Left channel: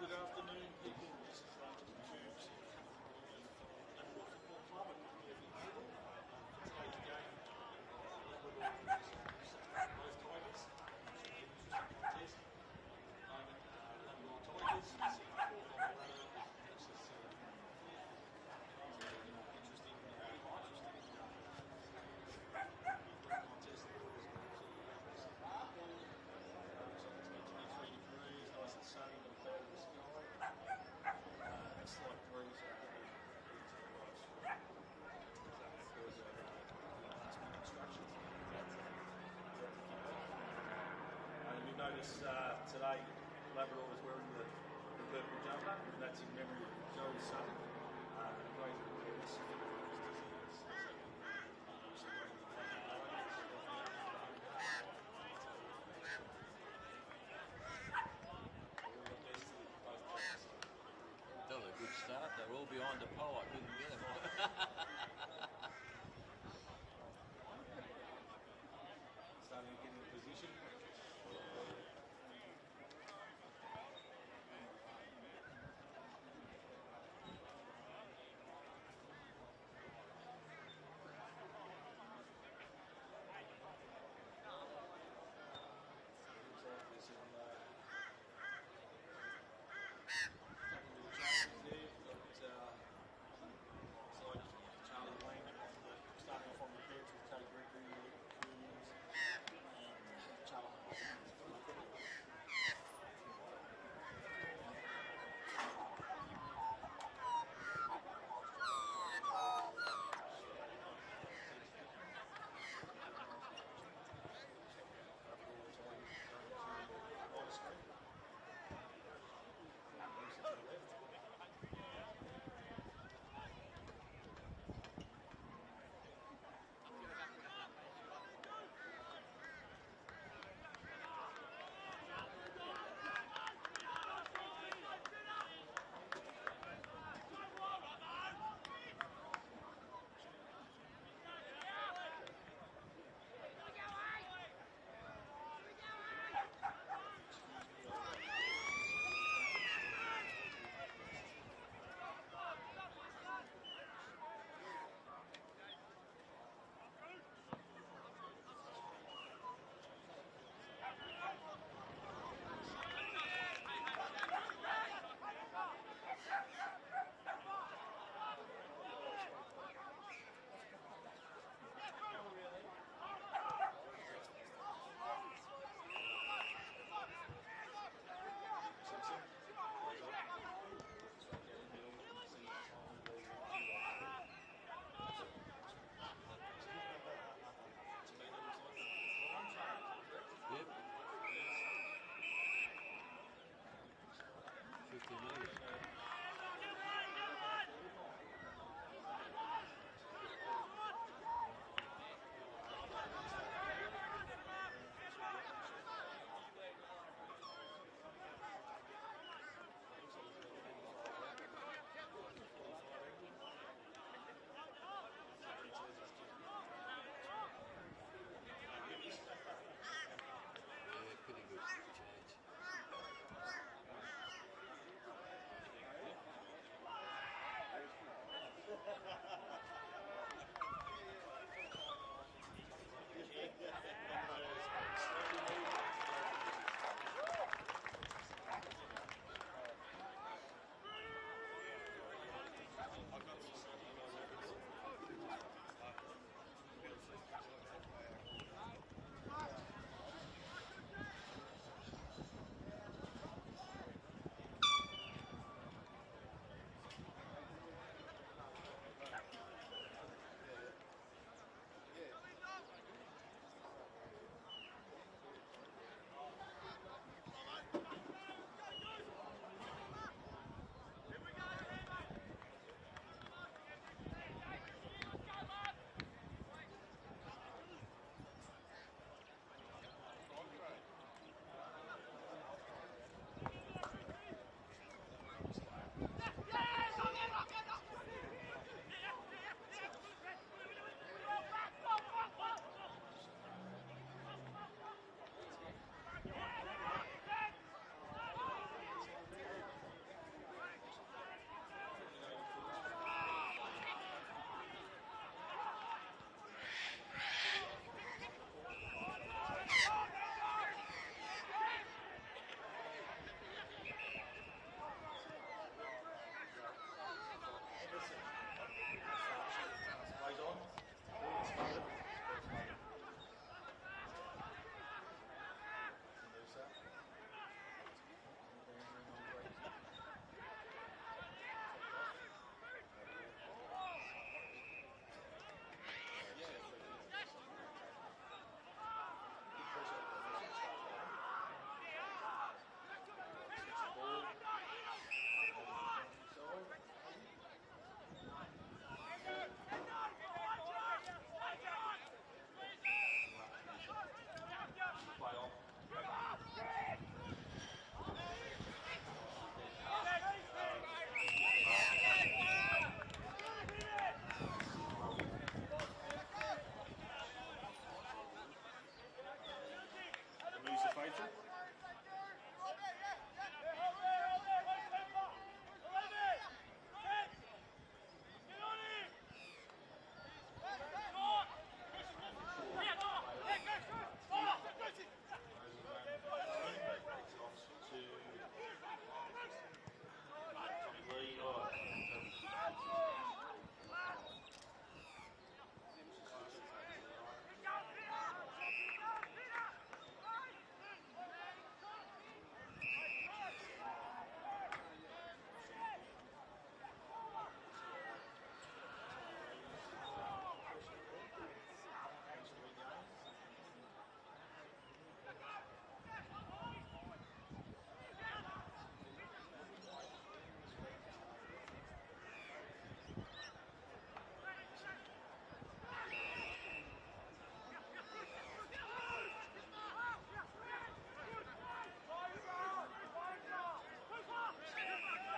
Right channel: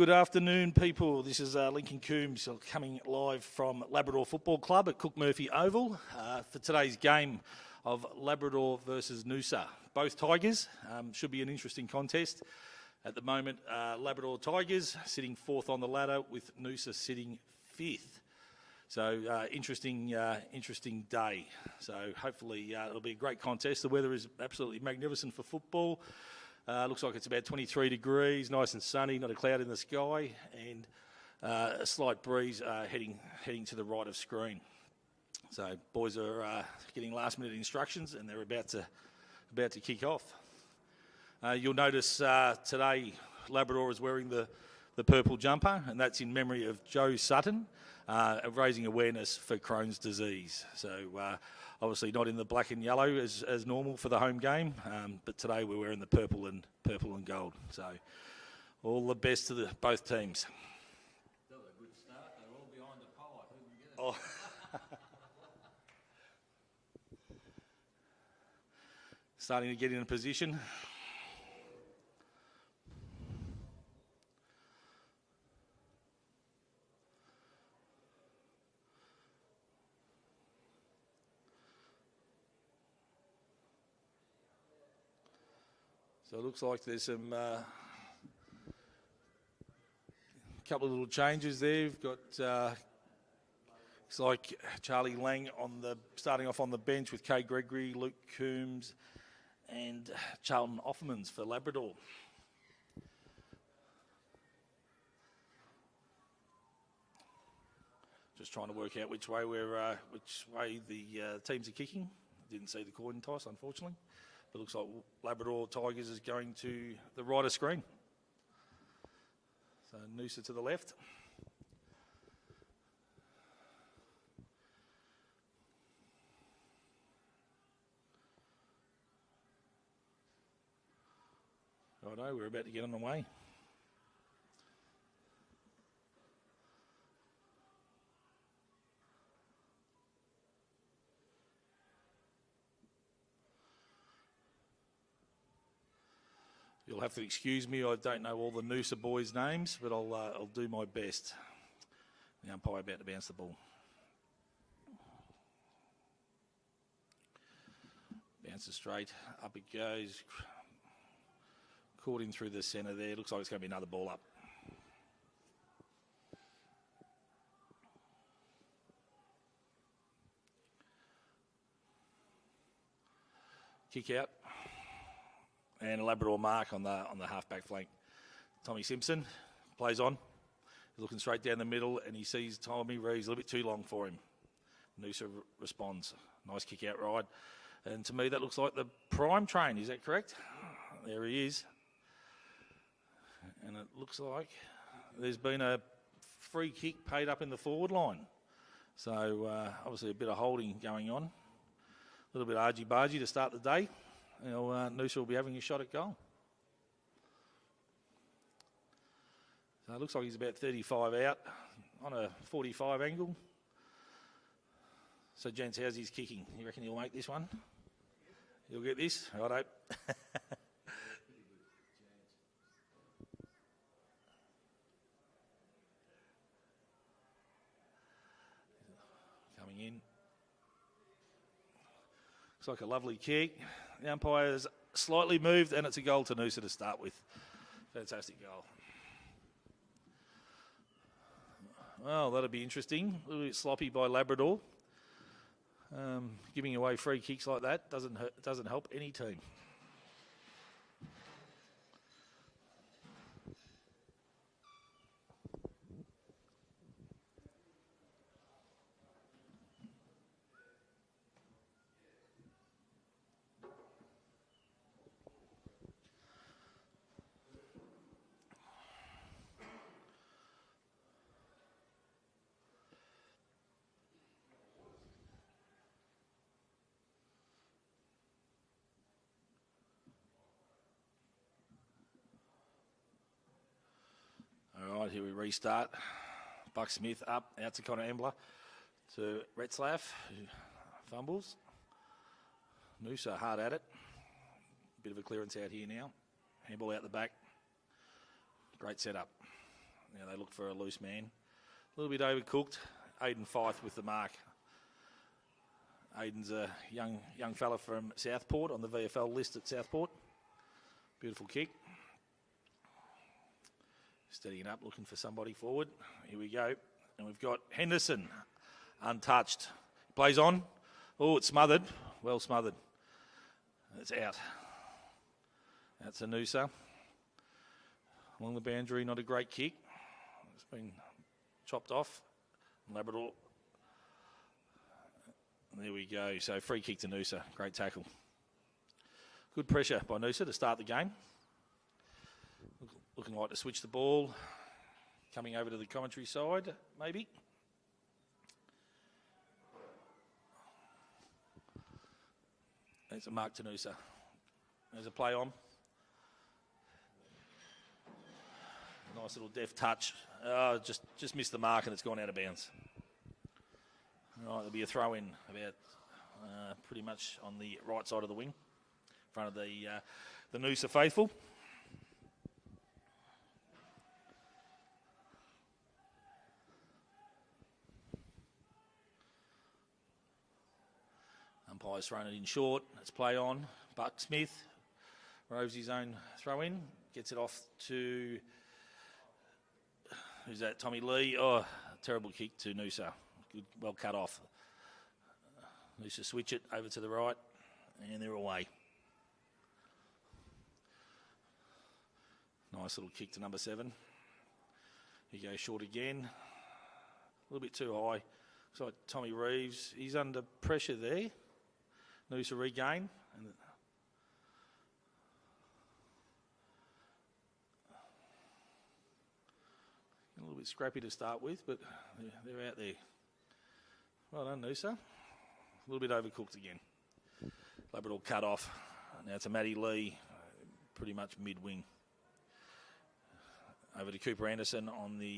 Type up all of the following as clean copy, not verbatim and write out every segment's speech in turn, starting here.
Good afternoon, people. This is Lincoln Coombs coming live from Labrador Football Club at Cook Murphy Oval for today's game of Labrador versus Noosa. Both Tigers. Should be an interesting contest. At the moment, Labrador Tigers sitting fourth on the ladder with Noosa sitting fifth. So interesting day. So hopefully it'll be a great contest. The weather is absolutely magnificent for football. Looks like it's about 23 degrees, nice and sunny, not a cloud in the sky, and a slight breeze heading to the right of screen. So boys are getting last-minute instructions, and they're about to kick off. You'll notice today Labrador is wearing the purple jumper, and that's in memory of Joe Sutton, raising awareness for Crohn's disease. So obviously not in the black and yellow as normal for the home game, but today we're wearing the purple and gold. So all the best to both teams. That was a good start. They're all behind the pole. I couldn't get it. Starting to get in a position. So it looks like there's some couple of little changes there. We've got looks like Charlie Lang starting off on the bench with Kay Gregory, Luke Coombs, and Charlton Offmans for Labrador. Just trying to work out which way the teams are kicking. Didn't see the coin toss, unfortunately. It looks like Labrador Tigers is going to the right of screen. So Noosa to the left. Righto, we're about to get them away. You'll have to excuse me, I don't know all the Noosa boys' names, but I'll do my best. Umpire about to bounce the ball. Bounces straight, up it goes. Caught him through the centre there, looks like it's going to be another ball up. Kick out. And a Labrador mark on the half-back flank. Tommy Simpson plays on, looking straight down the middle, and he sees Tommy Reeves a little bit too long for him. Noosa responds. Nice kick out ride. And to me, that looks like the prime train. Is that correct? Yeah. There he is. And it looks like there's been a free kick paid up in the forward line. So obviously a bit of holding going on. A little bit argy-bargy to start the day. Noosa will be having a shot at goal. It looks like he's about 35 out on a 45 angle. So, gents, how's his kicking? You reckon he'll make this one? You'll get this? Righto. Coming in. Looks like a lovely kick. The umpire's slightly moved, and it's a goal to Noosa to start with. Fantastic goal. Well, that'll be interesting. A little bit sloppy by Labrador. Giving away free kicks like that doesn't help any team. Here we restart. Buck Smith up, out to Connor Embler. To Retzlaff, who fumbles. Noosa hard at it. Bit of a clearance out here now. Handball out the back. Great setup. they look for a loose man. A little bit overcooked. Hayden Fife with the mark. Hayden's a young fella from Southport on the VFL list at Southport. Beautiful kick. Steadying up, looking for somebody forward. Here we go. And we've got Henderson, untouched. Plays on. Oh, it's smothered. Well smothered. It's out. That's a Noosa. Along the boundary, not a great kick. It's been chopped off. Labrador. There we go. So free kick to Noosa. Great tackle. Good pressure by Noosa to start the game. Looking like to switch the ball. Coming over to the commentary side, maybe. There's a mark to Noosa. There's a play on. Nice little deft touch. Just missed the mark and it's gone out of bounds. It'll be a throw in about pretty much on the right side of the wing, in front of the Noosa faithful. Umpire's thrown it in short. It's play on. Buck Smith roves his own throw in, gets it off to who's that? Tommy Lee. Oh, terrible kick to Noosa. Well cut off. Noosa switch it over to the right, and they're away. Nice little kick to number 7. He goes short again. A little bit too high. So Tommy Reeves, he's under pressure there. Noosa regain. A little bit scrappy to start with, but they're out there. Well done, Noosa. A little bit overcooked again. Labrador cut off. Now it's a Matty Lee, pretty much mid-wing. Over to Cooper Anderson on the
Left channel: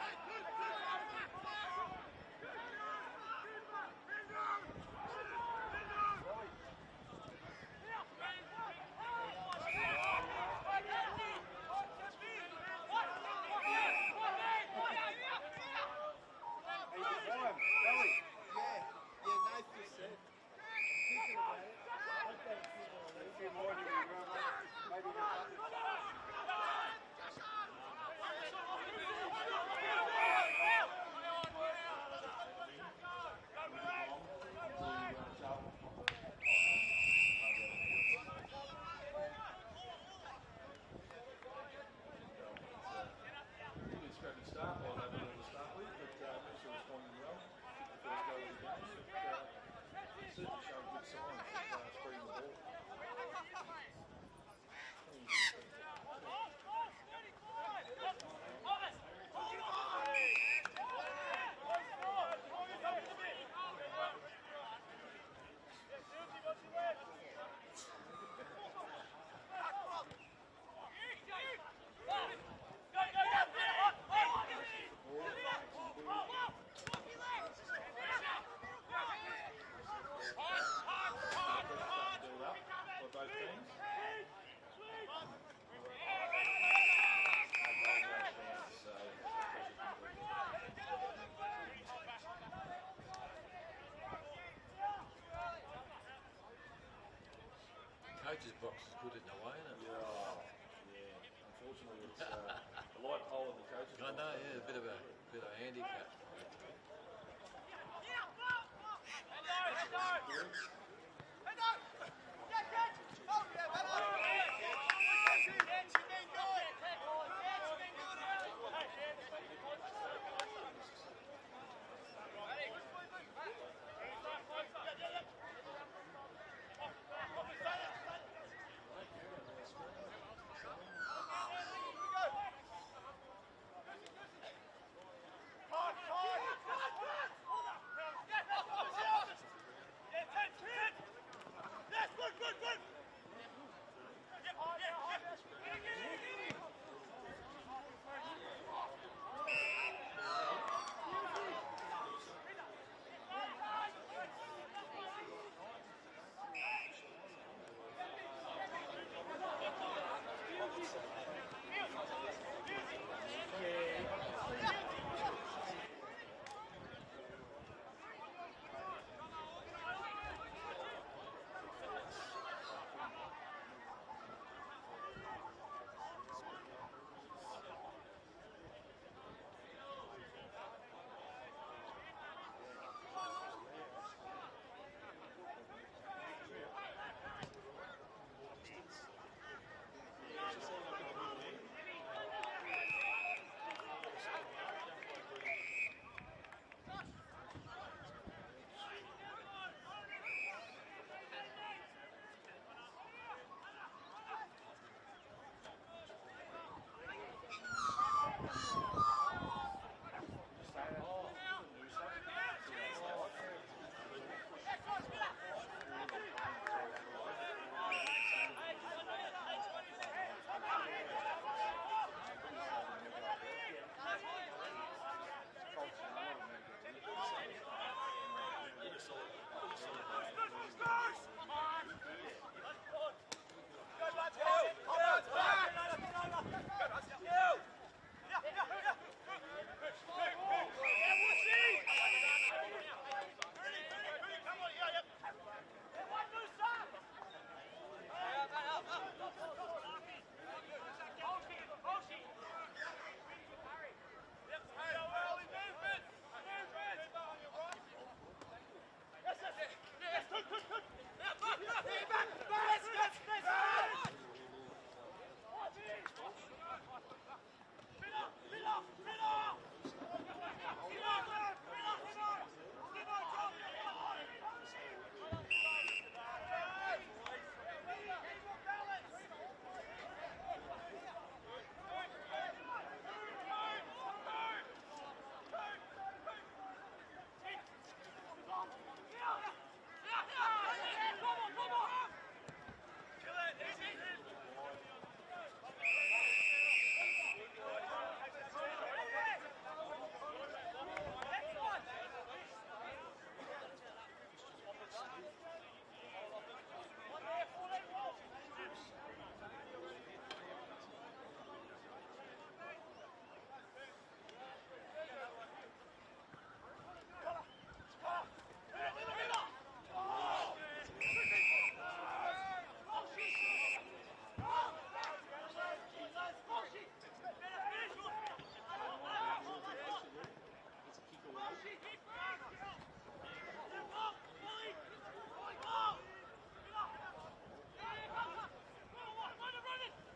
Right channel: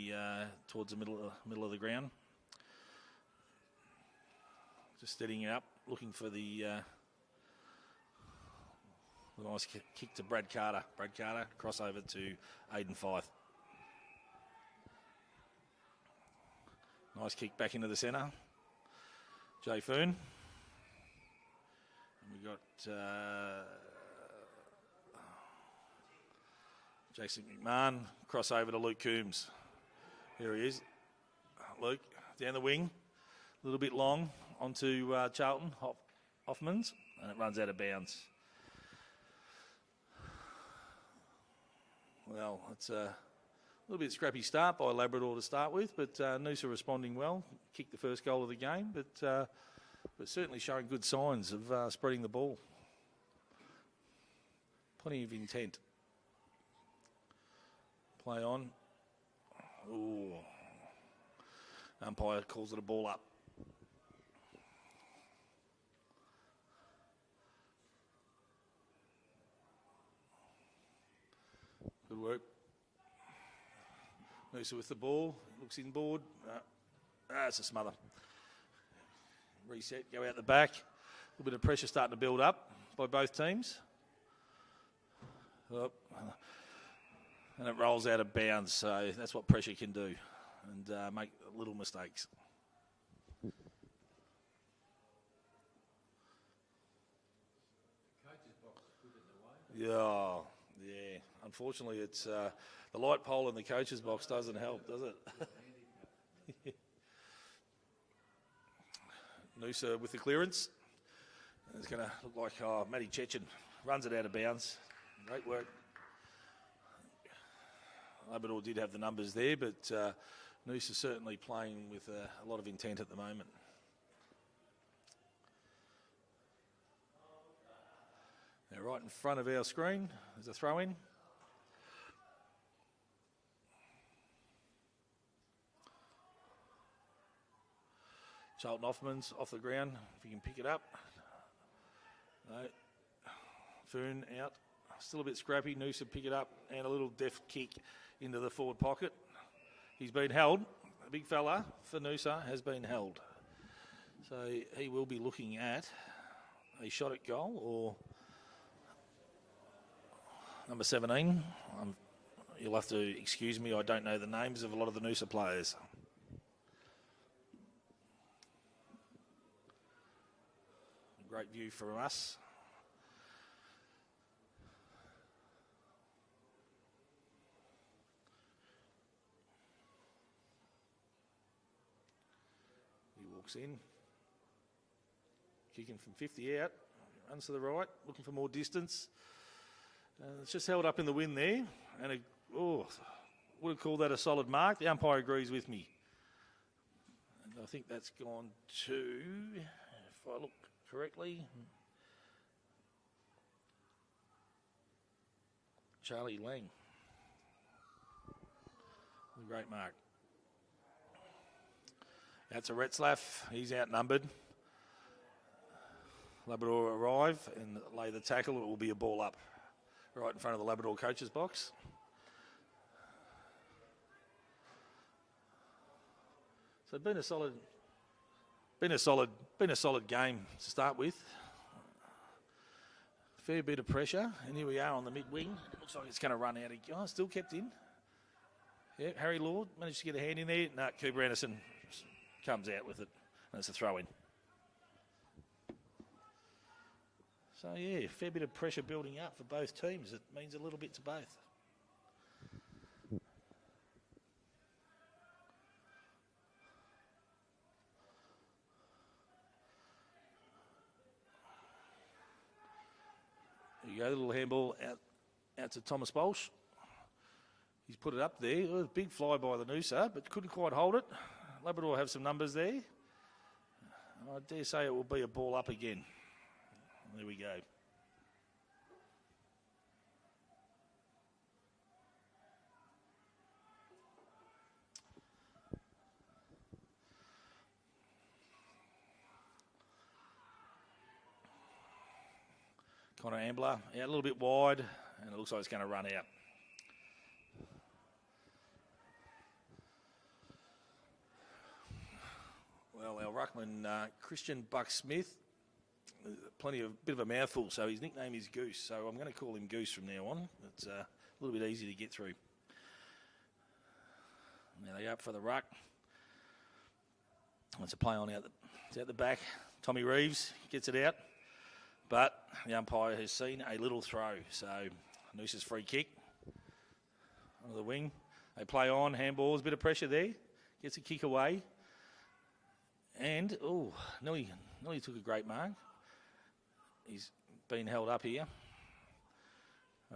towards the middle of the ground. Just steadying it up, looking for the nice kick to Brad Carter. Brad Carter, crossover to Hayden Fife. Nice kick back into the centre. Jay Foon. We've got Jason McMahon, crossover to Luke Coombs. There he is. Luke, down the wing. A little bit long onto Charlton Hoffmans, and it runs out of bounds. Well, it's a little bit scrappy start by Labrador to start with, but Noosa responding well. Kicked the first goal of the game, but they're certainly showing good signs of spreading the ball. Plenty of intent. Play on. Ooh. Umpire calls it a ball up. Noosa with the ball, looks inboard. It's a smother. Reset, go out the back. A bit of pressure starting to build up by both teams. Well, and it rolls out of bounds, so that's what pressure can do, and make little mistakes. Coach's box is good in a way, isn't it? Yeah. Unfortunately, it's the light pole in the coach's box doesn't help, does it? Bit of a handicap. Noosa with the clearance. He's going to look like Matty Chechen. Runs it out of bounds. Great work. Labrador did have the numbers there, but Noosa certainly playing with a lot of intent at the moment. Now right in front of our screen is a throw-in. Charlton Hoffmans off the ground, if you can pick it up. No. Foon out, still a bit scrappy. Noosa pick it up and a little deft kick into the forward pocket. He's been held. Big fella for Noosa has been held. So he will be looking at a shot at goal or number 17. you'll have to excuse me, I don't know the names of a lot of the Noosa players. Great view for us. Looks in. Kicking from 50 out. Runs to the right, looking for more distance. And it's just held up in the wind there. And we'll call that a solid mark. The umpire agrees with me. I think that's gone to, if I look correctly, Charlie Lang. Great mark. That's a Retzlaff. He's outnumbered. Labrador arrive and lay the tackle. It will be a ball up right in front of the Labrador coach's box. So it's been a solid game to start with. Fair bit of pressure, and here we are on the mid-wing. It's going to run out. Oh, still kept in. Yeah, Harry Lord managed to get a hand in there. No, Cooper Anderson comes out with it. That's a throw in. So yeah, fair bit of pressure building up for both teams. It means a little bit to both. A little handball out to Thomas Bolsch. He's put it up there. Well, a big fly by the Noosa, but couldn't quite hold it. Labrador have some numbers there. I dare say it will be a ball up again. And here we go. Connor Ambler, a little bit wide, and it looks like it's going to run out. Well, our ruckman, Christian Buck-Smith, bit of a mouthful, so his nickname is Goose, so I'm going to call him Goose from now on. It's a little bit easy to get through. Now they're up for the ruck. That's a play on out the back. Tommy Reeves gets it out, but the umpire has seen a little throw, so Noosa's free kick. Near the wing, they play on, handballs, a bit of pressure there. Gets a kick away. And, nearly took a great mark. He's been held up here.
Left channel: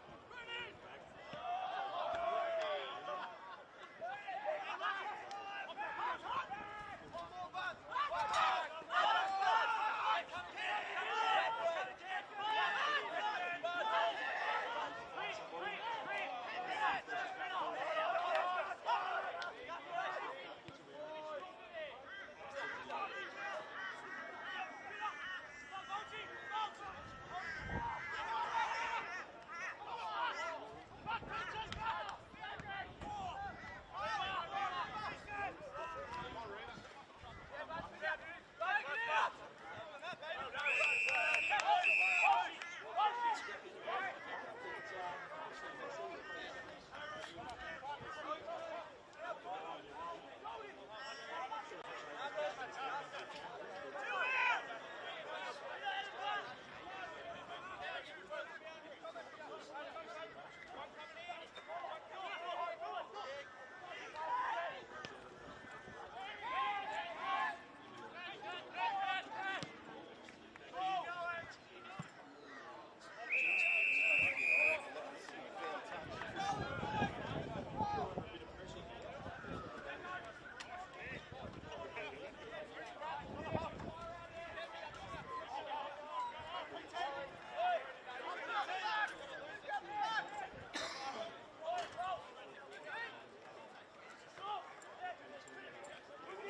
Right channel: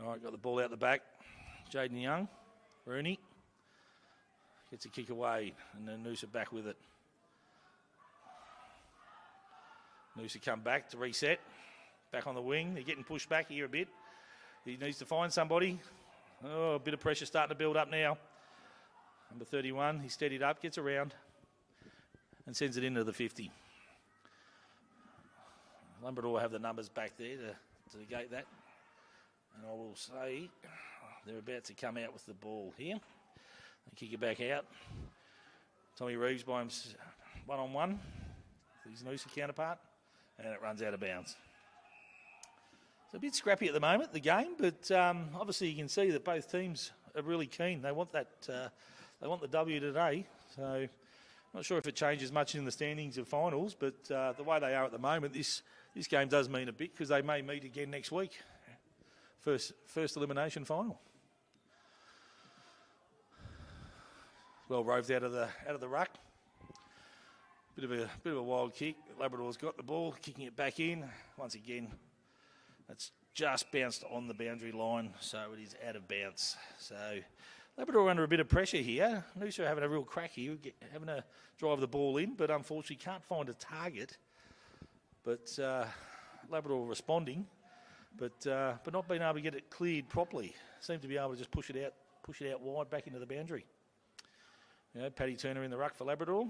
All right, got the ball out the back. Jaden Young, Rooney. Gets a kick away, and then Noosa back with it. Noosa come back to reset. Back on the wing, they're getting pushed back here a bit. He needs to find somebody. Oh, a bit of pressure starting to build up now. Number 31, he's steadied up, gets around, and sends it into the 50. Labrador will have the numbers back there to negate that. And I will say they're about to come out with the ball here. Kick it back out. Tommy Reeves by him one-on-one. His Noosa counterpart. And it runs out of bounds. It's a bit scrappy at the moment, the game, but obviously you can see that both teams are really keen. They want that. They want the W today. So not sure if it changes much in the standings of finals, but the way they are at the moment, this game does mean a bit because they may meet again next week. First elimination final. Well roved out of the ruck. Bit of a wild kick. Labrador's got the ball, kicking it back in. Once again, it's just bounced on the boundary line, so it is out of bounds. So Labrador under a bit of pressure here. Noosa having a real crack here, having to drive the ball in, but unfortunately can't find a target. But Labrador responding, but not being able to get it cleared properly. Seem to be able to just push it out wide back into the boundary. Now, Paddy Turner in the ruck for Labrador.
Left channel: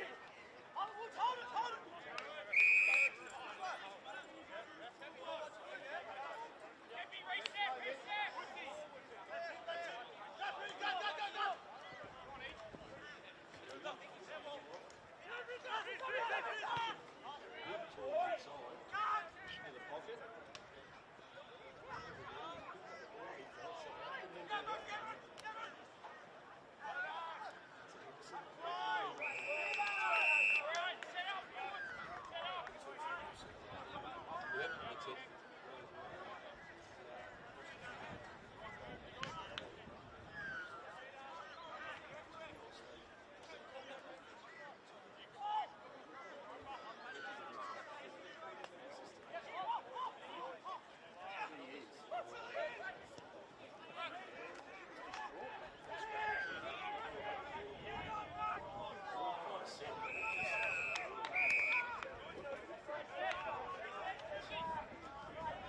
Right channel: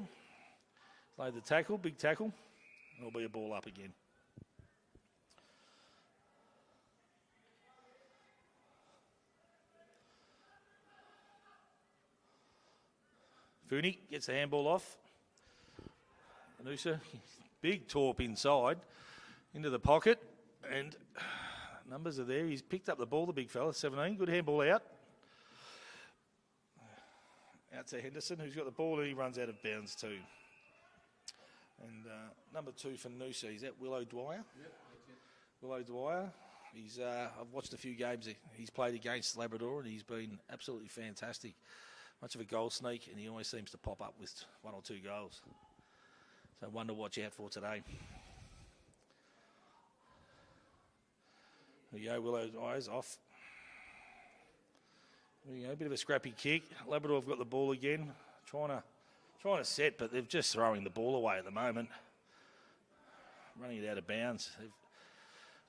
Play the tackle, big tackle. There'll be a ball up again. Fooney gets the handball off. Noosa, big torp inside, into the pocket, and numbers are there. He's picked up the ball, the big fella, 17. Good handball out. That's a Henderson who's got the ball. He runs out of bounds too. And number 2 from Noosa, is that Willow Dwyer? Yep, that's it. Willow Dwyer. He's I've watched a few games that he's played against Labrador, and he's been absolutely fantastic. Much of a goal sneak, and he always seems to pop up with 1 or 2 goals. So one to watch out for today. There you go, Willow Dwyer's off. Yeah, a bit of a scrappy kick. Labrador have got the ball again, trying to set, but they're just throwing the ball away at the moment. Running it out of bounds.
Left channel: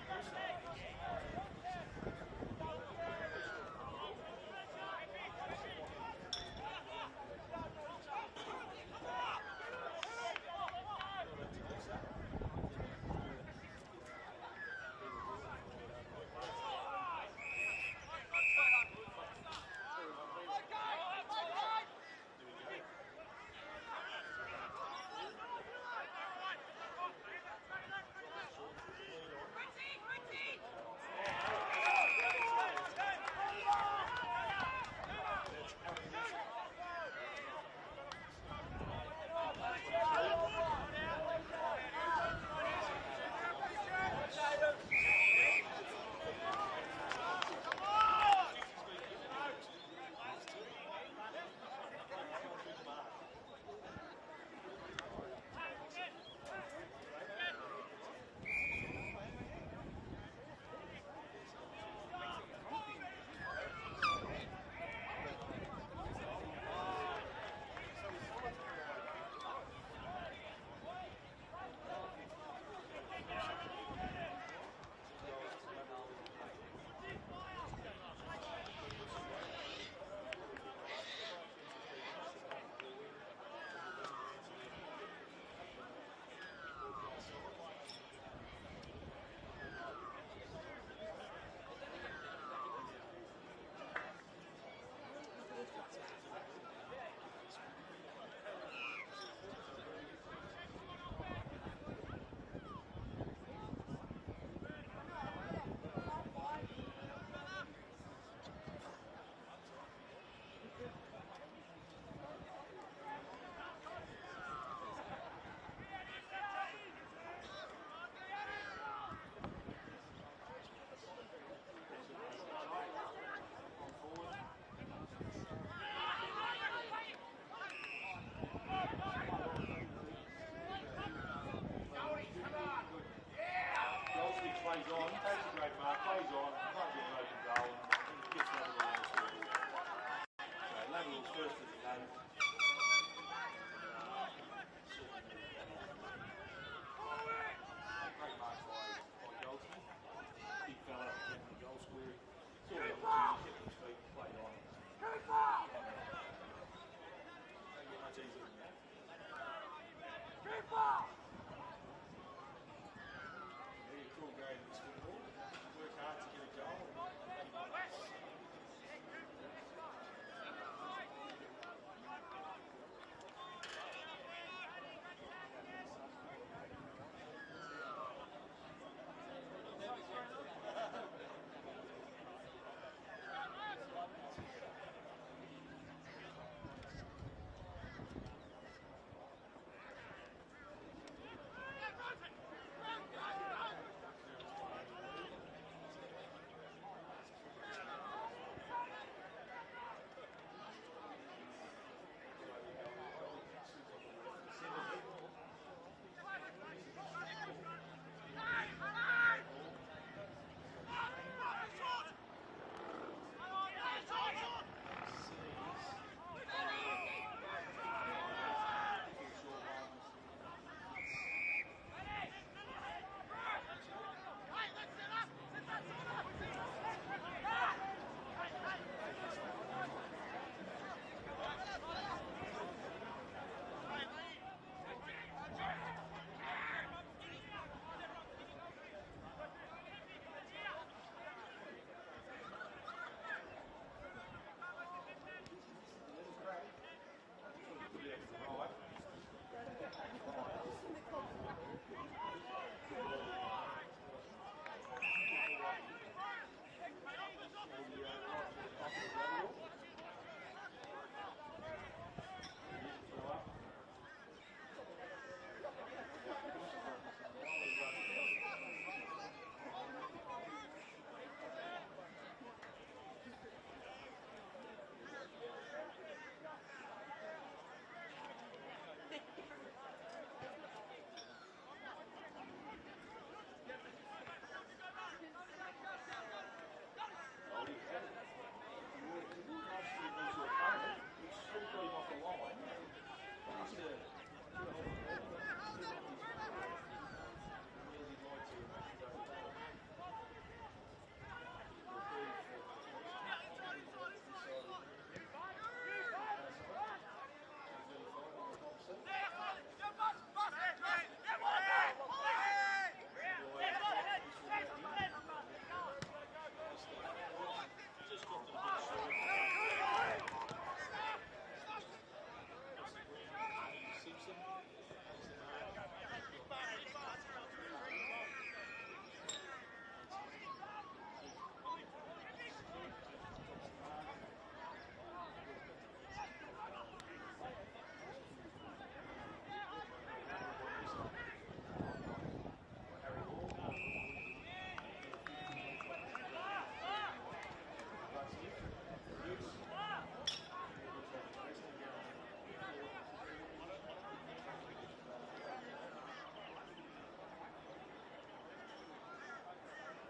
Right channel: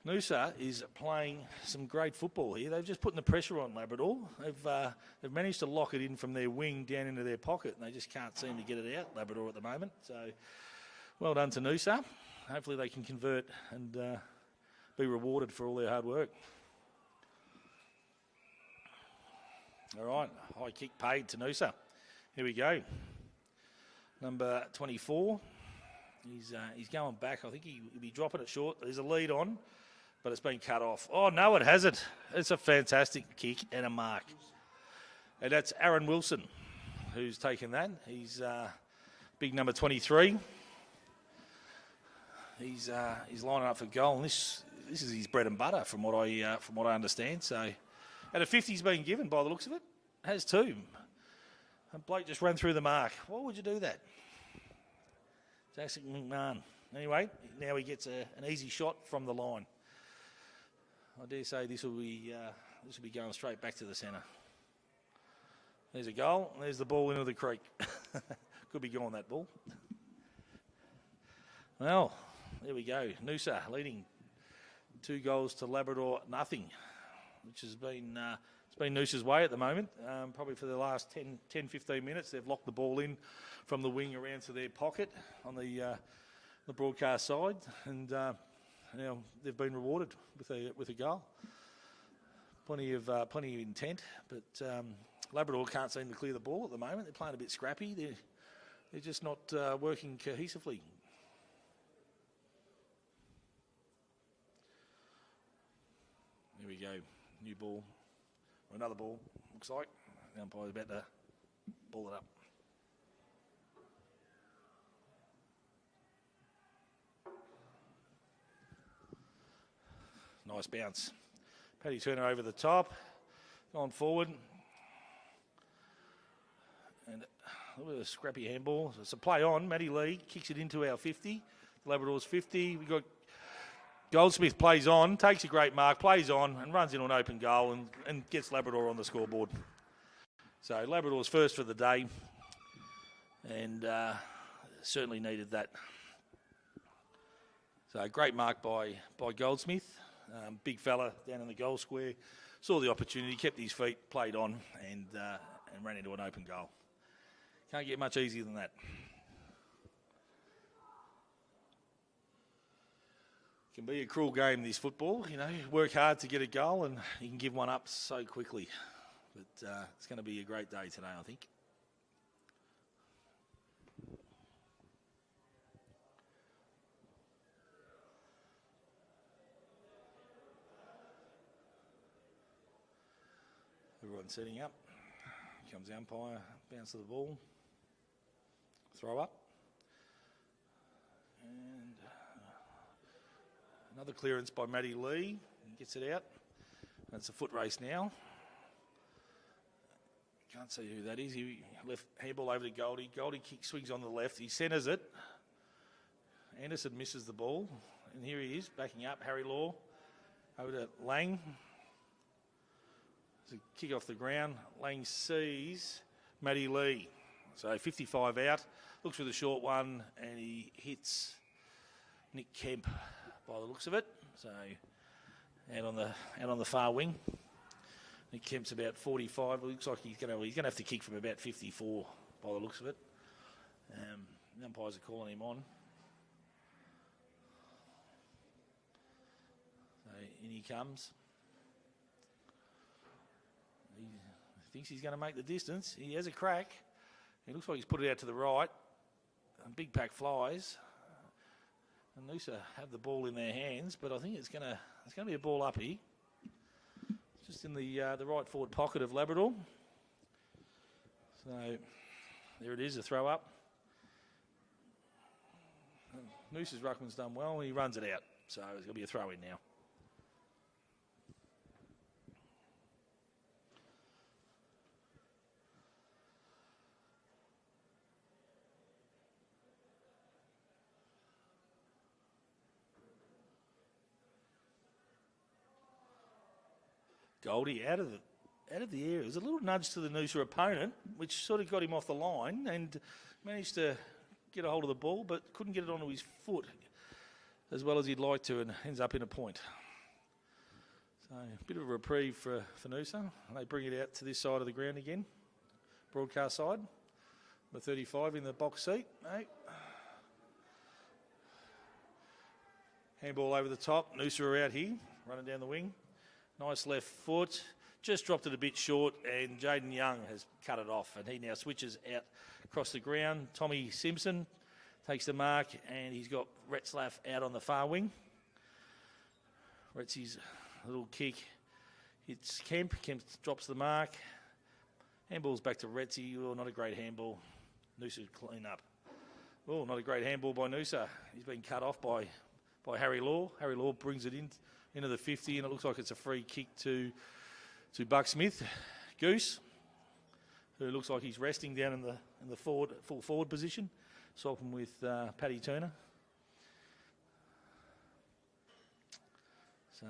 Noosa is playing some great football here. They've just putting the pressure on Labrador. They've managed to lock it in from their wing down into their pocket, and they just can't seem to get it out, Labrador, at the moment. So, well done to Noosa. Hopefully they can convert and be rewarded for all their hard work. All right, high kick paid to Noosa. Here we go. Number 24. He's going back. I think he'll be dropping it short. There's a lead on, but it's been cut off. Oh, no, it hasn't. It's a fantastic kick and a mark. And that's Aaron Wilson who's taken that. He's big number 23. He's lining up for goal, and this is his bread and butter from what I understand. So, and a 50's been given by the looks of it. Has 2. And Blake just ran through the mark. Why would you do that? Jackson McMahon. Anyway, now he gets an easy shot from the line. I dare say this will be going straight back to the centre. There's a goal, and there's the ball into the creek. Could be gone, that ball. Well, there we go. Noosa leading 2 goals to Labrador, nothing, which has been Noosa's way at the moment. Probably for the last 10, 15 minutes, they've locked the ball in from the wing around to their pocket on the broadcast side, and now they've been rewarded with a goal. Plenty of intent, but Labrador can't seem to clear the ball at the moment. They're playing a bit scrappy. They're just not working cohesively. Here we go. New ball. Another ball, looks like. The umpire's about to ball it up. Nice bounce. Paddy Turner over the top. On forward. And a scrappy handball. It's a play on. Matty Lee kicks it into our 50. Labrador's 50. We've got Goldsmith plays on, takes a great mark, plays on, and runs in on open goal and gets Labrador on the scoreboard. So Labrador's first for the day, and certainly needed that. So great mark by Goldsmith. Big fella down in the goal square. Saw the opportunity, kept his feet, played on, and ran into an open goal. Can't get much easier than that. Can be a cruel game, this football. You know, you work hard to get a goal and you can give one up so quickly. But it's going to be a great day today, I think. Everyone setting up. Comes the umpire, bounces the ball. Throw up. Another clearance by Matty Lee. Gets it out. It's a foot race now. Can't see who that is. He left handball over to Goldie. Goldie swings on the left. He centres it. Anderson misses the ball. And here he is, backing up. Harry Law over to Lang. Kick off the ground. Lang sees Matty Lee. So 55 out. Looks for the short one, and he hits Nick Kemp by the looks of it. So out on the far wing. Nick Kemp's about 45. Looks like he's going to have to kick from about 54 by the looks of it. Umpires are calling him on. In he comes. Thinks he's going to make the distance. He has a crack. It looks like he's put it out to the right. And big pack flies. Noosa have the ball in their hands, but I think it's going to be a ball up here. Just in the right forward pocket of Labrador. So There it is, a throw up. Noosa's ruckman's done well, he runs it out, so it'll be a throw in now. Goldie out of the area. There's a little nudge to the Noosa opponent, which sort of got him off the line and managed to get a hold of the ball, but couldn't get it onto his foot as well as he'd like to, and ends up in a point. So a bit of a reprieve for Noosa. They bring it out to this side of the ground again. Broadcast side. The 35 in the box seat. Handball over the top. Noosa are out here, running down the wing. Nice left foot. Just dropped it a bit short, and Jaden Young has cut it off, and he now switches out across the ground. Tommy Simpson takes the mark, and he's got Retzlaff out on the far wing. Retzy's little kick. It's Kemp. Kemp drops the mark. Handball's back to Retzy. Oh, not a great handball. Noosa clean up. Oh, not a great handball by Noosa. He's been cut off by Harry Law. Harry Law brings it into the 50, and it looks like it's a free kick to Buck Smith. Goose, who looks like he's resting down in the full forward position, swapping with Paddy Turner. So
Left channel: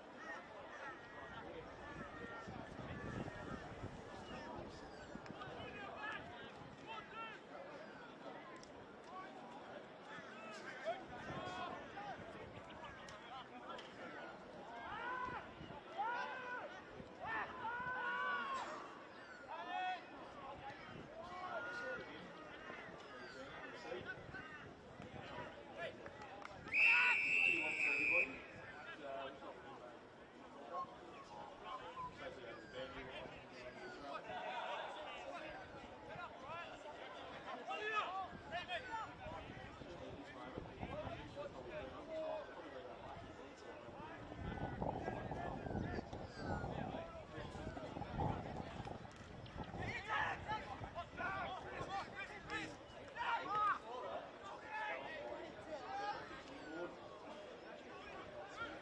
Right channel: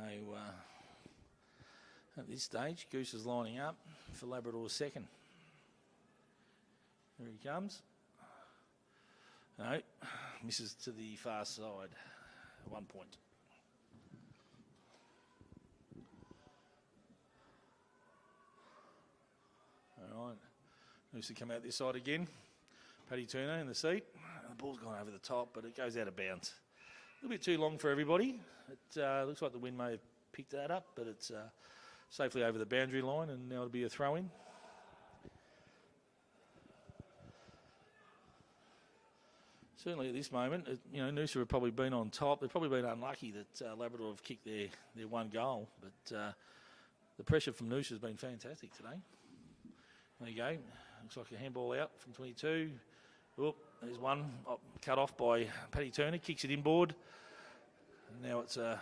at this stage, Goose is lining up for Labrador's second. Here he comes. No, misses to the far side. 1 point. Noosa come out this side again. Paddy Turner in the seat. The ball's gone over the top, but it goes out of bounds. A little bit too long for everybody. It looks like the wind may have picked that up, but it's safely over the boundary line, and now it'll be a throw-in. Certainly at this moment, Noosa have probably been on top. They've probably been unlucky that Labrador have kicked their one goal. But the pressure from Noosa has been fantastic today. There you go. Looks like a handball out from 22. Whoop, there's one cut off by Paddy Turner. Kicks it inboard. And now it's a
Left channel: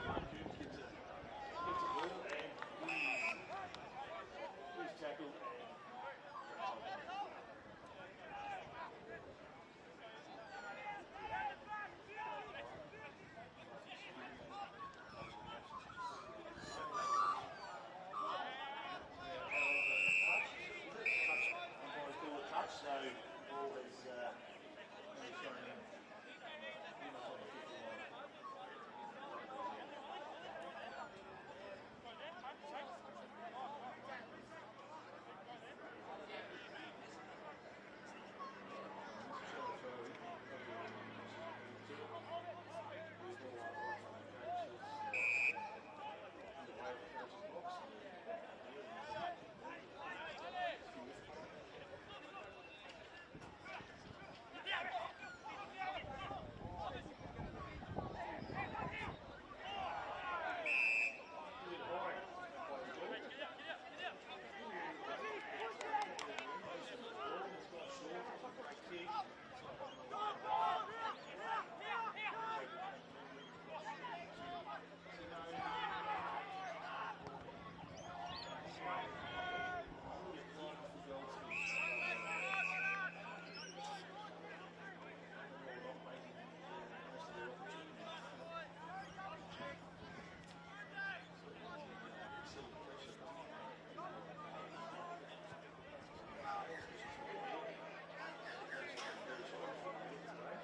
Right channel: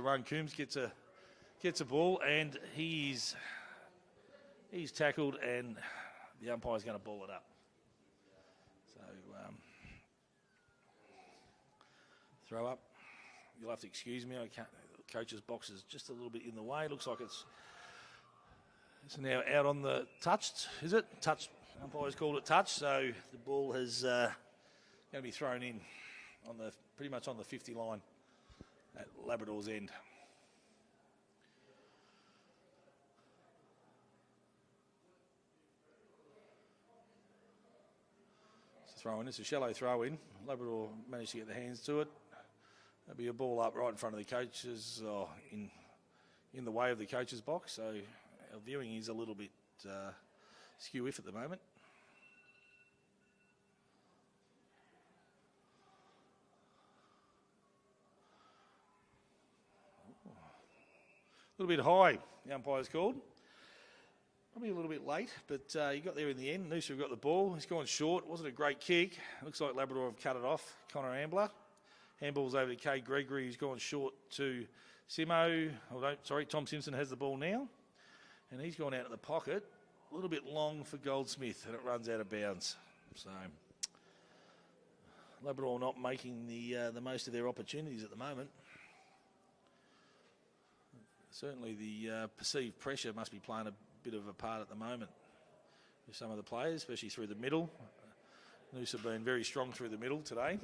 run. Coombs gets a ball, and he's tackled, and the umpire's going to ball it up. Throw up. You'll have to excuse me. The coach's box is just a little bit in the way. Looks like it's now out on the touched. Is it touch? Umpire's called it touch. So the ball has going to be thrown in on pretty much on the 50 line at Labrador's end. It's a shallow throw in. Labrador managed to get their hands to it. There'll be a ball up right in front of the coaches, in the way of the coach's box. So viewing is a little bit skew-if at the moment. A little bit high, the umpire's called. A little bit late, but he got there in the end. Noosa got the ball. He's gone short. Wasn't a great kick. Looks like Labrador have cut it off. Connor Ambler. Handball's over to Kay Gregory. He's gone short to Simo. Tom Simpson has the ball now. And he's gone out in the pocket. A little bit long for Goldsmith, and it runs out of bounds. So Labrador not making the most of their opportunities at the moment. Certainly the perceived pressure must be playing a bit of a part at the moment for some of the players, especially through the middle. Noosa have been very strong through the middle today.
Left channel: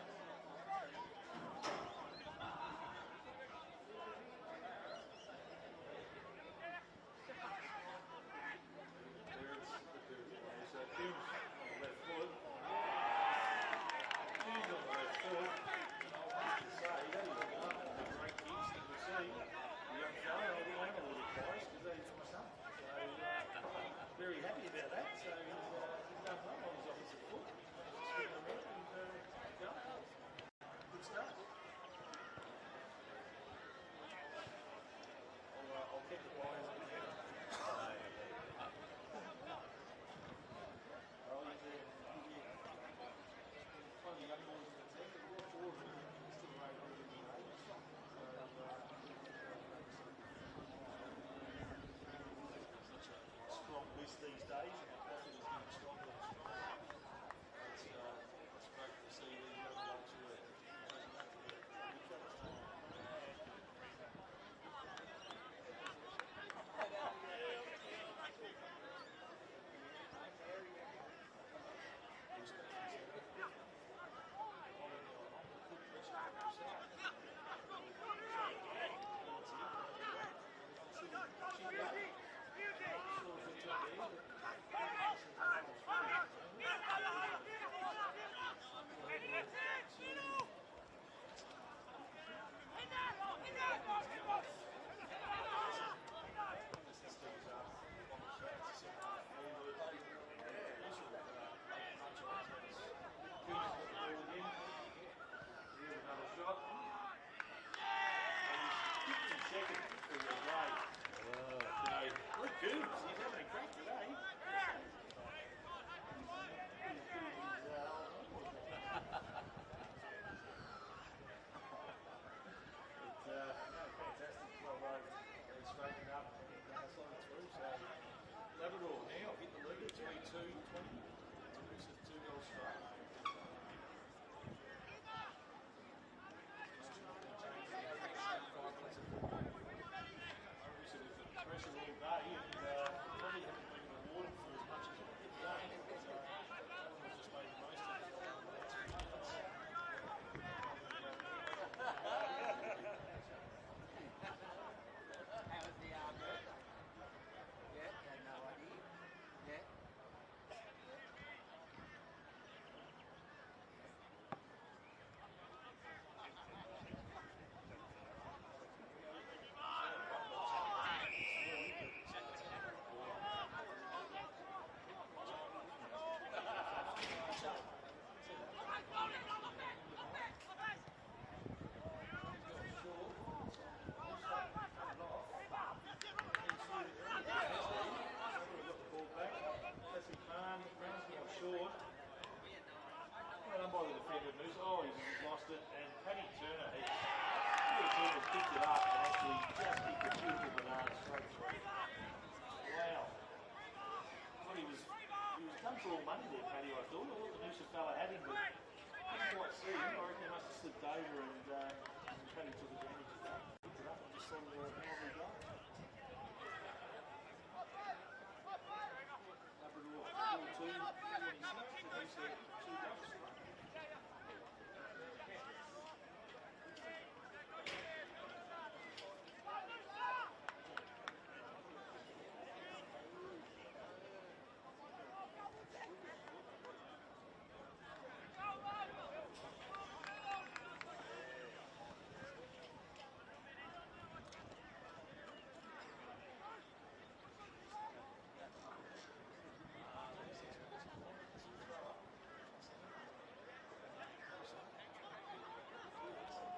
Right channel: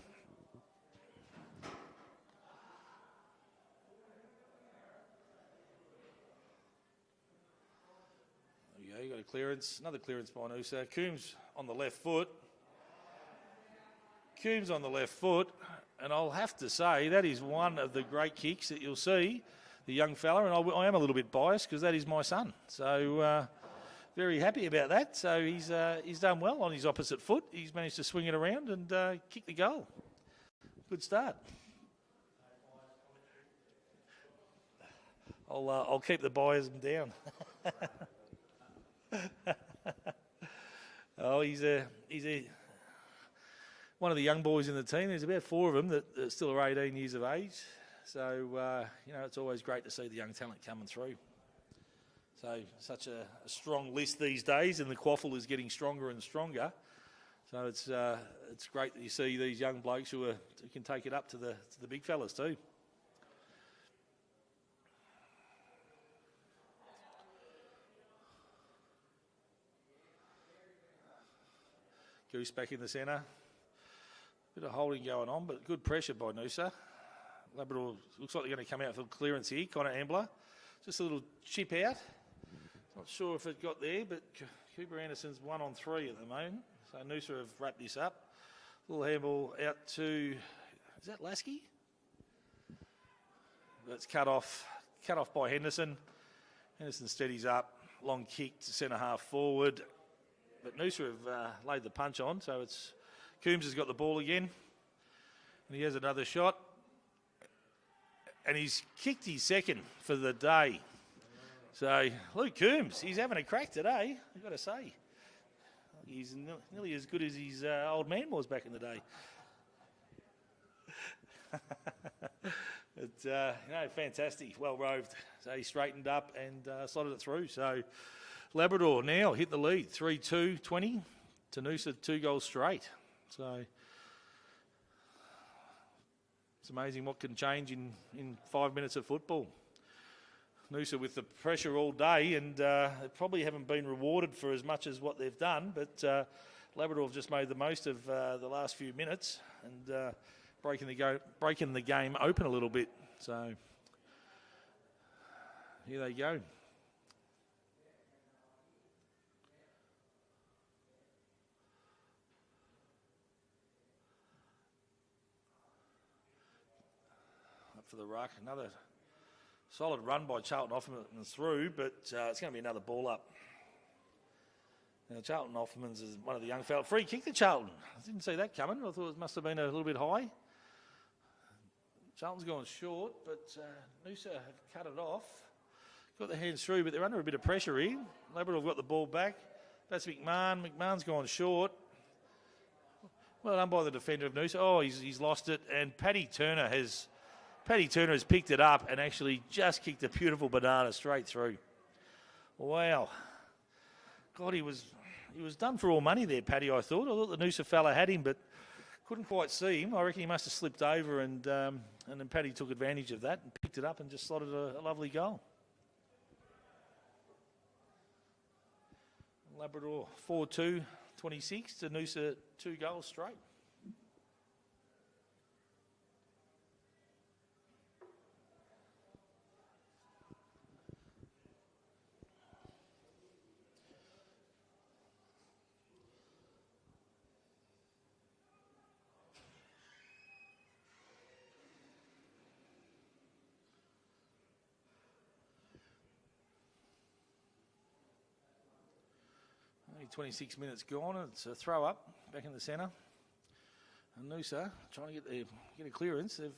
There you go, you got a clearance, another clearance by Noosa. Coombs on the left foot. Coombs on the left foot, and I'll have to say that is one of the great kicks that you'll see. The young fella, and I am a little bit biased because that is my son. So very happy about that. So he's done well on his opposite foot. He's managed to swing it around and kick the goal. Good start. I'll keep the biasm down. Oh, he's one of the young boys in the team. There's about 4 of them that still are 18 years of age. So, it's always great to see the young talent coming through. So, such a strong list these days, and the QAFL is getting stronger and stronger. So, it's great that you see these young blokes who can take it up to the big fellas too. Goose back in the centre. Bit of holding going on, but good pressure by Noosa. Labrador looks like they're going to come out for clearance here. Connor Ambler. Just a little chip out. Not sure if it got there, but Cooper Anderson's 1 on 3 at the moment. So Noosa have wrapped this up. Little handball out to, is that Lasky? That's cut off by Henderson. Henderson steadies up. Long kick to centre half forward. But Noosa have laid the punch on, so it's Coombs has got the ball again. And he has another shot. And he's kicked his second for the day. So Luke Coombs, he's having a crack today, I've got to say. He's not nearly as good as his old man was back in the day. But no, fantastic, well roved. So he straightened up and slotted it through. So Labrador now hit the lead, 3-2, 20 to Noosa, 2 goals straight. So it's amazing what can change in 5 minutes of football. Noosa with the pressure all day, and probably haven't been rewarded for as much as what they've done, but Labrador have just made the most of the last few minutes and breaking the game open a little bit. So here they go. For the ruck, another solid run by Charlton Offman through, but it's going to be another ball up. Now, Charlton Offman's is one of the young fellas. Free kick to Charlton. I didn't see that coming. I thought it must have been a little bit high. Charlton's gone short, but Noosa cut it off. Got their hands through, but they're under a bit of pressure here. Labrador have got the ball back. That's McMahon. McMahon's gone short. Well done by the defender of Noosa. Oh, he's lost it, and Paddy Turner has picked it up and actually just kicked a beautiful banana straight through. Wow. God, he was done for all money there, Paddy, I thought. I thought the Noosa fella had him, but couldn't quite see him. I reckon he must have slipped over, and then Paddy took advantage of that and picked it up and just slotted a lovely goal. Labrador 4-2, 26 to Noosa, 2 goals straight. Only 26 minutes gone, and it's a throw up back in the centre. Noosa trying to get a clearance. They've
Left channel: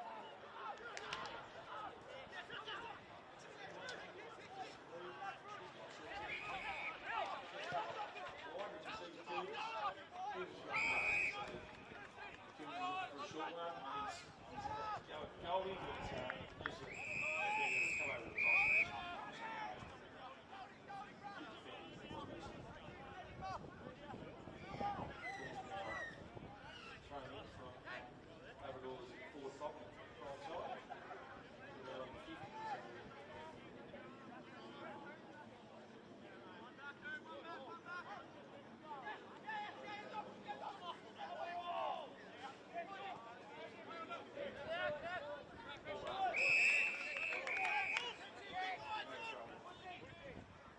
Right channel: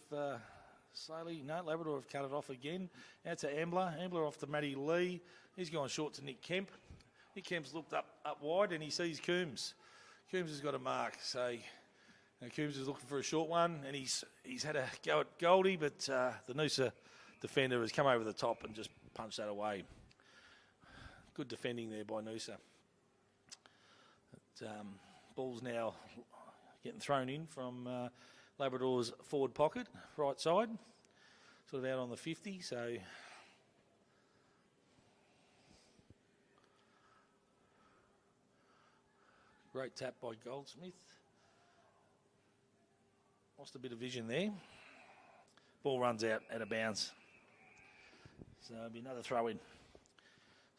Labrador have cut it off again. Now to Ambler. Ambler off to Matty Lee. He's gone short to Nick Kemp. Nick Kemp's looked up wide, and he sees Coombs. Coombs has got a mark, so Coombs is looking for a short one, and he's had a go at Goldie, but the Noosa defender has come over the top and just punched that away. Good defending there by Noosa. Ball's now getting thrown in from Labrador's forward pocket, right side, sort of out on the 50, so great tap by Goldsmith. Lost a bit of vision there. Ball runs out of bounds. So there'll be another throw in.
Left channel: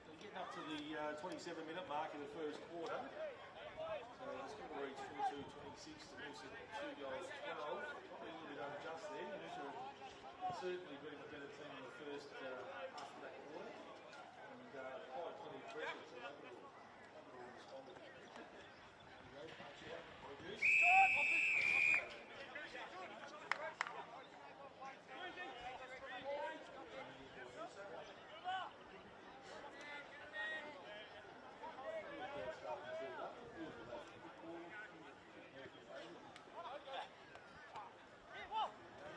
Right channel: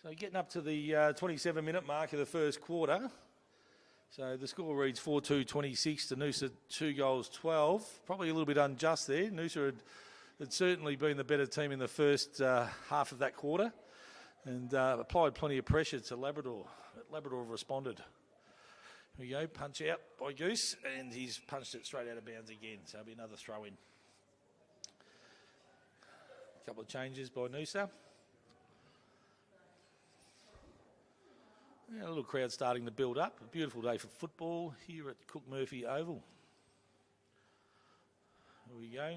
So getting up to the 27-minute mark of the first quarter. So the score reads 4-2, 26 to Noosa, 2 goals, 12. Probably a little bit unjust there. Noosa had certainly been the better team in the first half of that quarter and applied plenty of pressure to Labrador. Labrador responded. Here we go, punch out by Goose, and he's punched it straight out of bounds again. So it'll be another throw in. A couple of changes by Noosa. Yeah, a little crowd starting to build up. A beautiful day for football here at Cook Murphy Oval. Here we go.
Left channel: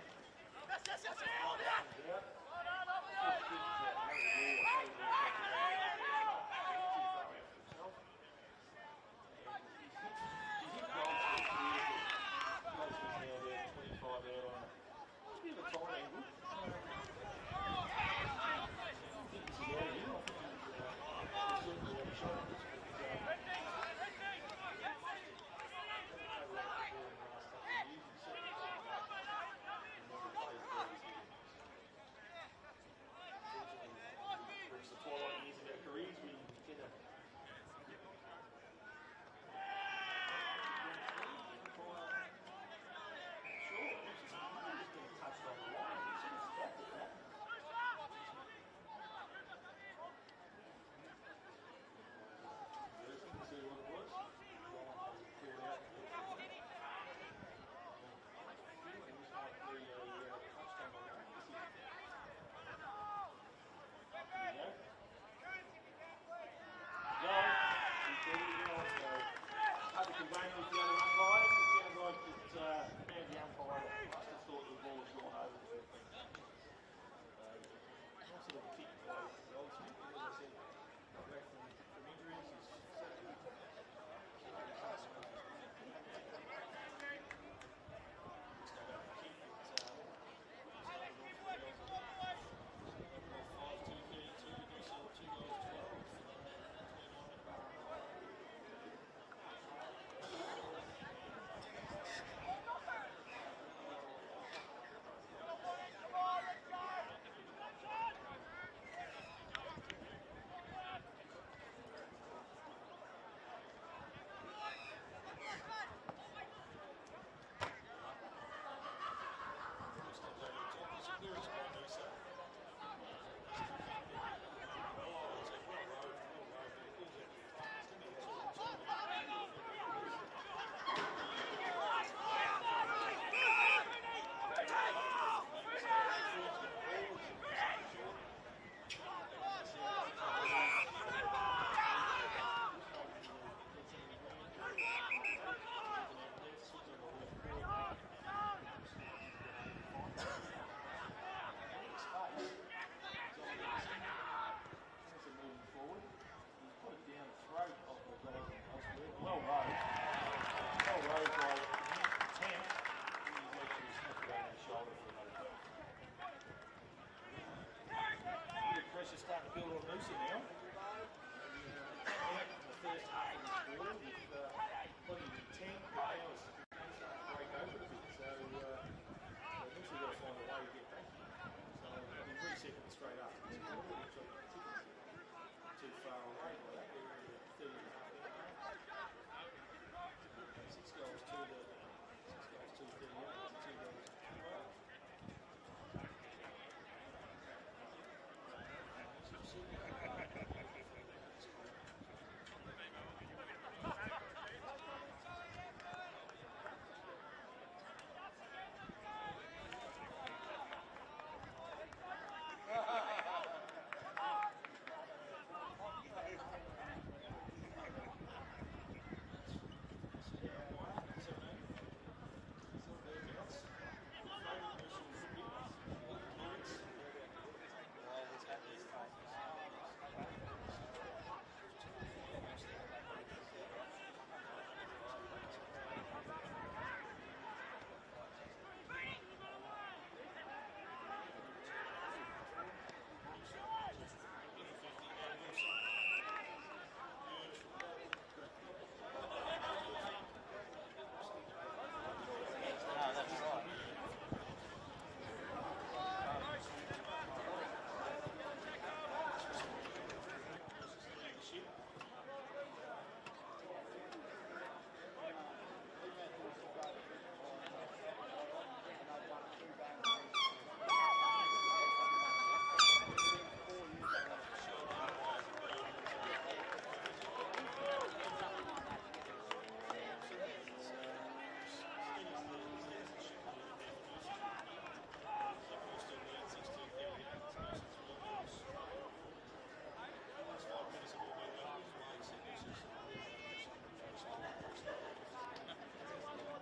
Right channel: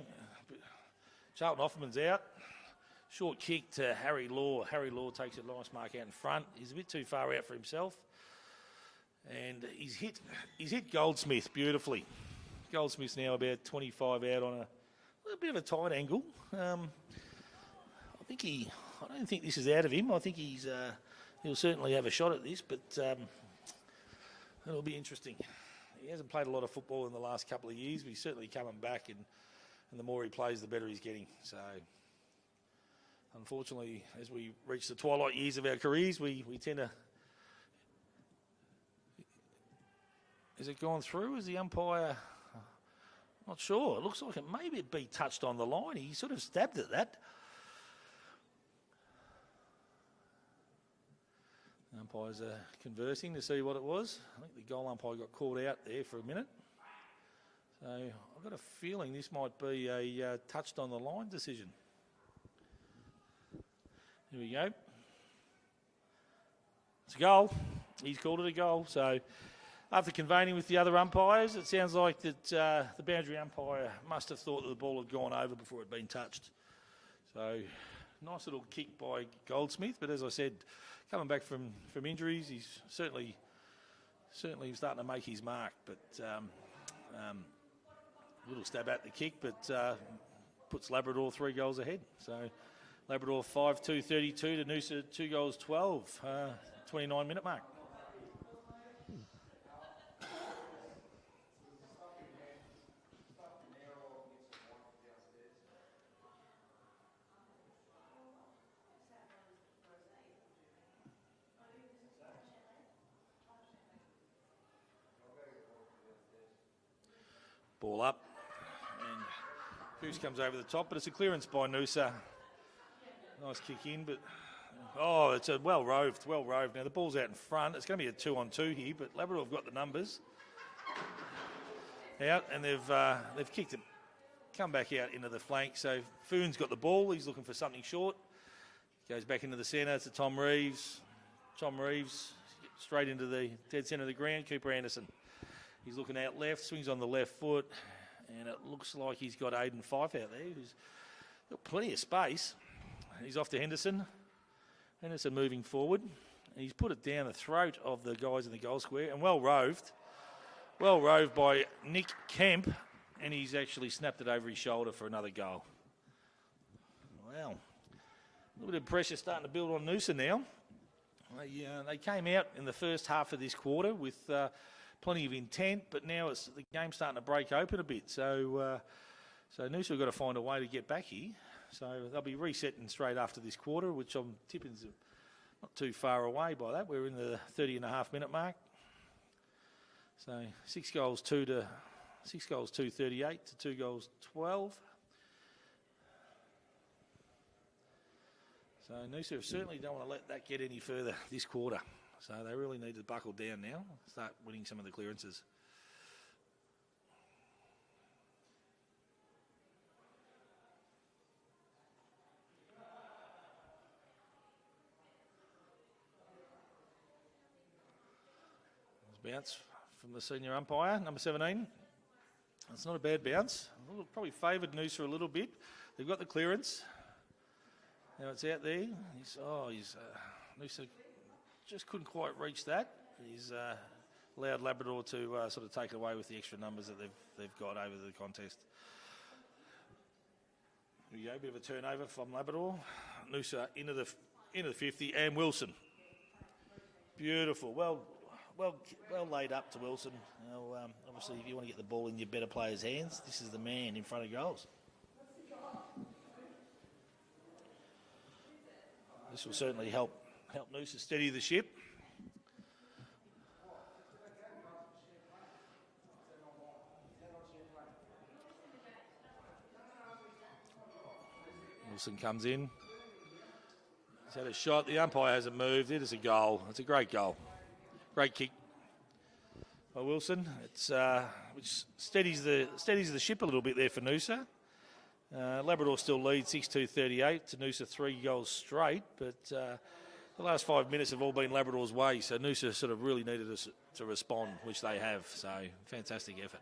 Charlton Offerman's out. Short kick to Harry Law. Harry Law takes a launch mark out in front. He's a bit too far out for himself. And he's hit Goldsmith beautifully. Goldsmith's now about 25 out on a bit of a tight angle. I don't think this is out of him. I think he'll certainly have a shot at this, but it'll be interesting. He hasn't played a lot of football in the last couple of years, but he's certainly coming back, and the more he plays, the better he's getting. So, unfortunately, as we reach the twilight years of our careers, we tend to... Has it gone through? Is the umpire... Not sure. It looks like it maybe it'd be touched on the line. He sort of stabbed at that. Umpires are conversing to see what it was. I think the goal umpire got called out there for a minute. So I've got a feeling this might be a touched on the line decision. Here we go. It's a goal. He's called it a goal. So after convening with the other umpires, it sounds like that the boundary umpire must have thought that the ball had gone over before it had been touched. So nice little kick by Goldsmith, but as I said, coming back from injuries, he's certainly starting to make his mark. But little stab at the kick, but puts Labrador 3 goals ahead. So Labrador 5-2-32 to Noosa 2 goals 12, 29-minute mark. Ball up, and Goose comes over the top, but it's a clearance by Noosa. Nice kick in, but it's a well roved. Now the ball's out in front. It's going to be a 2-on-2 here, but Labrador have got the numbers out, and they've kicked it. Come back out into the flank. So Foon's got the ball. He's looking for something short. Goes back into the centre to Tom Reeves. Tom Reeves straight into the dead centre of the ground. Cooper Anderson. He's looking out left, swings on the left foot, and it looks like he's got Aiden Fife out there. He's got plenty of space. He's off to Henderson. Henderson moving forward. He's put it down the throat of the guys in the goal square, and well roved. Well roved by Nick Kemp, and he's actually snapped it over his shoulder for another goal. Well, a little bit of pressure starting to build on Noosa now. They came out in the first half of this quarter with plenty of intent, but now the game's starting to break open a bit. So Noosa have got to find a way to get back here. So they'll be resetting straight after this quarter, which I'm tipping is not too far away by that. We're in the 30.5-minute mark. So 6 goals 2 to 38 to 2 goals 12. So Noosa certainly don't want to let that get any further this quarter. So they really need to buckle down now and start winning some of the clearances. Bounce from the senior umpire, number 17. It's not a bad bounce. Probably favoured Noosa a little bit. They've got the clearance. Now it's out there. Noosa just couldn't quite reach that. He's allowed Labrador to sort of take it away with the extra numbers that they've got over the contest. There you go, bit of a turnover from Labrador. Noosa into the 50, and Wilson. Beautiful. Well laid up to Wilson. Well, obviously, if you want to get the ball in your better players' hands, this is the man in front of goals. This will certainly help Noosa steady the ship. Wilson comes in. He's had a shot. The umpire hasn't moved. It is a goal. It's a great goal. Great kick by Wilson. It steadies the ship a little bit there for Noosa. Labrador still leads 6-2-38 to Noosa 3 goals straight, but The last 5 minutes have all been Labrador's way, so Noosa sort of really needed us to respond, which they have. So fantastic effort.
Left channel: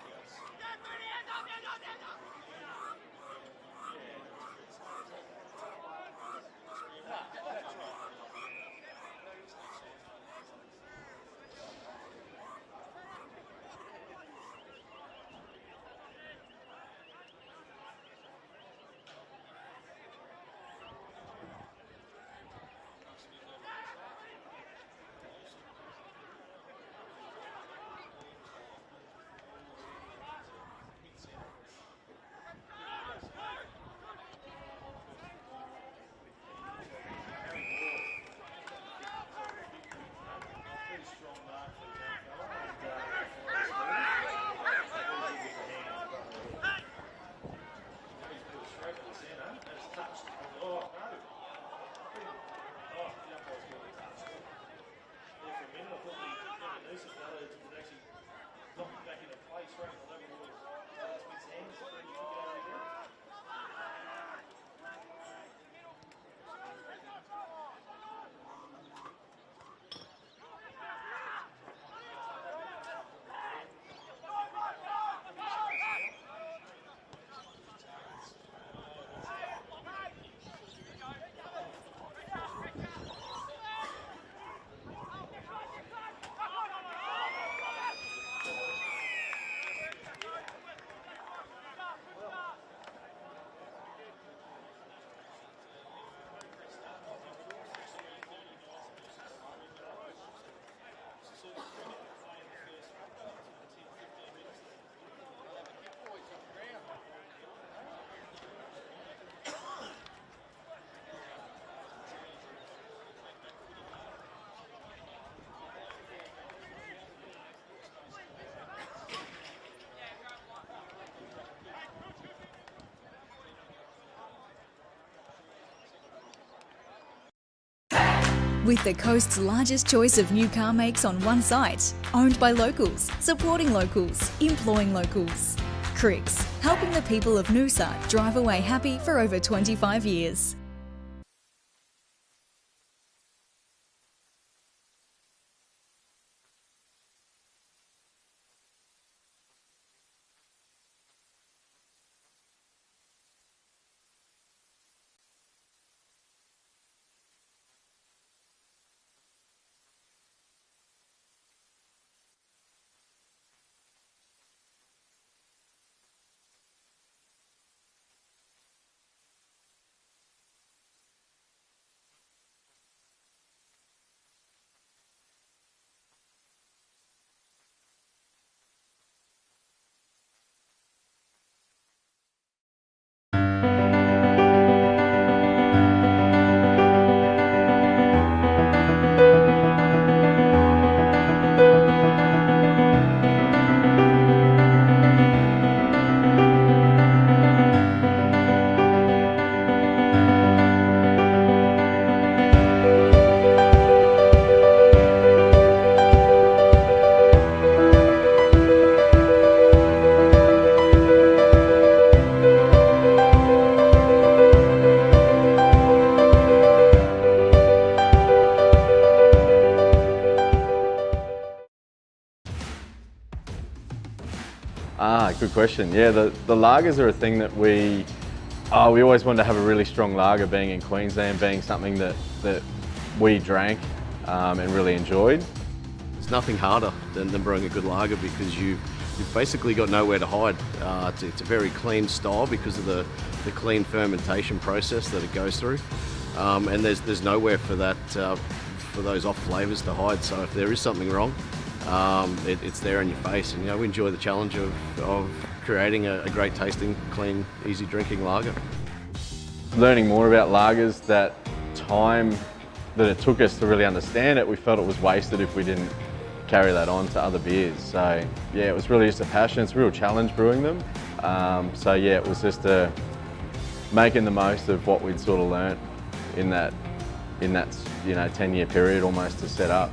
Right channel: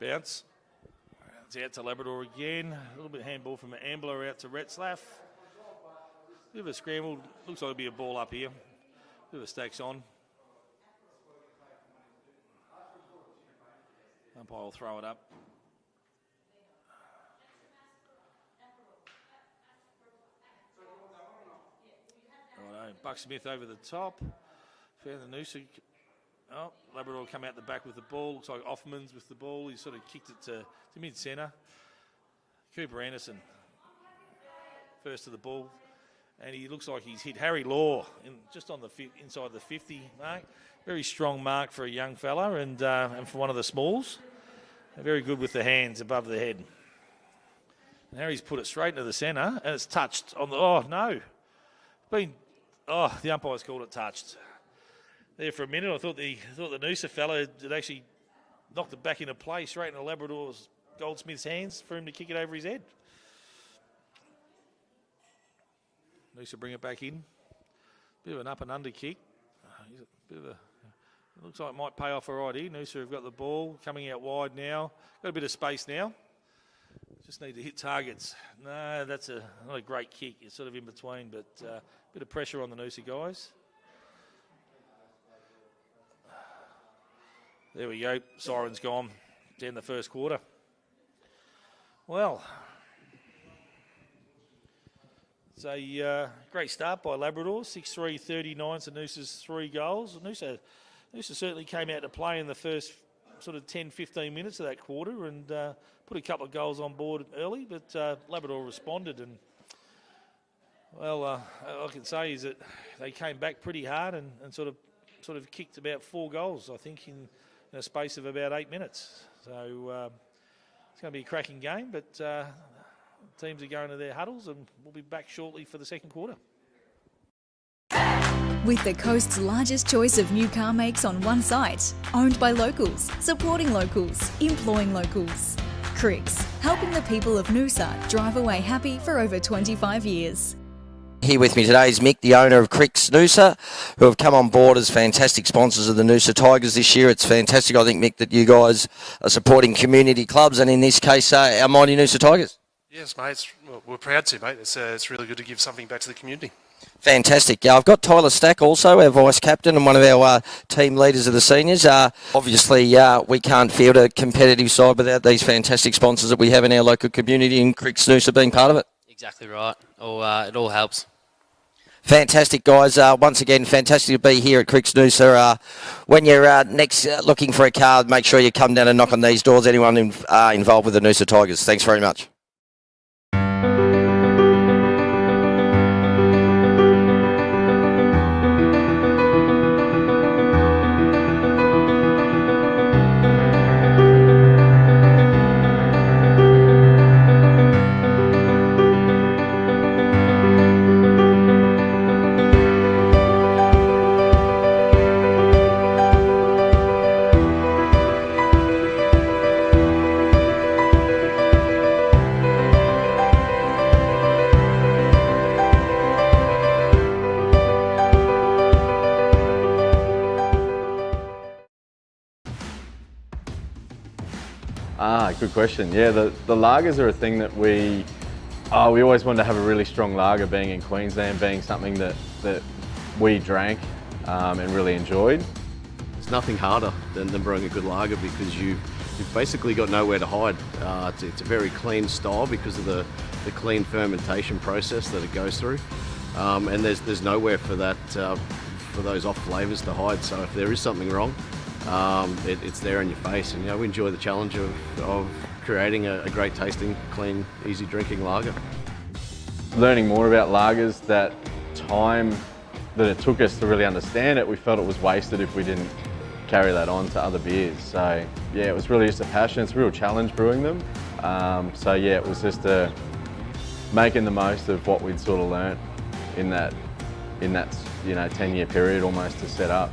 Bounce. It's out to Labrador again. A little bit of handball from Ambler out to Retzlaff. Bit of a scramble. Looks like it'll be a ball up here. Bit of a stacks on. Umpire will throw it up. Buck Smith over the top. Found the Noosa. Oh, Labrador come out the back with the ball. Looks like Offman's with the ball. He sort of kicked it to mid-centre. Cooper Anderson first to the ball. And he looks like he's hit Harry Law just on the inside the 50 mark. Very strong mark for a young fella and for one of the smalls. Very good with the hands above the head. And Harry's put it straight into the centre and it's touched on the... Oh, no. The umpire's called it touched. There for a minute, I thought the Noosa fella had actually knocked it back into play straight into Labrador's Goldsmith's hands for him to kick it over his head. Noosa bring it back in. Bit of an up and under kick. Looks like it might pay off alright here. Noosa have got the ball coming out wide now. Got a bit of space now. Just need to hit targets. No, that's not a great kick. It's sort of in between, but a bit of pressure on the Noosa guys. There we go, siren's gone down the first quarter. Well, it's a great start by Labrador, 6-3-39 to Noosa's 3 goals. Noosa certainly came out to play in the first sort of 10-15 minutes of that quarter and put a couple of goals on board early, but Labrador responded and, well, all I can say is that they came back pretty hard and sort of kicked about 4 goals, I think, in a space of about 8 minutes. So it's going to be a cracking game, but teams are going to their huddles and we'll be back shortly for the second quarter. With the coast's largest choice of new car makes on one site, owned by locals, supporting locals, employing locals. Cricks, helping the people of Noosa drive away happy for over 25 years. Here with me today is Mick, the owner of Cricks Noosa, who have come on board as fantastic sponsors of the Noosa Tigers this year. It's fantastic, I think, Mick, that you guys are supporting community clubs and in this case, our mighty Noosa Tigers. Yes, mate. We're proud to, mate. It's really good to give something back to the community. Fantastic. I've got Tyler Stack also, our vice captain and one of our team leaders of the seniors. Obviously, we can't field a competitive side without these fantastic sponsors that we have in our local community, and Cricks Noosa being part of it. Exactly right. It all helps. Fantastic, guys. Once again, fantastic to be here at Cricks Noosa. When you're next looking for a car, make sure you come down and knock on these doors. Anyone involved with the Noosa Tigers. Thanks very much. Good question. Yeah, the lagers are a thing that we always wanted to have a really strong lager, being in Queensland, being something that we drank and really enjoyed. There's nothing harder than brewing a good lager because you've basically got nowhere to hide. It's a very clean style because of the clean fermentation process that it goes through, and there's nowhere for that for those off flavours to hide. So if there is something wrong, it's there in your face, and we enjoy the challenge of creating a great tasting, clean, easy drinking lager. Learning more about lagers, that time that it took us to really understand it, we felt it was wasted if we didn't carry that on to other beers. So yeah, it was really just a passion. It's a real challenge brewing them. So yeah, it was just making the most of what we'd sort of learnt in that 10-year period almost to set up.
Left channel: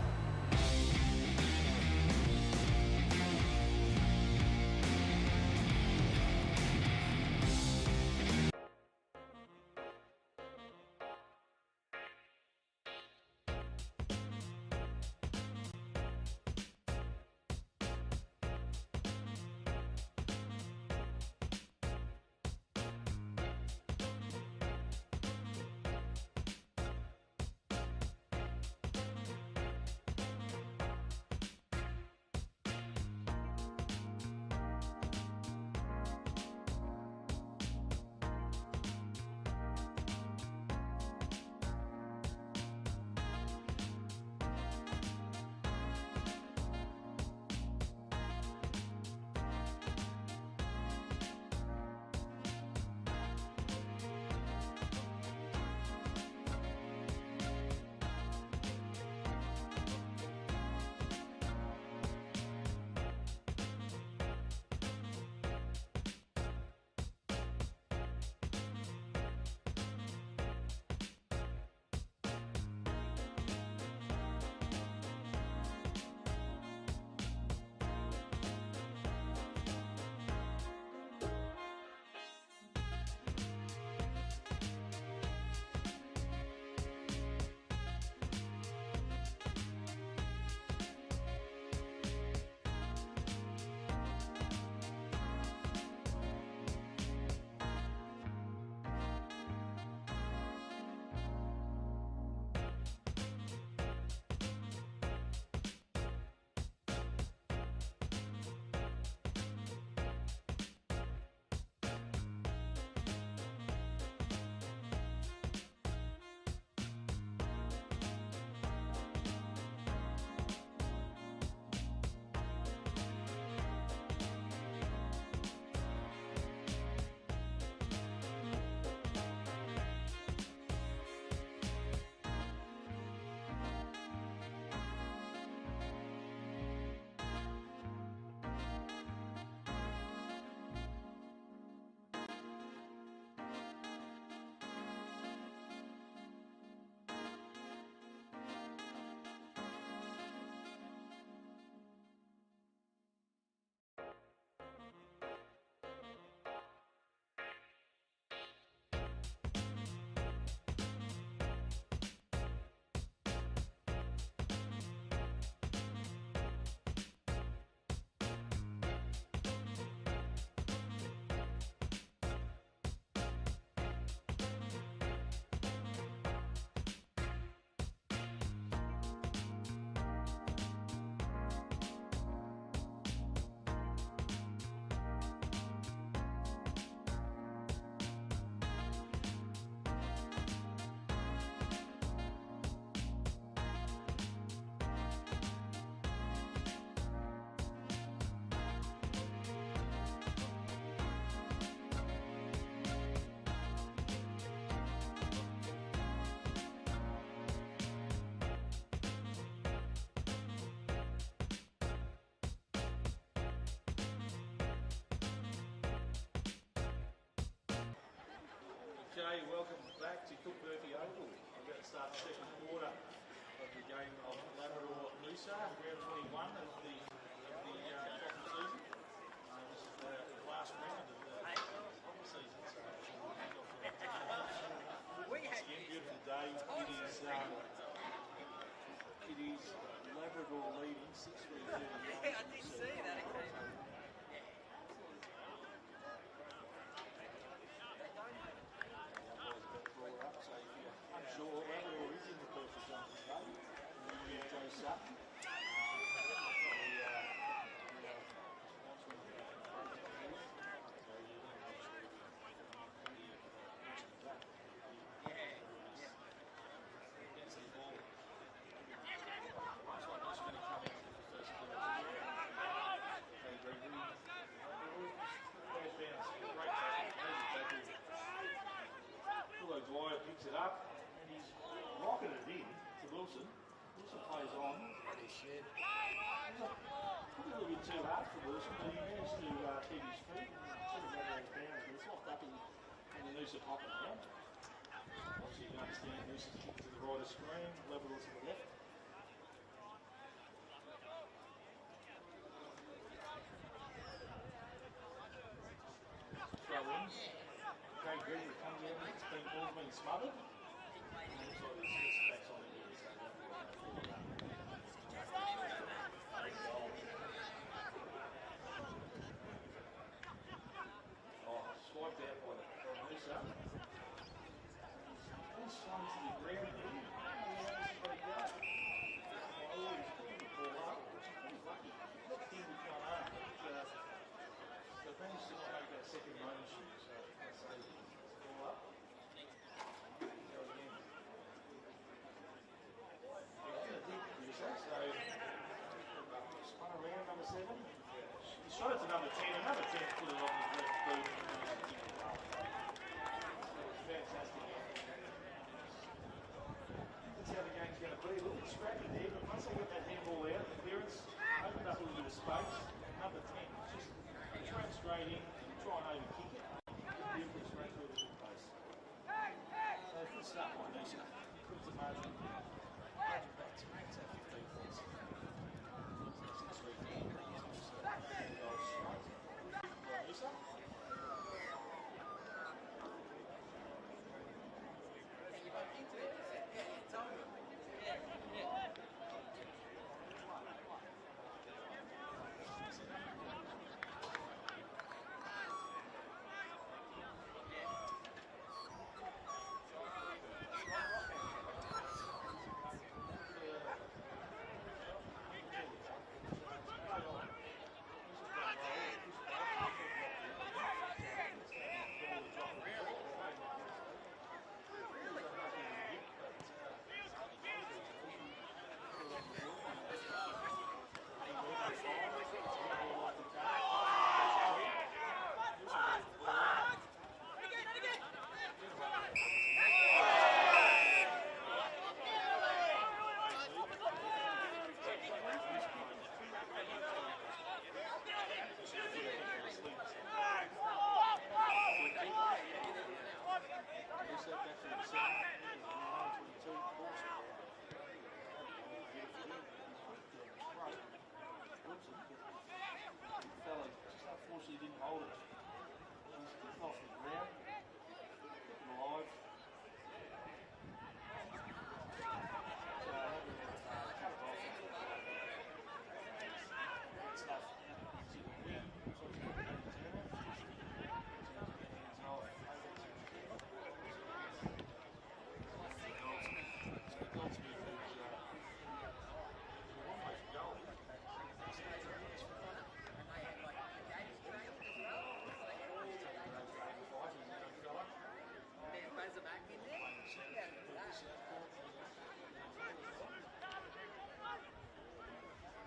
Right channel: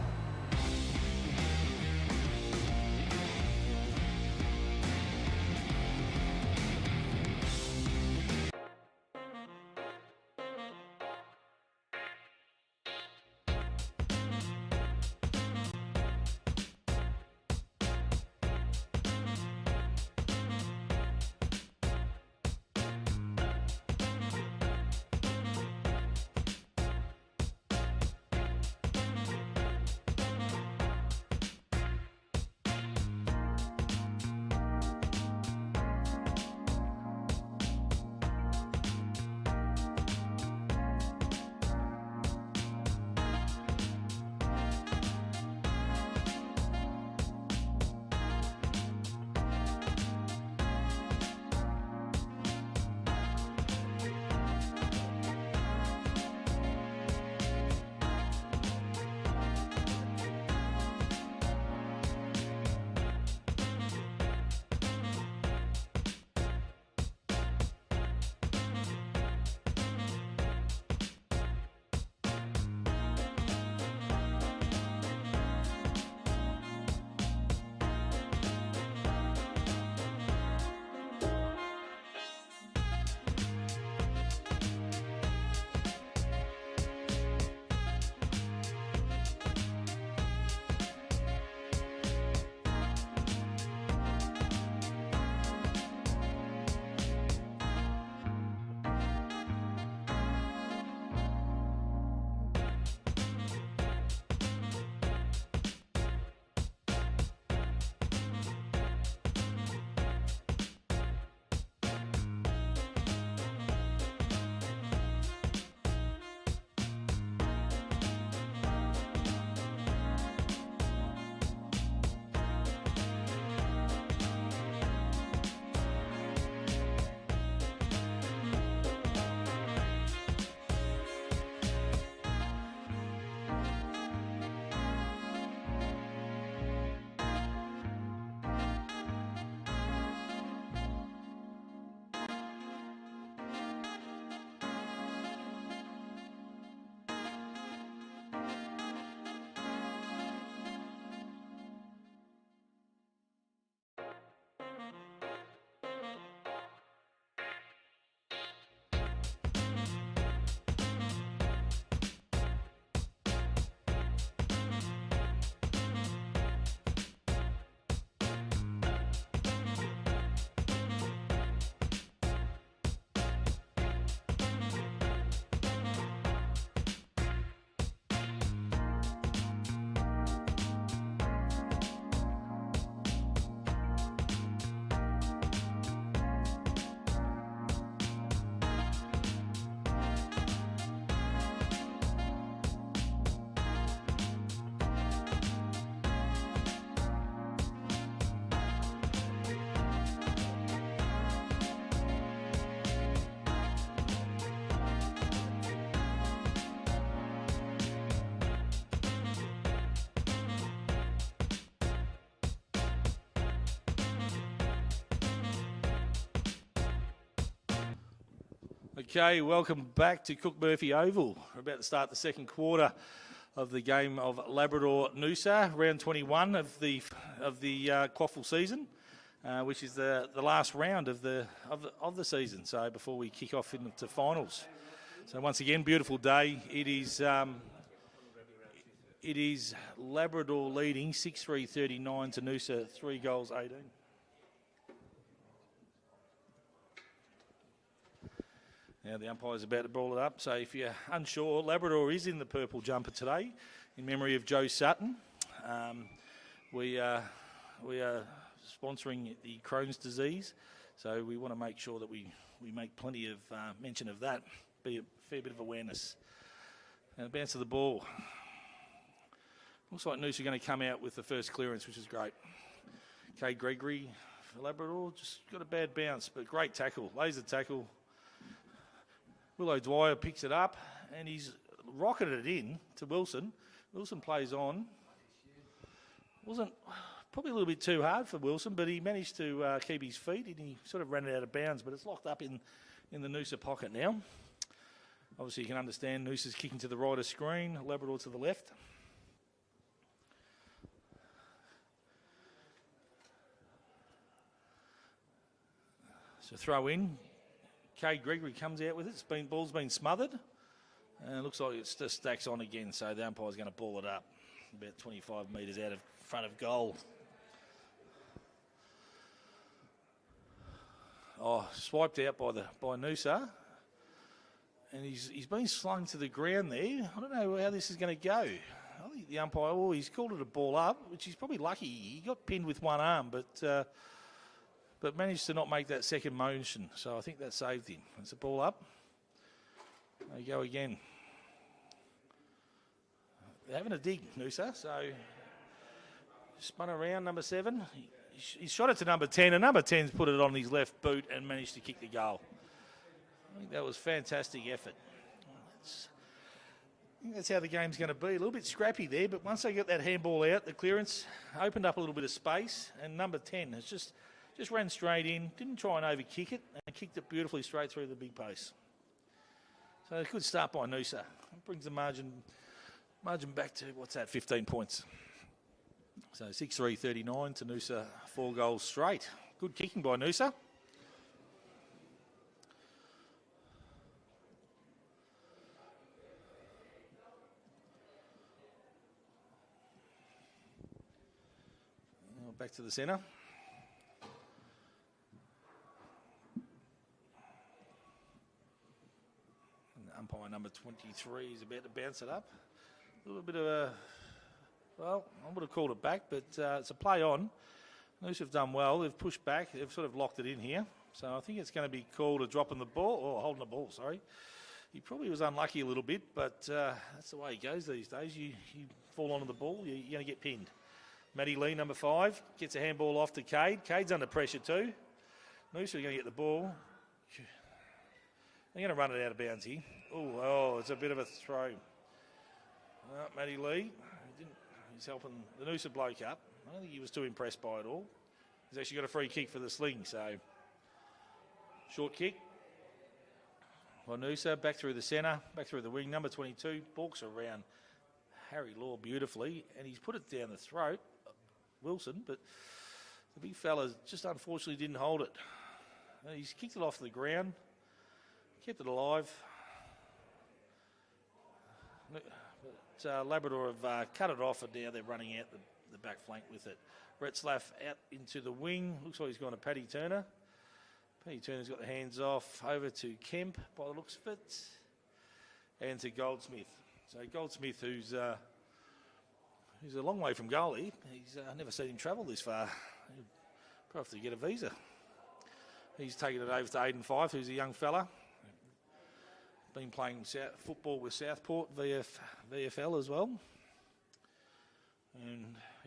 Okay, welcome back to Cook Murphy Oval. We're about to start the second quarter of the game of Labrador Noosa, round 21 of the QAFL season, which is the last round of the season. So before we kick off into finals. So once again, beautiful day. It is Labrador leading 6-3-39 to Noosa, 3 goals 18. Now the umpire's about to ball it up, so if you're unsure, Labrador is in the purple jumper today in memory of Joe Sutton. We are sponsoring the Crohn's disease, so we want to make sure that we make plenty of mention of that, be a fair bit of awareness. Now bounce of the ball. Looks like Noosa are going to come out with the first clearance, which is great. Okay, Gregory, Labrador, just got a bad bounce, but great tackle, laser tackle. Willow Dwyer picks it up and he's rocketed it in to Wilson. Wilson plays on. Wasn't probably a little bit too hard for Wilson, but he managed to keep his feet. He sort of ran it out of bounds, but it's locked up in the Noosa pocket now. Obviously, you can understand Noosa's kicking to the right of screen, Labrador to the left. So throw in. Cade Gregory comes out with it. Ball's been smothered. And it looks like it just stacks on again, so the umpire's going to pull it up. About 25 metres out of front of goal. Oh, swiped out by Noosa. And he's been slung to the ground there. I don't know how this is going to go. I think the umpire, he's called it a ball up, which he's probably lucky. He got pinned with one arm, but managed to not make that second motion. So I think that saved him. It's a ball up. There you go again. You're having a dig, Noosa. So spun around, number 7. He shot it to number 10, and number 10's put it on his left boot and managed to kick the goal. That was fantastic effort. I think that's how the game's going to be. A little bit scrappy there, but once they got that handball out, the clearance opened up a little bit of space, and number 10 has just ran straight in, didn't try and overkick it, and kicked it beautifully straight through the big post. So a good start by Noosa. Brings the margin back to, 15 points. So 6-3-39 to Noosa, 4 goals straight. Good kicking by Noosa. Back to the centre. Umpire number 23 is about to bounce it up. A little bit of a, well, I would have called it back, but it's a play on. Noosa have done well. They've pushed back. They've sort of locked it in here. So I think it's going to be called a dropping the ball, or holding the ball, sorry. He probably was unlucky a little bit, but that's the way it goes these days. You fall onto the ball, you're going to get pinned. Matty Lee, number 5, gets a handball off to Cade. Cade's under pressure too. Noosa are going to get the ball. They're going to run it out of bounds here. Oh, it's a bit of a throw. Well, Matty Lee, he's helping the Noosa bloke up. I think he was too impressed by it all. He's actually got a free kick for the sling, so short kick. Well, Noosa back through the centre, back through the wing. Number 22 walks around Harry Law beautifully, and he's put it down the throat, Wilson, but the big fella just unfortunately didn't hold it. He's kicked it off the ground, kept it alive. Labrador have cut it off, and now they're running out the back flank with it. Brett Slaff out into the wing. Looks like he's got a Paddy Turner. Paddy Turner's got the hands off over to Kemp by the looks of it, and to Goldsmith. So Goldsmith, who's a long way from goalie. I've never seen him travel this far. I'll have to get a visa. He's taken it over to Aidan Fife, who's a young fella. Been playing football with Southport, VFL as well. And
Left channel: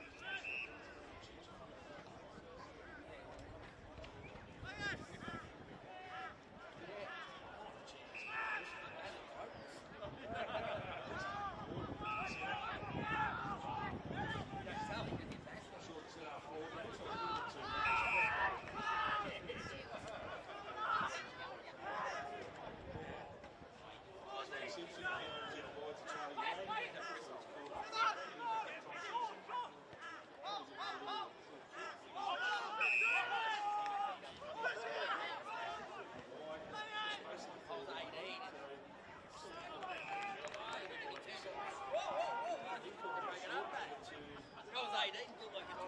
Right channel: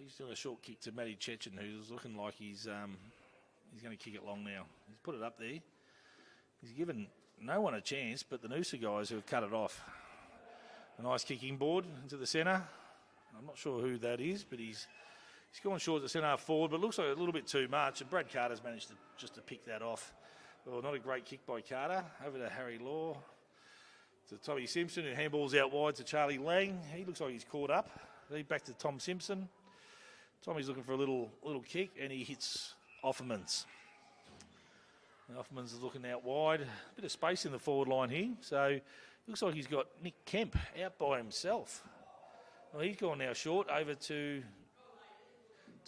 just a short kick to Matty Chechen, who's looking like he's going to kick it long now. Put it up there. He's given no one a chance, but the Noosa guys who have cut it off. Nice kicking board into the centre. I'm not sure who that is, but he's gone short at centre half forward, but looks like a little bit too much. And Brad Carter's managed to pick that off. Well, not a great kick by Carter. Over to Harry Law. To Tommy Simpson, and handballs out wide to Charlie Lang. He looks like he's caught up. Lead back to Tom Simpson. Tommy's looking for a little kick, and he hits Offermans. Offermans is looking out wide. Bit of space in the forward line here, so looks like he's got Nick Kemp out by himself. Well, he's gone now short over to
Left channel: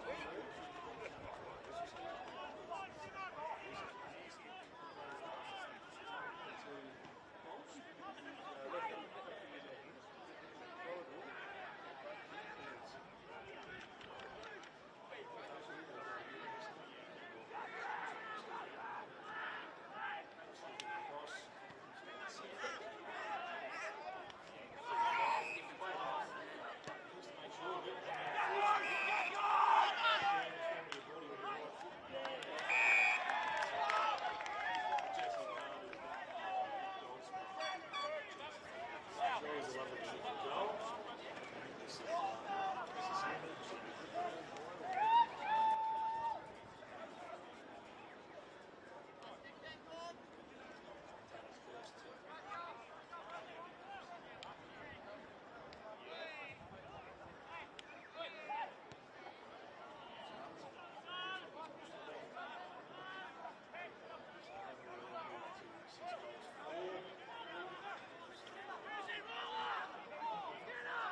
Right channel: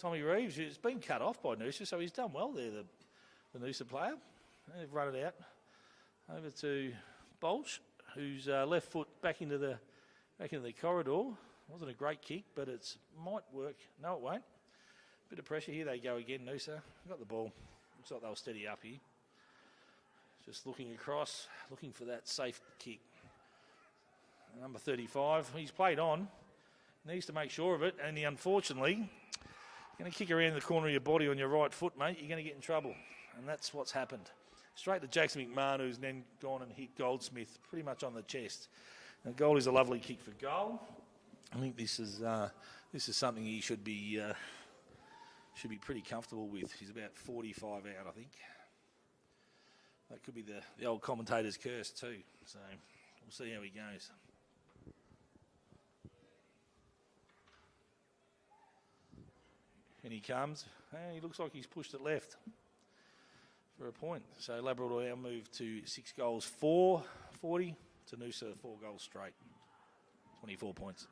Tommy Reeves, who's been cut off by Noosa, so he's done well there, the Noosa player. They've run it out over to Bolch, whose left foot back into the corridor. Wasn't a great kick, but it might work. No, it won't. Bit of pressure here. They go again. Noosa got the ball. Looks like they'll steady up here. Just looking across, looking for that safe kick. Number 35. He's played on. Needs to make sure of it. And unfortunately, when you kick around the corner of your body on your right foot, mate, you're going to get in trouble. And that's what's happened. Straight to Jackson McMahon, who's then gone and hit Goldsmith pretty much on the chest. And Gold is a lovely kick for goal. I think this is something he should be should be pretty comfortable with. She's about 45 out, I think. That could be the old commentator's curse too. So we'll see how he goes. And he comes. And he looks like he's pushed it left for a point. So Labrador now move to 6 goals 4-40 to Noosa 4 goals straight. 24 points.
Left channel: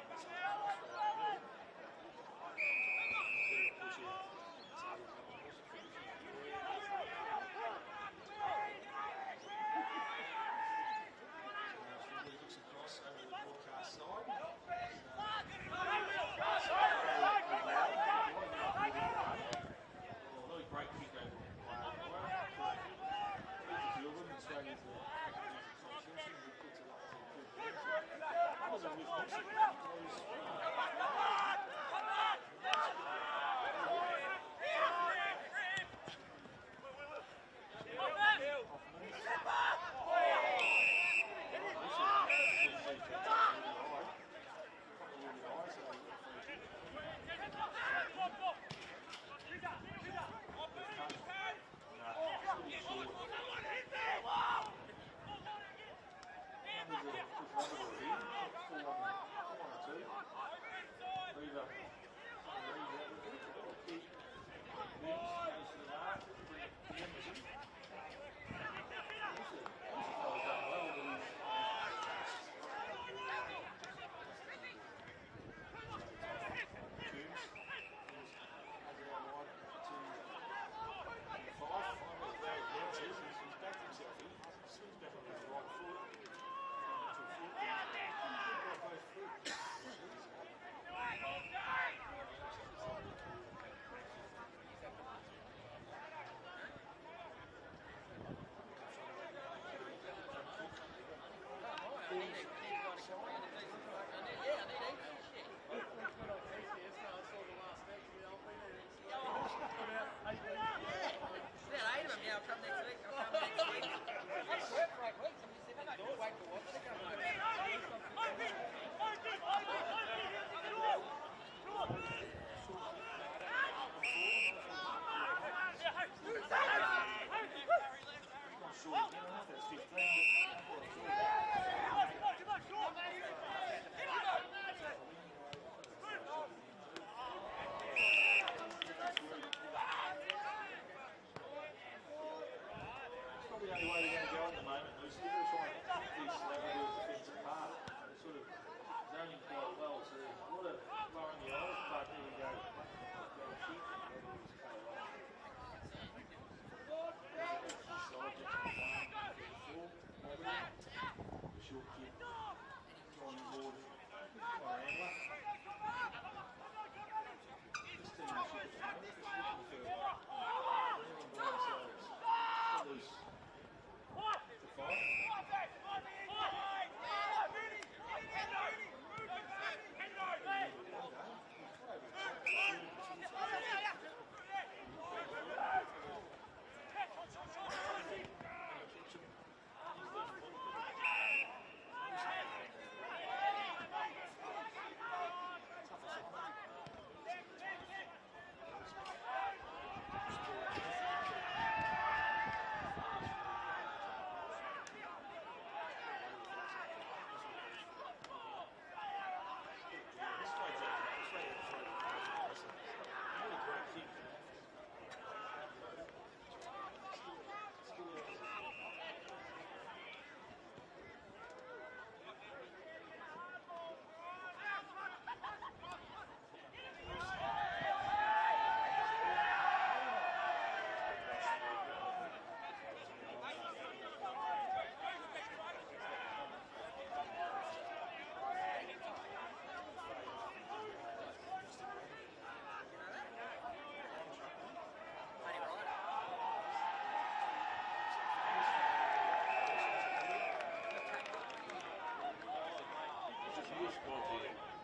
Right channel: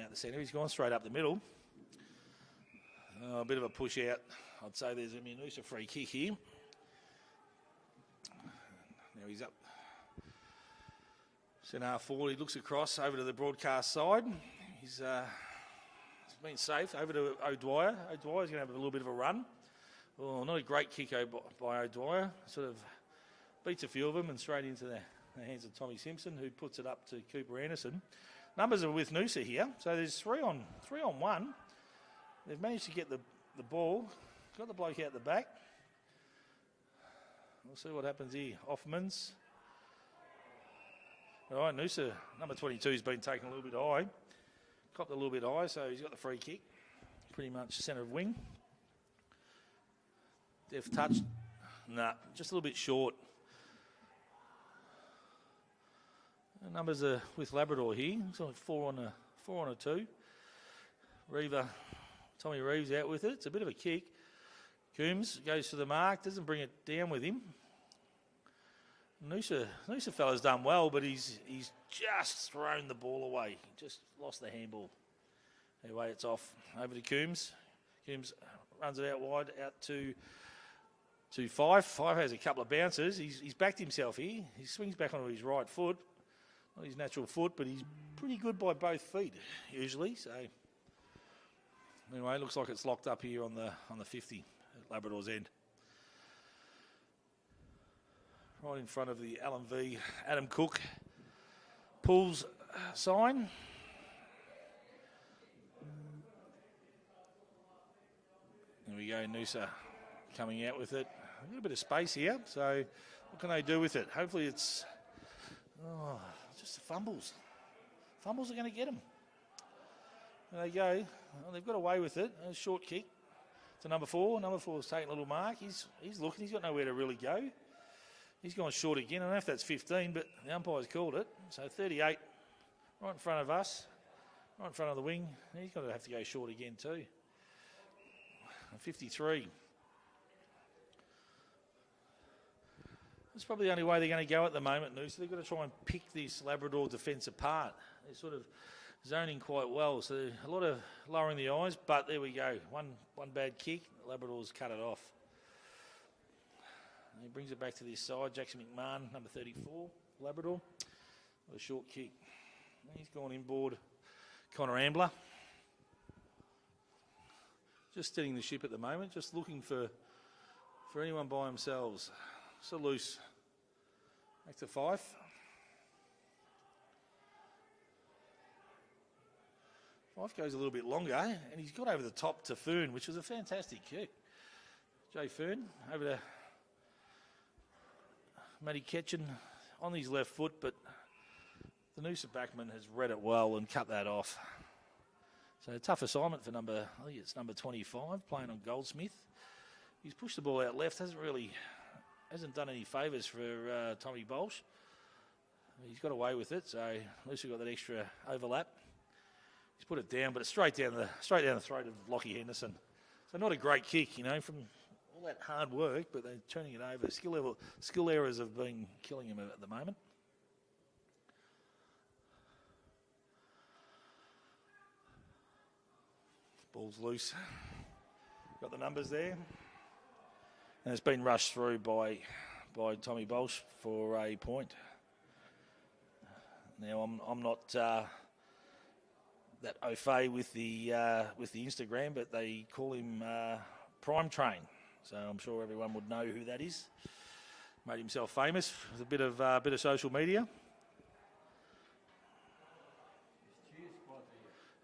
Out the centre, he's gone straight up the middle. A bit of a push out. I'd say there's a Noosa free kick here. He's up. Centre forward, he looks across over to the broadcast side. He's really safe over to O'Dwyer. O'Dwyer's going to have a little bit of a run. Oh, not a great kick by O'Dwyer. Sort of beats a few of them and straight into the hands of Tommy Simpson, who puts it up to Cooper Anderson. Numbers are with Noosa here, so there's 3 on 1. They've managed to get the ball, got the bloke out the back. We'll see what happens here. Offmans. All right, Noosa, number 22, has been taken a little bit high. Copped a little bit high, so he's got the free kick. Pretty much centre wing. Deft touch. Nah, just a little bit short. The numbers are with Labrador here. It's on 4 on a 2. Tommy Reeves out with it. It's a bit of a kick. Coombs goes to the mark, doesn't bring it down with him. Noosa fella's done well, but he's just thrown the ball away. Just lost the handball. Anyway, it's off. Over to Coombs. Coombs runs it out wide, out to Fife. Fife has a couple of bounces. He's backed himself here. He swings back onto his right foot, his natural foot, but he's pretty good by both feet usually. So anyway, looks like it's locked up here on the 50, Labrador's end. Right in front of the Alan V. Adam Cook pulls sign. There we go, Noosa coming out with it. A little bit of space here, so what can they do with it? Hopefully it's just fumbles. Fumbles are going to get them. There they go. And they've got away with it. A short kick to number 4. Number 4's taking a little mark. He's looking. He's got nowhere to really go. He's gone short again. I don't know if that's 15, but the umpire's called it. So 38 right in front of us, right in front of the wing. He's going to have to go short again too. 53. That's probably the only way they're going to go at the moment, Noosa. They've got to try and pick this Labrador defence apart. They're sort of zoning quite well, so a lot of lowering the eyes, but there we go. One bad kick, Labrador's cut it off. And he brings it back to this side. Jackson McMahon, number 34, Labrador. A short kick. He's gone inboard. Connor Ambler. Just steadying the ship at the moment, just looking for anyone by themselves. So loose. Back to Fife. Fife goes a little bit longer, and he's got over the top to Foon, which was a fantastic kick. Go Foon, over to Matty Ketchen on his left foot, but the Noosa backman has read it well and cut that off. So a tough assignment for I think it's number 25, playing on Goldsmith. He's pushed the ball out left, hasn't done any favours for Tommy Bolsh. He's got away with it, so Noosa got that extra overlap. He's put it down, but it's straight down the throat of Lockie Henderson. So not a great kick, from all that hard work, but they're turning it over. Skill errors have been killing him at the moment. Ball's loose. Got the numbers there. And it's been rushed through by Tommy Bolsh for a point. Now I'm not that au fait with the Instagram, but they call him Prime Train. So I'm sure everyone would know who that is. Made himself famous with a bit of social media.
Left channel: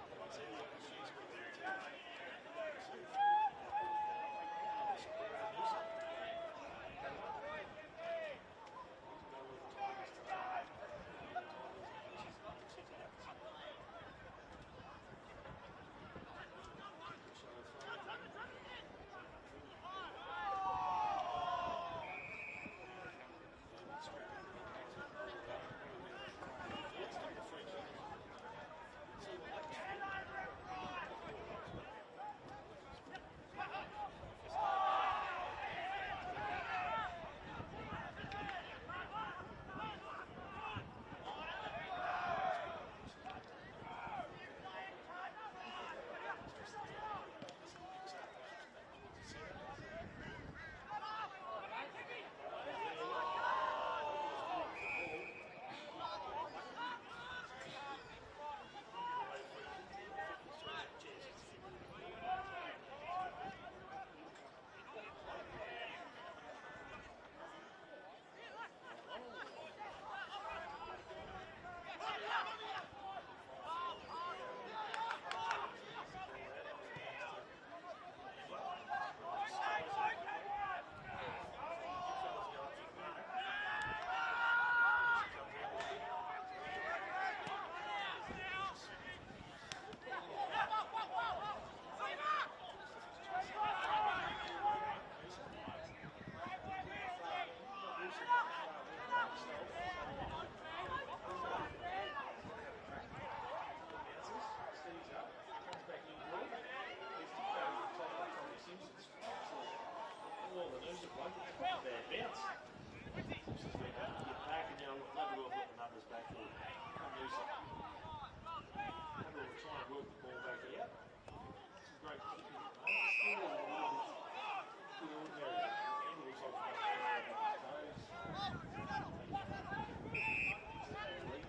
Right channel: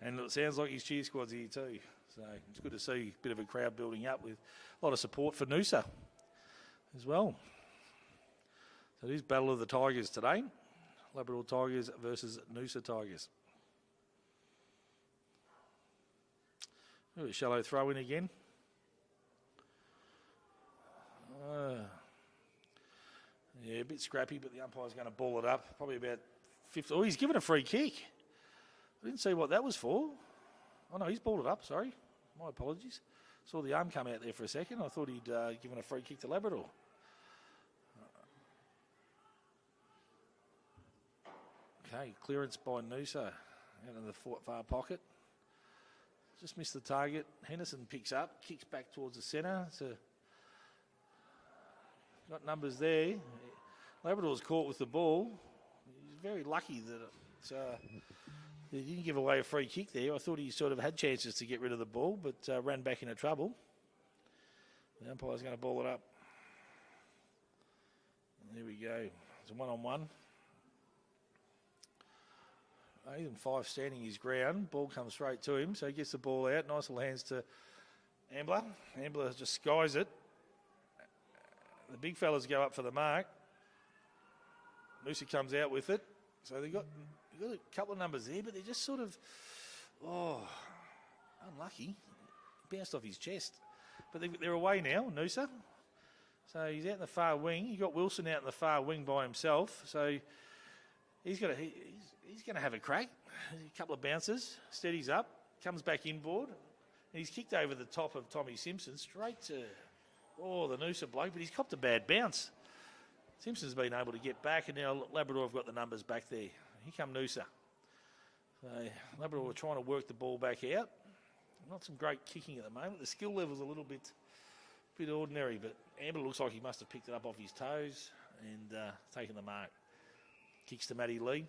And it sounds like his cheer squad's here too. So it's good to see a bit of a crowd building up with a lot of support for Noosa as well. So it is Battle of the Tigers today. Labrador Tigers versus Noosa Tigers. Shallow throw in again. Yeah, a bit scrappy, but the umpire's going to ball it up. Probably about 50. Oh, he's given a free kick. Didn't see what that was for. Oh no, he's balled it up, sorry. My apologies. Saw the arm come out there for a second. I thought he'd given a free kick to Labrador. Okay, clearance by Noosa in the far pocket. Just missed the target. Henderson picks up, kicks back towards the centre. So got numbers there. Labrador's caught with the ball. Very lucky that he didn't give away a free kick there. I thought he sort of had chances to get rid of the ball, but ran back into trouble. The umpire's going to ball it up. There we go. It's a one-on-one. Even 5 standing his ground. Ball comes straight to him, so he gets the ball out. Nice little hands to Ambler. Ambler just skies it. The big fellas go up for the mark. Lucy comes out with it. So they've got a couple of numbers there, but they're just sort of, unlucky. Bounced off his chest. But they're away now, Noosa. So he's out in the far wing. You've got Wilson out in the far wing by himself. So he's going to have a crack. A couple of bounces, steadies up, comes back inboard. He's kicked over the top of Tommy Simpson straight to the Noosa bloke, but he's copped a bad bounce. Simpson's been able to get back, and now Labrador have got the numbers back there. Here come Noosa. Labrador are trying to work the ball back out. Not some great kicking at the moment. The skill level's a little bit ordinary, but Amber looks like he must have picked it up off his toes and taken the mark. Kicks to Matty Lee.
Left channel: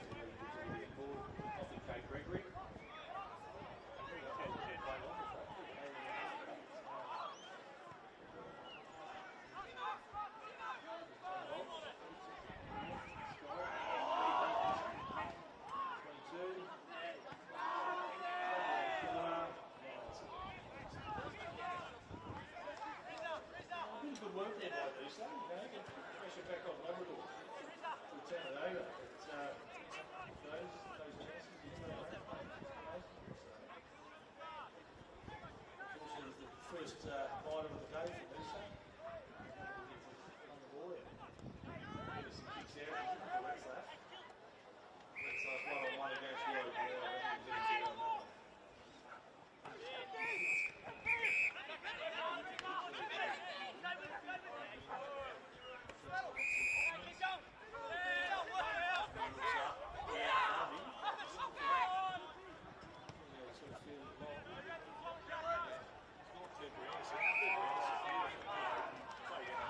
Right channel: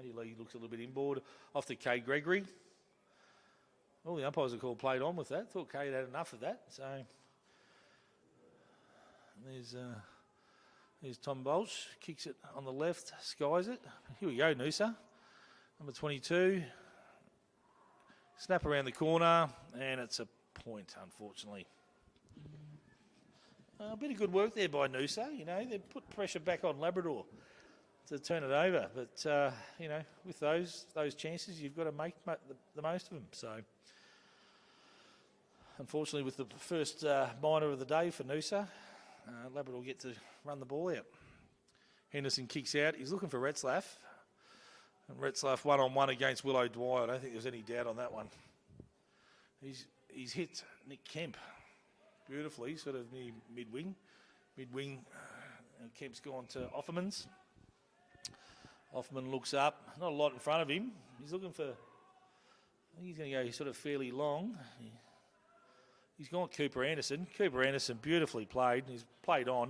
Matty Lee looks a little bit inboard. Off to Kay Gregory. All the umpires are called played on with that. Thought Kay had enough of that. So there's Tom Bolch. Kicks it on the left, skies it. Here you go, Noosa. Number 22. Snap around the corner, and it's a point, unfortunately. A bit of good work there by Noosa. You know, they put pressure back on Labrador to turn it over. But, you know, with those chances, you've got to make the most of them. So, unfortunately, with the first minor of the day for Noosa, Labrador get to run the ball out. Henderson kicks out. He's looking for Retzlaff. Retzlaff one-on-one against Willow Dwyer. I don't think there's any doubt on that one. He's hit Kemp beautifully, sort of mid-wing. And Kemp's gone to Offermans. Offerman looks up. Not a lot in front of him. He's looking for... He's going to go sort of fairly long. He's gone Cooper Anderson. Cooper Anderson beautifully played. He's played on.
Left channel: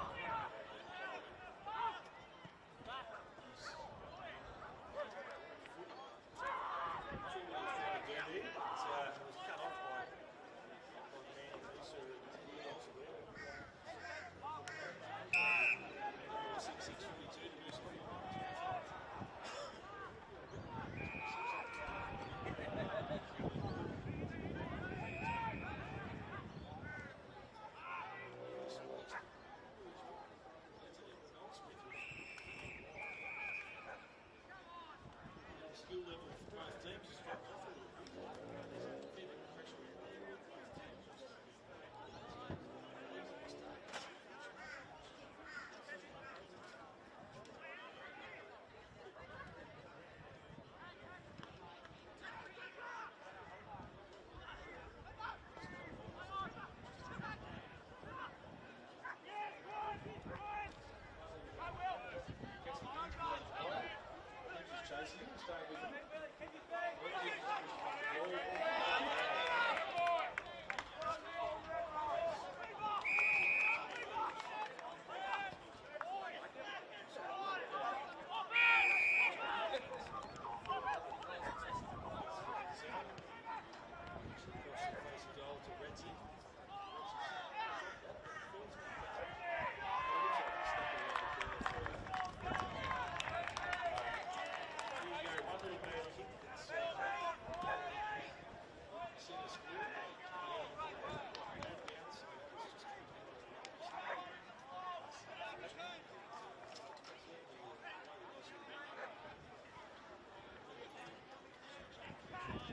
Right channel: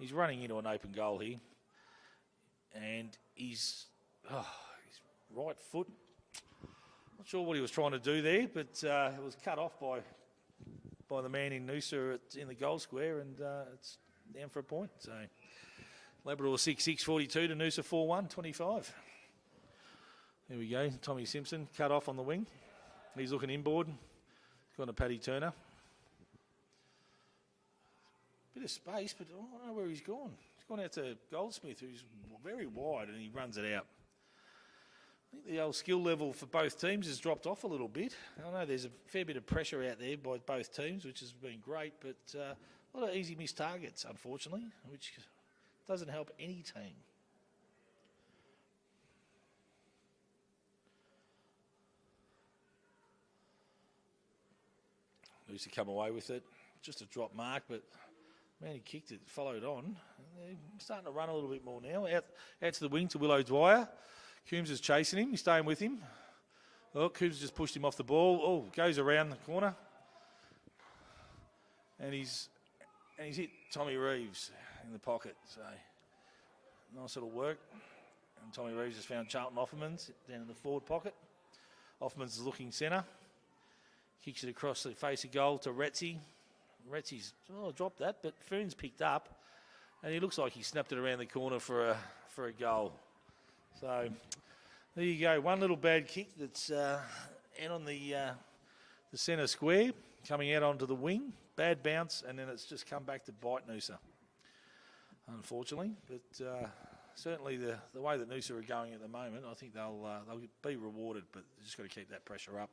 He's running into an open goal here. And his right foot. Not sure what he was trying to do there, but it was cut off by the man in Noosa in the goal square, and it's down for a point. So Labrador 6-6, 42 to Noosa 4-1, 25. There we go. Tommy Simpson cut off on the wing. He's looking inboard. Got to Paddy Turner. Bit of space, but I don't know where he's gone. He's gone out to Goldsmith, who's very wide, and he runs it out. The old skill level for both teams has dropped off a little bit. I know there's a fair bit of pressure out there by both teams, which has been great, but a lot of easy missed targets, unfortunately, which doesn't help any team. Used to come away with it, just a drop mark, but man, he kicked it, followed on. He's starting to run a little bit more now. Out to the wing to Willow Dwyer. Coombs is chasing him. He's staying with him. Oh, Coombs just pushed him off the ball. Oh, goes around the corner. And he's hit Tommy Reeves in the pocket. So, nice little work. And Tommy Reeves has found Charlton Offermans down in the forward pocket. Offermans is looking centre. Kicks it across the face of goal to Retzi. Retzi's dropped that, but Foon's picked up. And he looks like he snapped it around the corner for a goal. So there you go, one little bad kick that's out on the centre square, coming out onto the wing, bad bounce, and then it's just come back to bite Noosa, unfortunately. But certainly the way that Noosa are going at the moment, I think they'll be rewarded, but just got to keep that pressure up.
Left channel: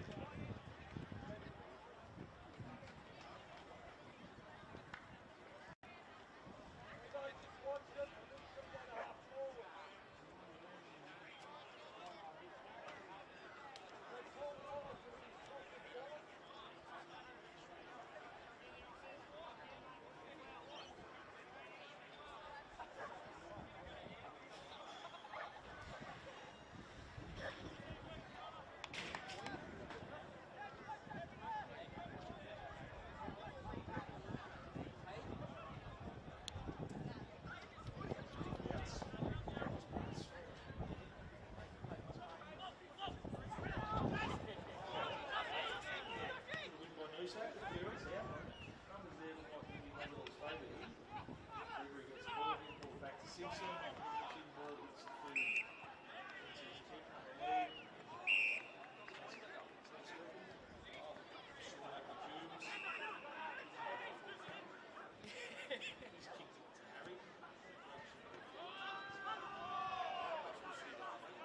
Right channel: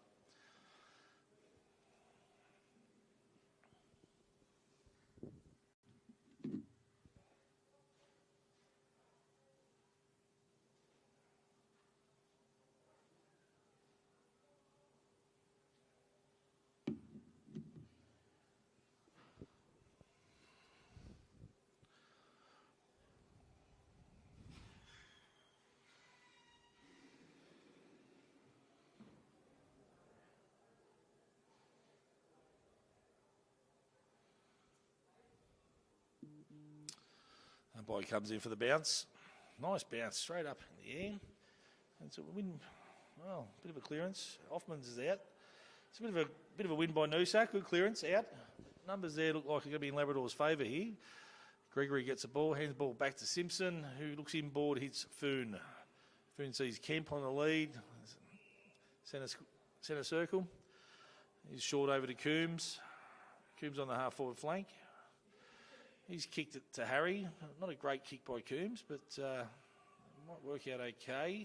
Umpire comes in for the bounce. Nice bounce, straight up in the air. It's a win. Oh, good clearance. Hoffman's is out. It's a bit of a win by Noosa. Good clearance, out. Numbers there look like they're going to be in Labrador's favour here. Gregory gets the ball, hands the ball back to Simpson, who looks inboard, hits Foon. Foon sees Kemp on the lead. Centre circle. He's short over to Coombs. Coombs on the half-forward flank. He's kicked it to Harry. Not a great kick by Coombs, but work out okay.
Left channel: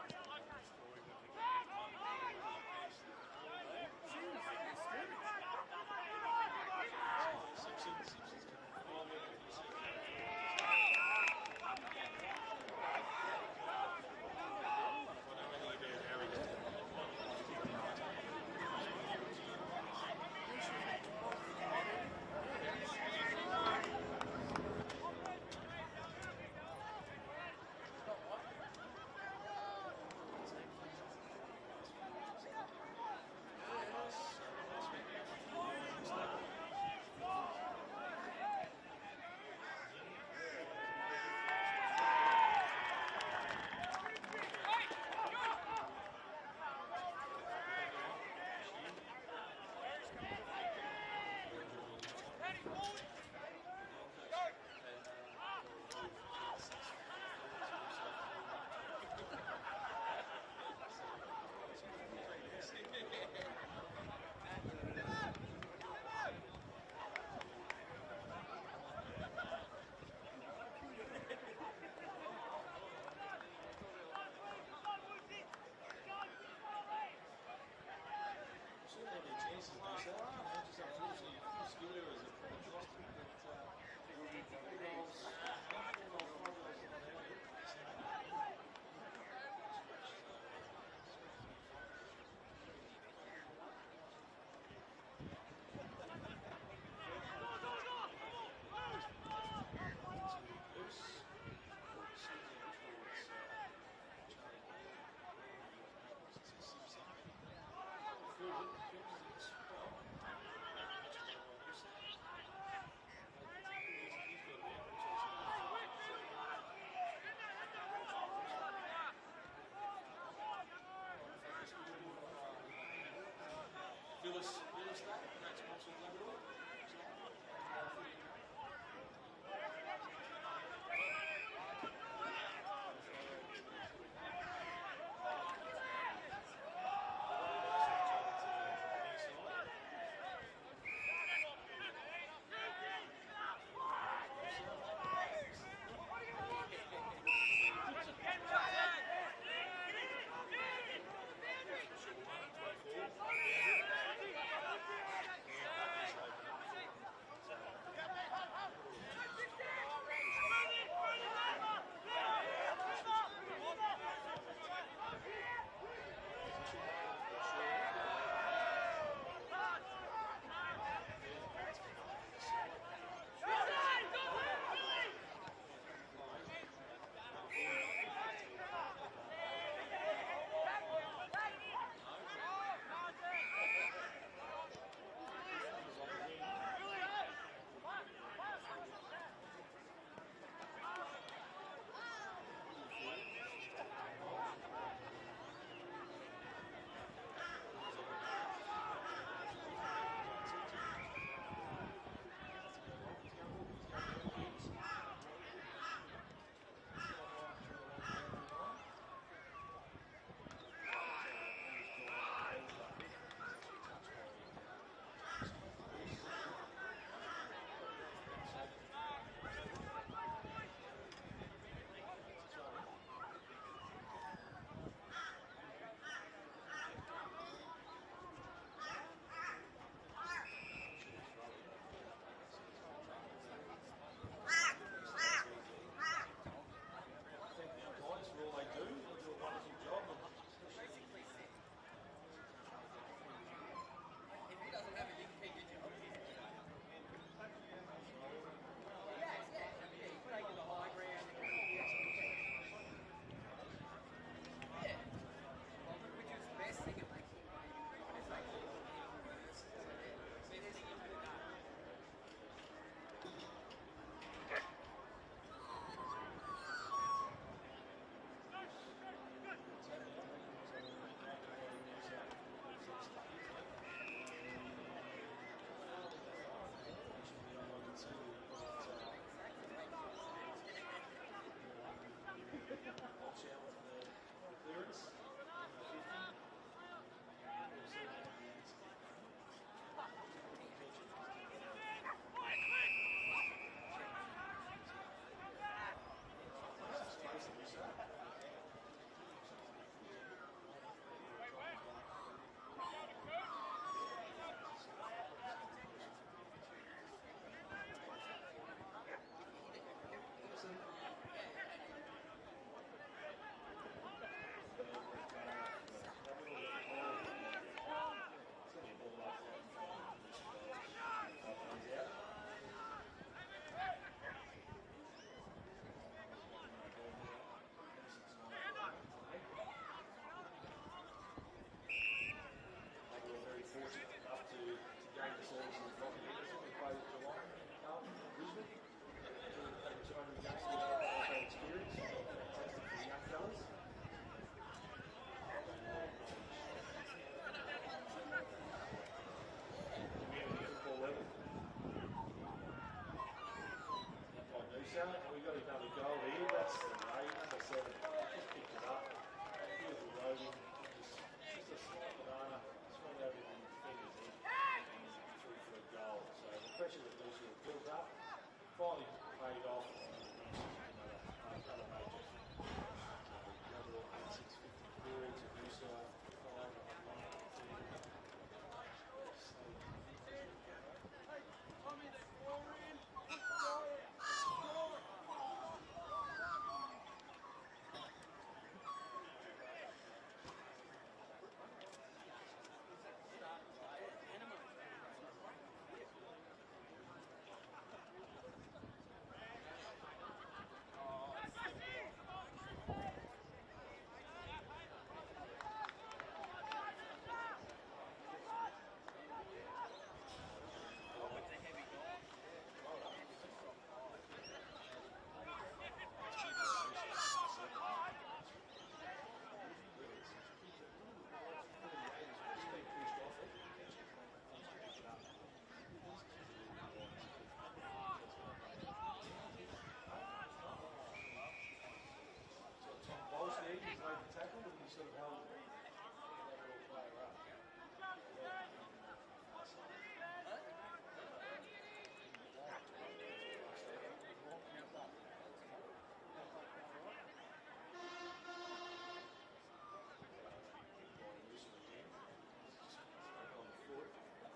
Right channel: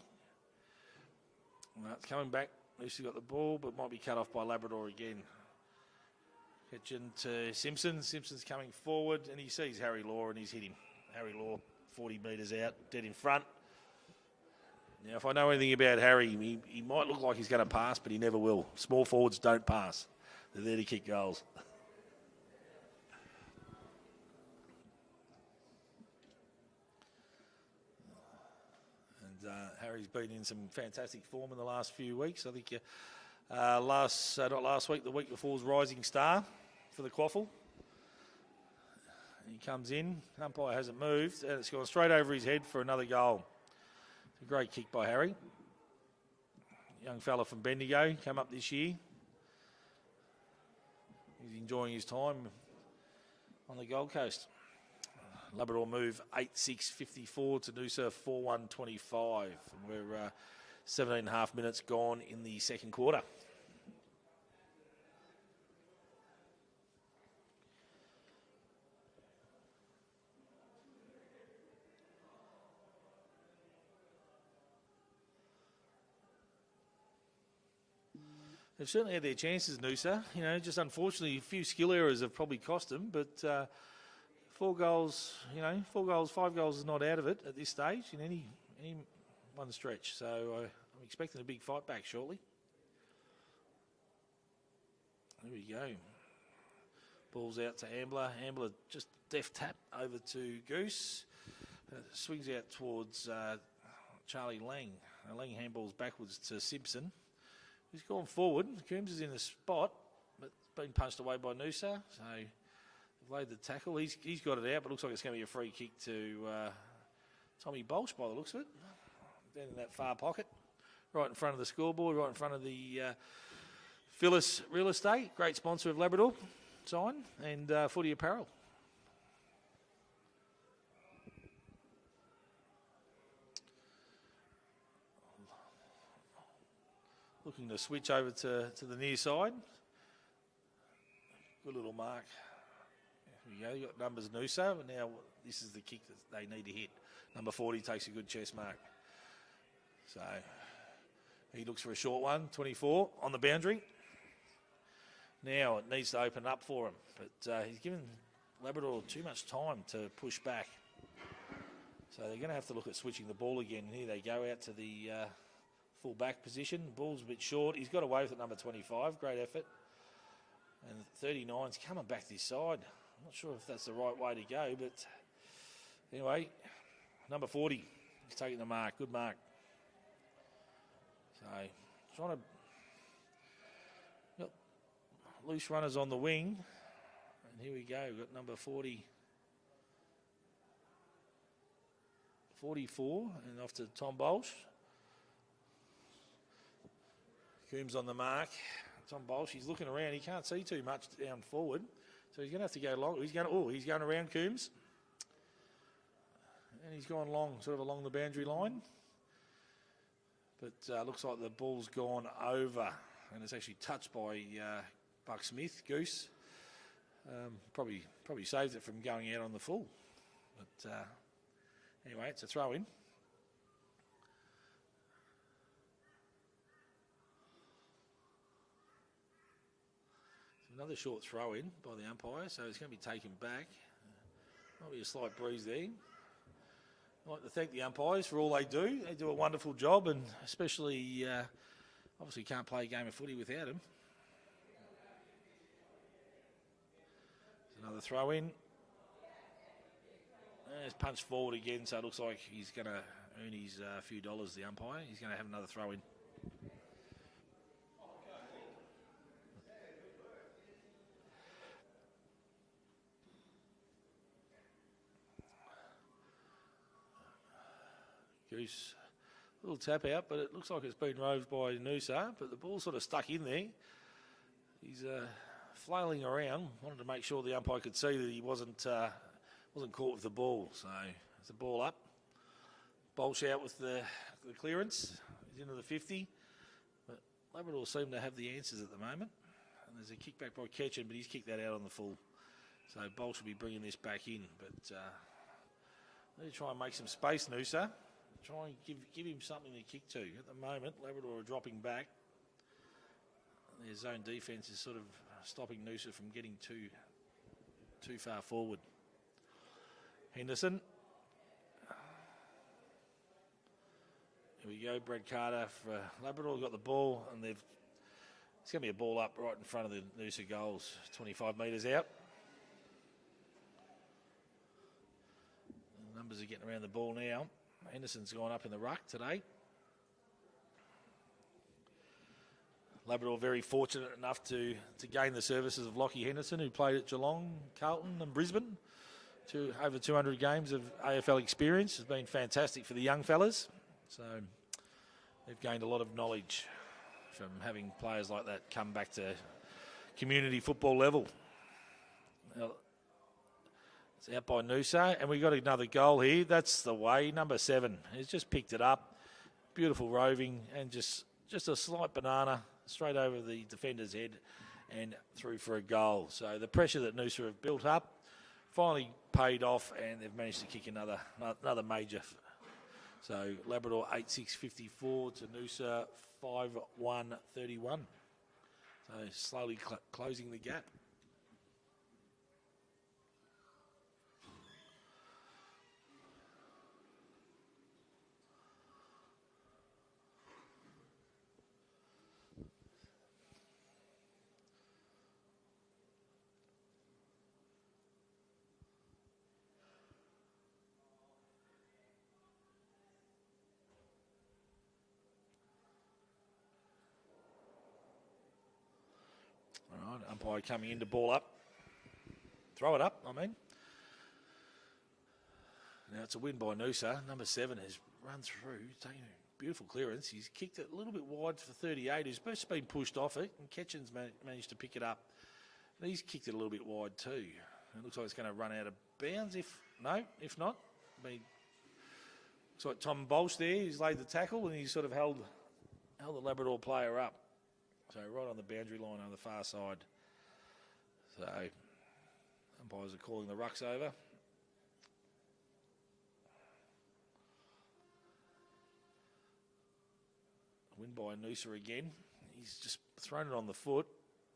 It's coming back. Lucy got the ball, but might be cut off by Labrador again. Pitching to Simpson. Simpson's coming forward, and he sees Harry Law, and he's hitting Harry Law 40 metres out, dead in front. Now, if I know anything about Harry, he might look like he's going to pass, but he never will. Small forwards don't pass. They're there to kick goals. Been in some fantastic form in the last few weeks. I think not last week, the week before was Rising Star for the QAFL. He comes in, umpire hasn't moved, and it's gone straight over his head for another goal. A great kick by Harry. Young fella from Bendigo, come up this year. He's enjoying his time on the Gold Coast. Labrador move 8-6-54 to Noosa 4-1-25. We're 17 and a half minutes gone in the second quarter. They've certainly had their chances, Noosa. You know, just unfortunately, a few skill errors have probably cost them, but 4 goals, 5 goals is not out of it at this stage in any one stretch. So I'm expecting a big fight back shortly. Here we go. Ball's out to Ambler. Ambler just deft tap over to Goose. Swings out towards Charlie Lang. Lang handballs backwards to Simpson. He's gone forward. Coombs is in the spot. Been punched away by Noosa. So laid the tackle. He's got it out, but looks like it's going to be a free kick to Tommy Bolch by the looks of it. Down in that far pocket. Right in front of the scoreboard, right in front of the Phyllis Real Estate. Great sponsor of Labrador sign and footy apparel. Looking to switch over to the near side. Good little mark. There you go, numbers Noosa, and now this is the kick they need to hit. Number 40 takes a good chest mark. So he looks for a short one, 24 on the boundary. Now it needs to open up for him, but he's giving Labrador too much time to push back. So we're going to have to look at switching the ball again. Here they go out to the full back position. The ball's a bit short. He's got away with number 25, great effort. And 39's coming back this side. Not sure if that's the right way to go, but anyway, number 40 is taking the mark. Good mark. Trying to loose runners on the wing. Here we go. We've got number 40, 44, and off to Tom Bolch. Coombs on the mark. Tom Bolch, he's looking around. He can't see too much down forward. So he's going to have to go long. He's going around Coombs. And he's gone long, sort of along the boundary line. But looks like the ball's gone over. And it's actually touched by Buck Smith, Goose. Probably saved it from going out on the full. But, anyway, it's a throw in. Another short throw in by the umpire, so it's going to be taken back. Going to be a slight breeze there. I'd like to thank the umpires for all they do. They do a wonderful job, and especially, obviously can't play a game of footy without them. Another throw in. Oh, he's punched forward again, so it looks like he's going to earn his few dollars, the umpire. He's going to have another throw in. Goose, little tap out, but it looks like it's been roved by Noosa, but the ball's sort of stuck in there. He's flailing around, wanted to make sure the umpire could see that he wasn't caught with the ball. So it's the ball up. Bolsh out with the clearance. He's into the 50. But Labrador seem to have the answers at the moment. And there's a kick back by Ketchen, but he's kicked that out on the full. So Bolsh will be bringing this back in. But really try and make some space, Noosa. Try and give him something to kick to. At the moment, Labrador are dropping back. And their zone defence is sort of stopping Noosa from getting too far forward. Henderson. Here we go, Brett Carter for Labrador. Got the ball, and it's going to be a ball up right in front of the Noosa goals, 25 metres out. Numbers are getting around the ball now. Henderson's gone up in the ruck today. Labrador very fortunate enough to gain the services of Lockie Henderson, who played at Geelong, Carlton and Brisbane. Over 200 games of AFL experience. Has been fantastic for the young fellas. So they've gained a lot of knowledge from having players like that come back to community football level. It's out by Noosa, and we got another goal here. That's the way, number 7. He's just picked it up. Beautiful roving, and just a slight banana straight over the defender's head and through for a goal. So the pressure that Noosa have built up finally paid off, and they've managed to kick another major. So Labrador 8-6-54 to Noosa 5-1-31. So slowly closing the gap. Umpire coming in to ball up. Throw it up, I mean. Now it's a win by Noosa. Number 7 has run through. Beautiful clearance. He's kicked it a little bit wide for 38. He's just been pushed off it. And Ketchen's managed to pick it up. But he's kicked it a little bit wide too. It looks like it's going to run out of bounds. If not, I mean, it's like Tom Bolsh there. He's laid the tackle and he's sort of held the Labrador player up. So right on the boundary line on the far side. So umpires are calling the rucks over. Win by Noosa again. He's just thrown it on the foot,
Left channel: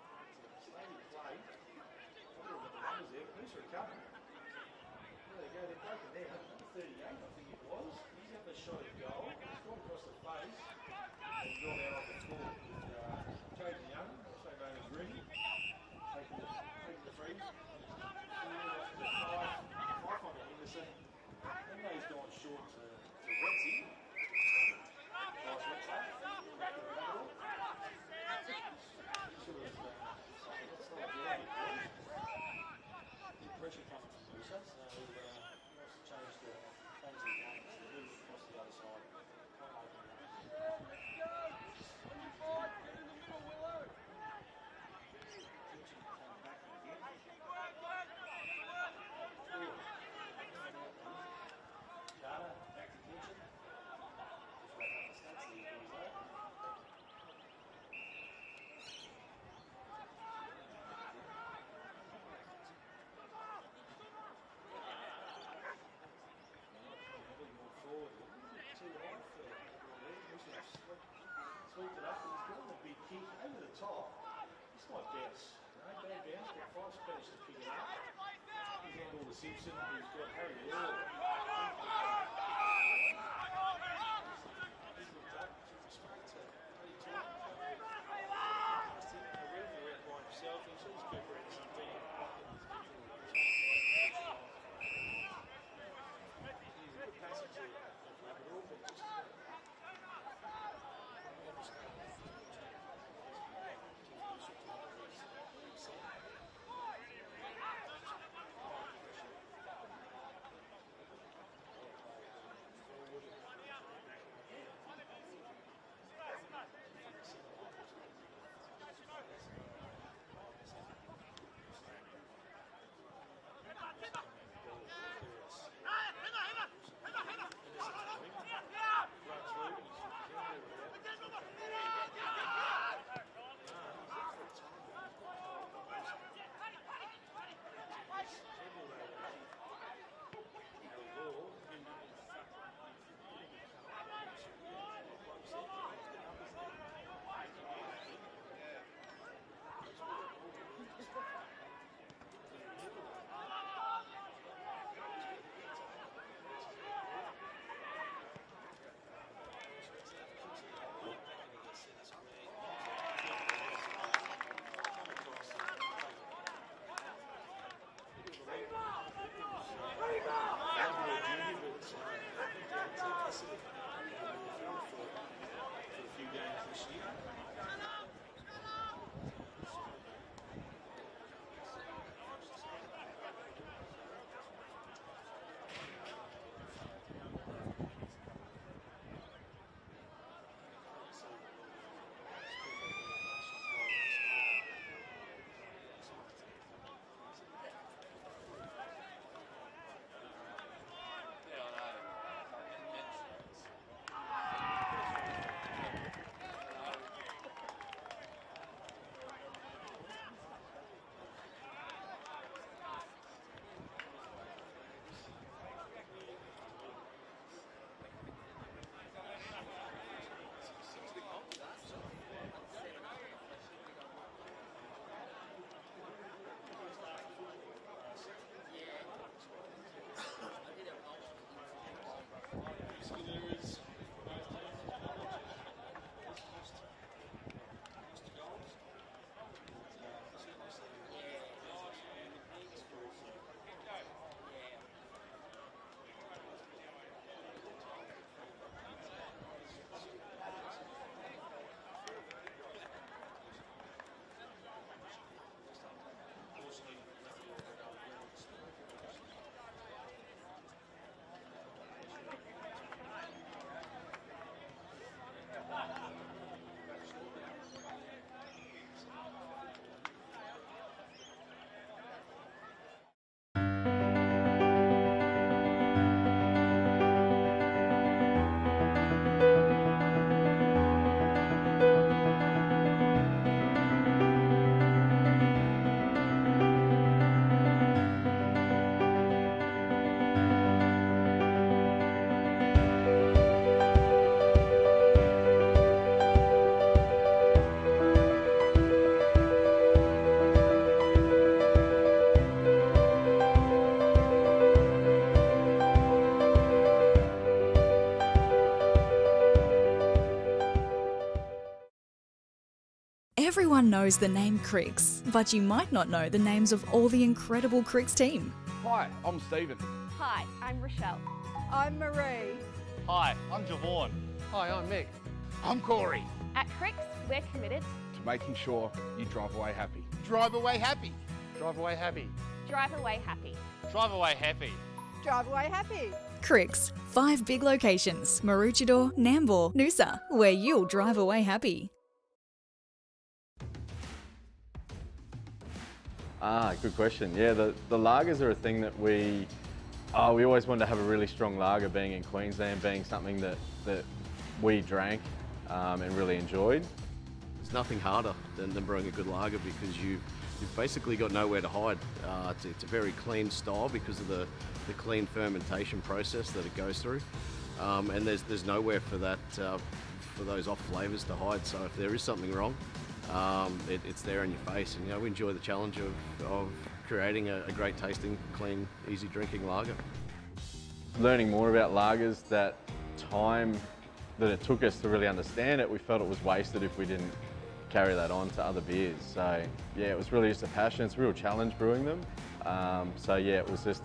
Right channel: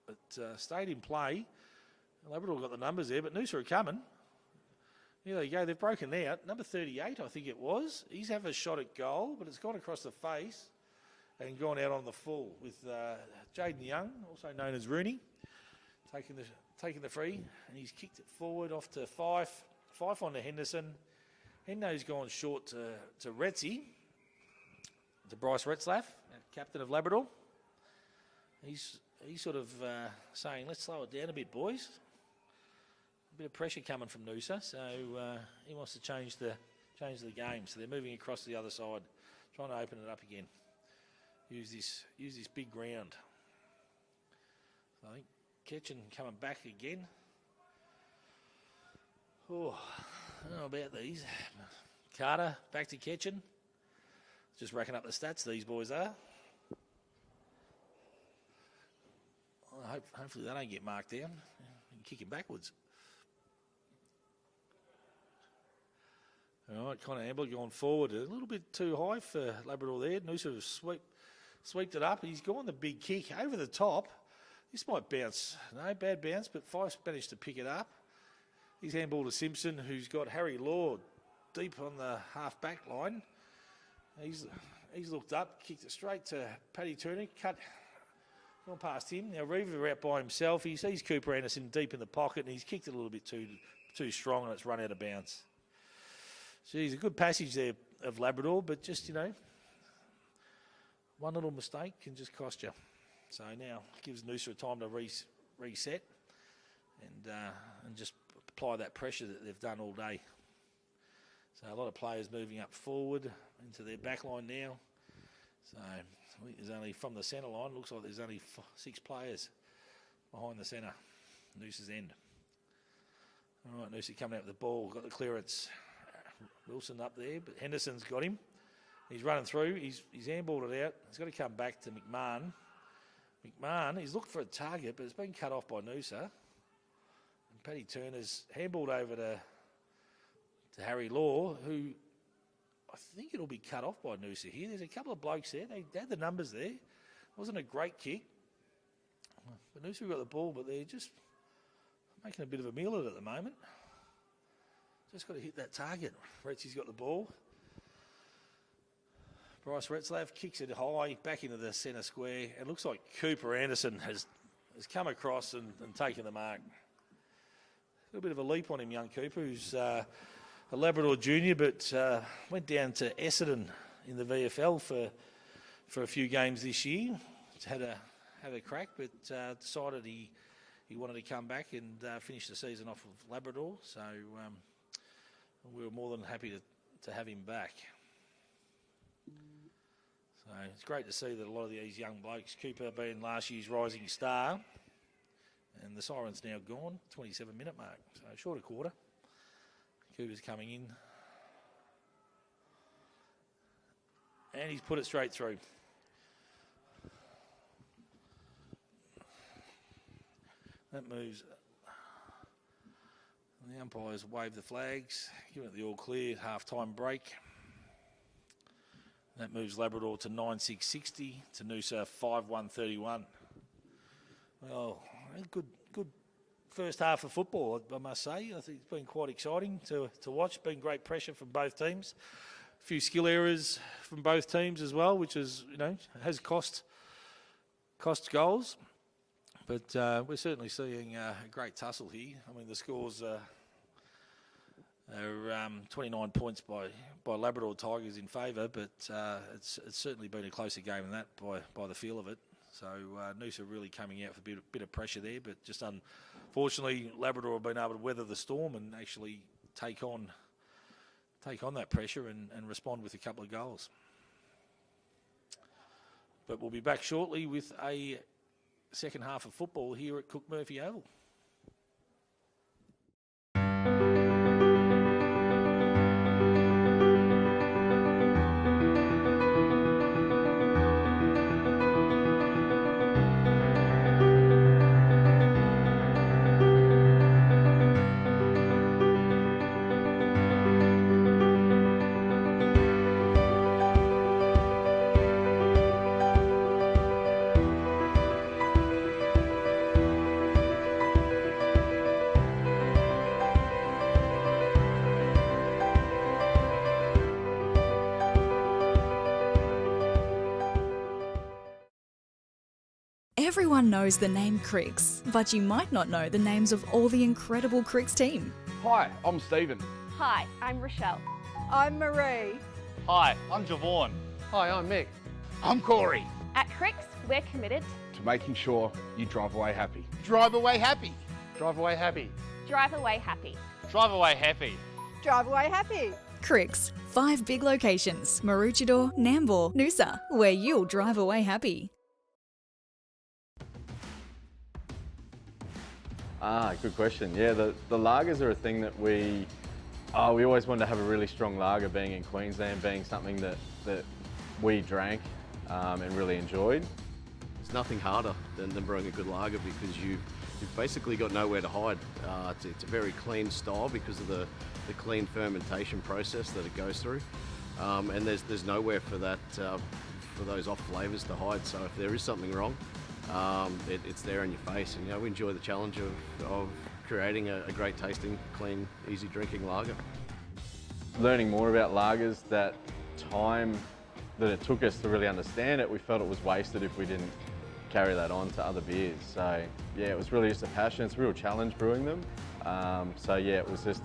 but stayed in play. Labrador got the numbers there, but Noosa are coming. Here they go, they've broken out. Number 38, I think it was. He's have a shot at goal, but it's gone across the face and gone out on the full with Jaden Young, also known as Rooney, taking the free, and he's kicked it forward off to Fife on to Henderson. Hendo's gone short to Retzi, to Bryce Retzlaff, captain of Labrador. He's sort of saying, let's slow it down a bit, boys. A bit of pressure coming from Noosa, so he wants to change the game. So they're moving across the other side, trying to open it up again. Use this big ground. Ketchen coming back again. Oh, I don't know about these. Carter back to Ketchen. Just racking up the stats, these boys are. Well, hopefully they don't get marked down and kick it backwards. All right, Connor Amber going forward a little bit too high for Labrador there. Noosa swept it up. He's gone the big kick over the top. This might bounce. No, bad bounce, but Fife's managed to pick it up. He's handball to Simpson, who's got Harry Law deep on the half-back line. He's looked up, kicked it straight to Paddy Turner, cut past him. Now Reaver out by himself. He sees Cooper Anderson deep in the pocket, and he's kicked it a little bit too strong, and it's run out of bounds. Geez, a good passage there of Labrador, but just, one little mistake can just cost you. So now gives Noosa time to reset and just apply that pressure that they've done all day. So a lot of players moving up forward into their back line now. So I think there's only, from the centre line, looks like there's only 6 players behind the centre, Noosa's end. Noosa coming out with the ball, got the clearance. Wilson up there, but Henderson's got him. He's running through, he's handballed it out. He's got to come back to McMahon. McMahon, he's looking for a target, but it's been cut off by Noosa. Paddy Turner's handballed over to Harry Law, who I think it'll be cut off by Noosa here. There's a couple of blokes there. They had the numbers there. It wasn't a great kick. Noosa got the ball, but they're just making a bit of a meal of it at the moment. Just got to hit that target. Retsy's got the ball. Bryce Retzlaff kicks it high back into the centre square. It looks like Cooper Anderson has come across and taken the mark. A little bit of a leap on him, young Cooper, who's a Labrador junior, but went down to Essendon in the VFL for a few games this year. Had a crack, but decided he wanted to come back and finish the season off with Labrador. So we're more than happy to have him back. So it's great to see that a lot of these young blokes, Cooper being last year's rising star, and the siren's now gone, 27-minute mark, so short of quarter. Cooper's coming in. And he's put it straight through. That moves. The umpires wave the flags. Give it the all clear, half-time break. That moves Labrador to 9.660 to Noosa 5.131. Oh, good first half of football, I must say. I think it's been quite exciting to watch. Been great pressure from both teams. A few skill errors from both teams as well, which is, has cost goals. But we're certainly seeing a great tussle here. I mean, the scores are 29 points by Labrador Tigers in favour, but it's certainly been a closer game than that by the feel of it. So Noosa really coming out with a bit of pressure there, but just unfortunately Labrador have been able to weather the storm and actually take on that pressure and respond with a couple of goals. But we'll be back shortly with a second half of football here at Cook Murphy Oval. Everyone knows the name Cricks, but you might not know the names of all the incredible Cricks team. Hi, I'm Stephen. Hi, I'm Rochelle. I'm Marie. Hi, I'm Javon. Hi, I'm Mick. I'm Corey. At Cricks, we're committed To making sure you drive away happy. Drive away happy. Drive away happy. drive away happy. Drive away happy. Drive away happy. Cricks, 5 big locations, Maroochydore, Nambour, Noosa, where you'll drive away happy. Good question. Yeah, the lagers are a thing that we always wanted to have a really strong lager, being in Queensland, being something that we drank and really enjoyed. There's nothing harder than brewing a good lager because you've basically got nowhere to hide. It's a very clean style because of the clean fermentation process that it goes through, and there's nowhere for that for those off flavours to hide. So if there is something wrong, it's there in your face, and we enjoy the challenge of creating a great tasting, clean, easy drinking lager. Learning more about lagers, that time that it took us to really understand it, we felt it was wasted if we didn't carry that on to other beers. So yeah, it was really just a passion. It's a real challenge brewing them. So yeah, it was just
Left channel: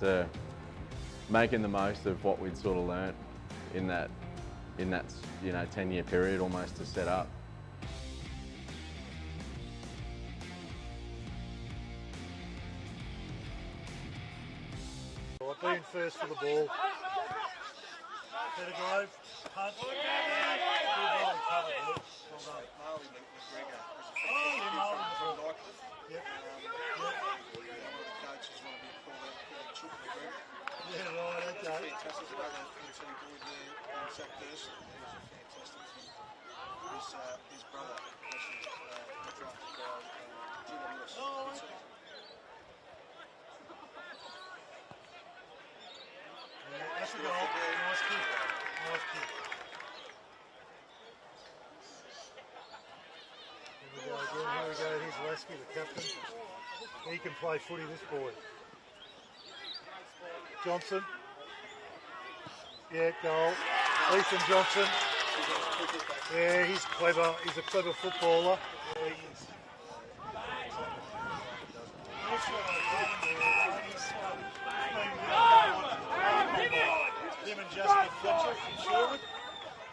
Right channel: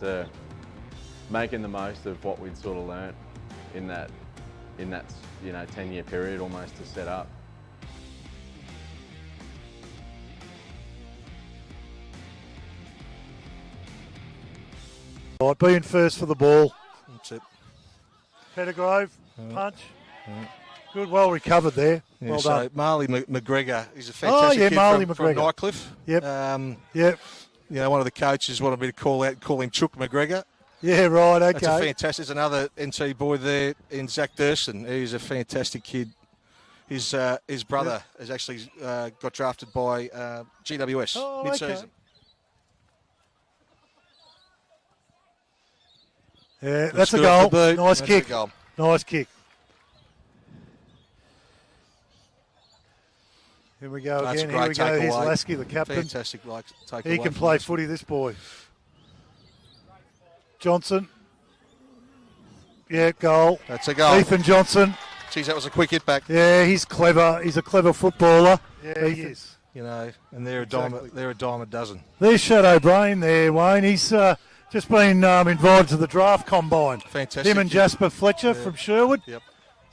making the most of what we'd sort of learnt in that 10-year period almost to set up. Right, being first for the ball. That's it. Pettigrove, punch. Good, well recovered there. Yeah, well so done. Marley McGregor, he's a fantastic kid Marley from McGregor. Nightcliff. Yep. Yep. One of the coaches wanted me to call him Chook McGregor. Yeah, right, okay. That's a fantastic. There's another NT boy there in Zach Durston. He's a fantastic kid. His brother has actually got drafted by GWS mid-season. Okay. Yeah, that's a goal. Nice kick. Nice kick. Here we go That's again. great. Here we go. Here's Takeaway. Lasky, the captain. Fantastic take He away can from play this. footy, this boy. Johnson. Yeah, goal. That's a goal. Ethan Johnson. Geez, that was a quick hit back. Yeah, he's clever. He's a clever footballer. Yeah, he is. And they're a dime a dozen. There's Shadow Brain there, Wayne. He's just been invited to the draft combine. Fantastic. Him and Jasper Fletcher from Sherwood. Yep.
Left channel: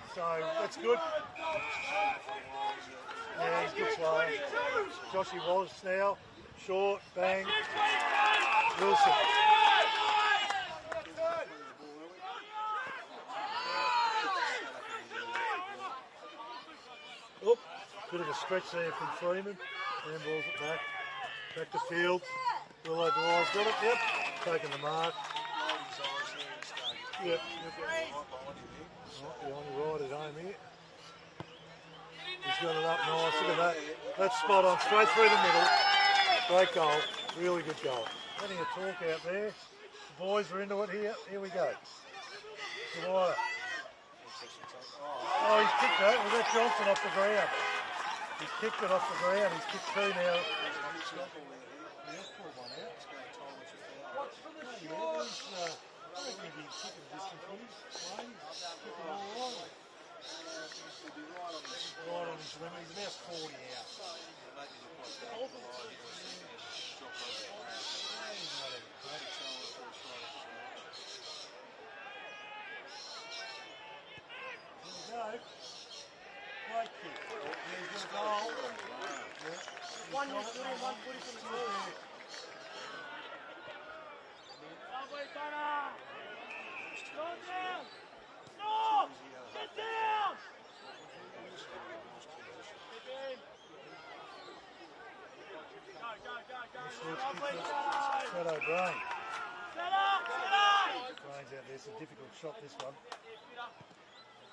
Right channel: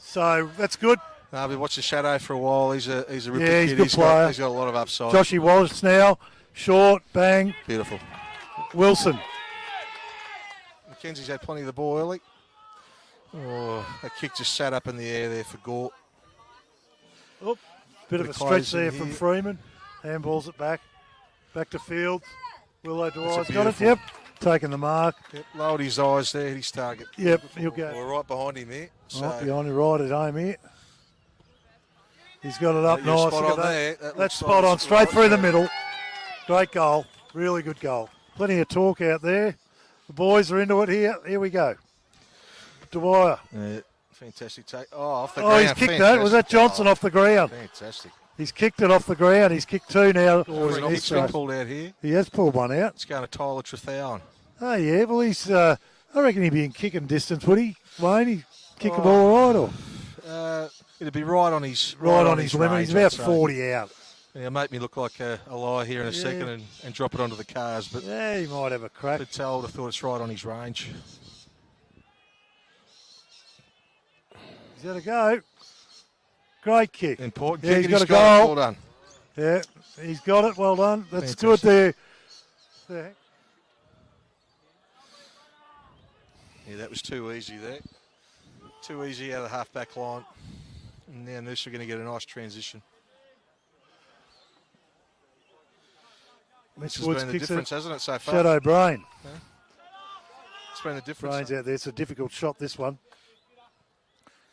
So that's good. I've been watching Shadow for a while. He's a ripper Yeah, he's kid. a good player. He's got a lot of upside. Joshy Wallace now. Short, bang. Beautiful. Wilson. Mackenzie's had plenty of the ball early. Oh, that kick just sat up in the air there for Gort. Oh, bit of a stretch there from Freeman. Handballs it back. Back to Fields. Willow Dwyer's got it. Yep. Taking the mark. Yep. Lowered his eyes there, his target. Yep, he'll go. Well, right behind him there. So Right behind him, right at home here. He's got it up Yeah, nice. spot Look on at that. there. That That's looks spot like on, it's straight spot through on. the middle. Great goal. Really good goal. Plenty of talk out there. The boys are into it here. Here we go. Dwyer. Yeah, fantastic take. Oh, off the Oh, ground. he's kicked that. Was that Johnson off the ground? Fantastic. He's kicked it off the ground. He's kicked two now. Oh, he's been pulled out here. He has pulled one out. It's going to Tyler Trethowan. Oh, yeah. Well, he's. I reckon he'd be in kicking distance, would he? Wayne, he'd kick the ball all right, or? It'd be right on his Right on his limit. range, He's about I'd say. 40 out. Yeah, make me look like a liar here in a second and drop it onto the cars. But yeah, he might have a crack. I thought it's right on his range. He's got a go. Great kick. Important Yeah, kick. he's got a it. goal. Well done. Yeah, he's got it. Well done. That's Fantastic. good there. Yeah. Yeah, that was too easy there. Too easy out of the half-back line. And now Noosa are going to get a nice transition. This has Woods been the kicks difference, it. hasn't it, so far? Shadow Brain. It's been the difference. Brain's out there. It's a difficult shot, this one.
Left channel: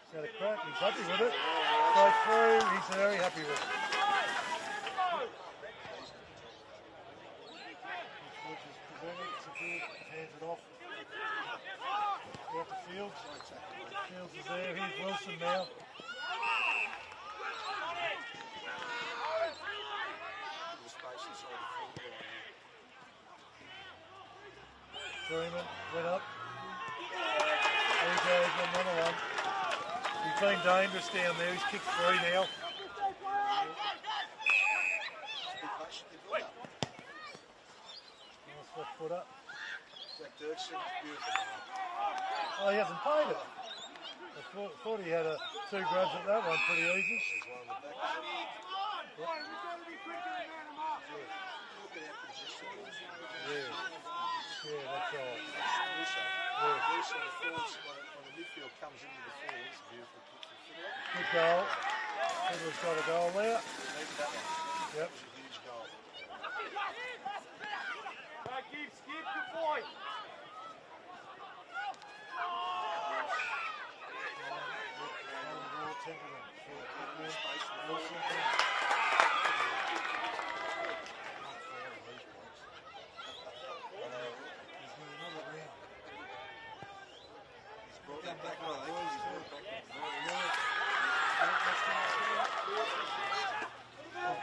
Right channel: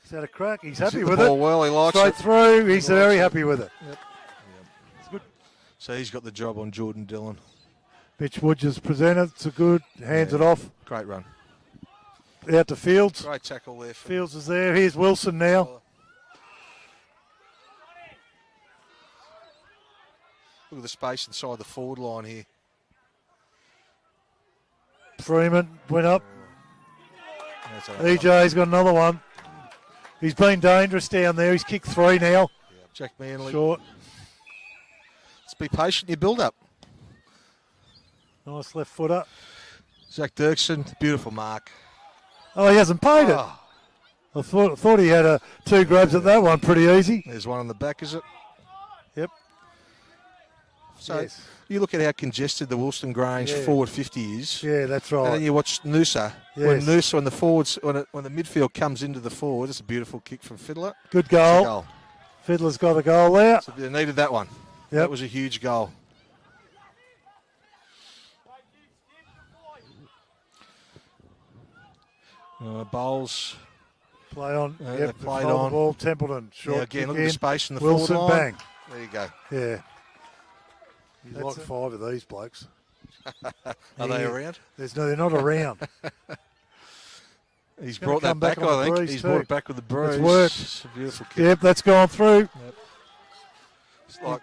He's had a crack. He's He's happy hit the with ball it. well, he likes Straight it. through. He's very happy with it. So he's got the job on Jordan Dillon. Mitch Woods has presented. It's a good. Hands it off. Great run. Out to Fields. Great tackle there. Fields is there. Here's Wilson now. Look at the space inside the forward line here. Freeman went up. EJ's got another one. He's been dangerous down there. He's kicked three now. Jack Manley. Short. Just be patient, you build up. Nice left footer. Zach Dirksen, beautiful mark. Oh, he hasn't paid it. Oh. I thought he had two grabs at that one pretty easy. There's one on the back, is it? Yep. So Yes. you look at how congested the Woolston Grange Yeah. forward 50 is. Yeah, that's right. And then you watch Noosa. When Yes. Noosa and the forwards, when the midfield comes into the forward, it's a beautiful kick from Fiddler. Good It's a goal. Fiddler's got a goal there. So they needed that one. Yep. That was a huge goal. Bowles. Play on. Yeah, Yep, they played hold the on. ball. Templeton. Short Yeah, again, kick look at the in. space in the Wilson, forward line. bang. There you go. Yeah. You've got five of these blokes. Are they around? They're not around. He's Gonna brought that come back, back on I the think. breeze He's too. brought it back with the bruise. It's worked. It's a beautiful kick. Yep, that's gone through. It's like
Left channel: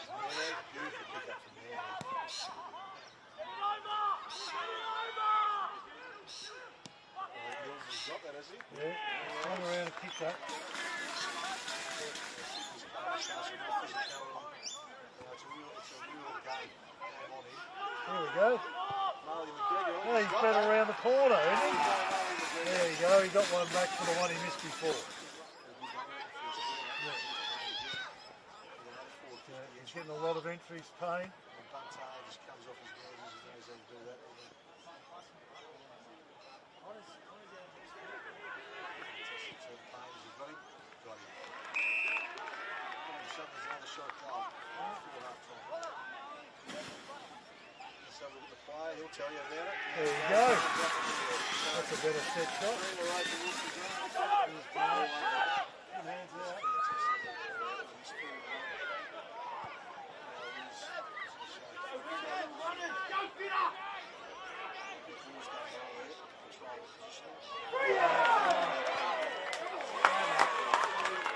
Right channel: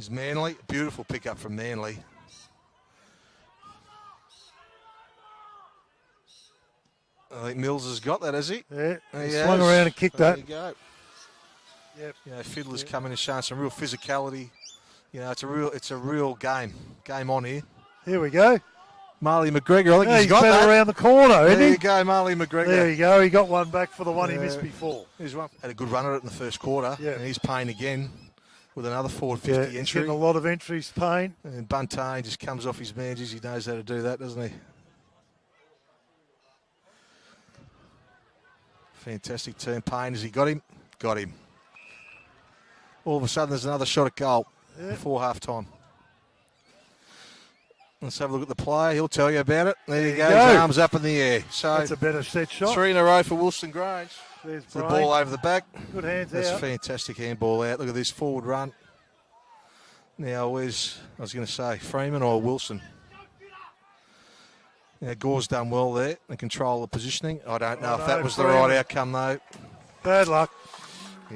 He's Manly. Beautiful pickup from Manly. I think Mills has got that, has he? Yeah, There he he swung has. around and kicked There that. you go. Yep. Fiddler's coming and showing some real physicality. It's a real game on here. Here we go. Marley McGregor, I think He's got better that. around the corner, isn't There he? you go, Marley McGregor. There you go. He got one back for the one he missed before. He's had a good run at it in the first quarter. Yeah. And he's paying again with another forward 50 Yeah, he's entry. getting a lot of entries, Payne. And Buntain just comes off his manges. He knows how to do that, doesn't he? Fantastic turn. Payne, has he got him? Got him. All of a sudden, there's another shot at goal before half-time. Let's have a look at the play. He'll tell you about it. There you go. His arms up in the air. So That's a better set shot. 3 in a row for Wilson Grange. There's The Brian. ball over the back. Good hands That's out. fantastic handball out. Look at this forward run. Now, where's, I was going to say, Freeman or Wilson? Now, Gore's done well there and control the positioning. I don't know if that was the right outcome, though. Bad luck.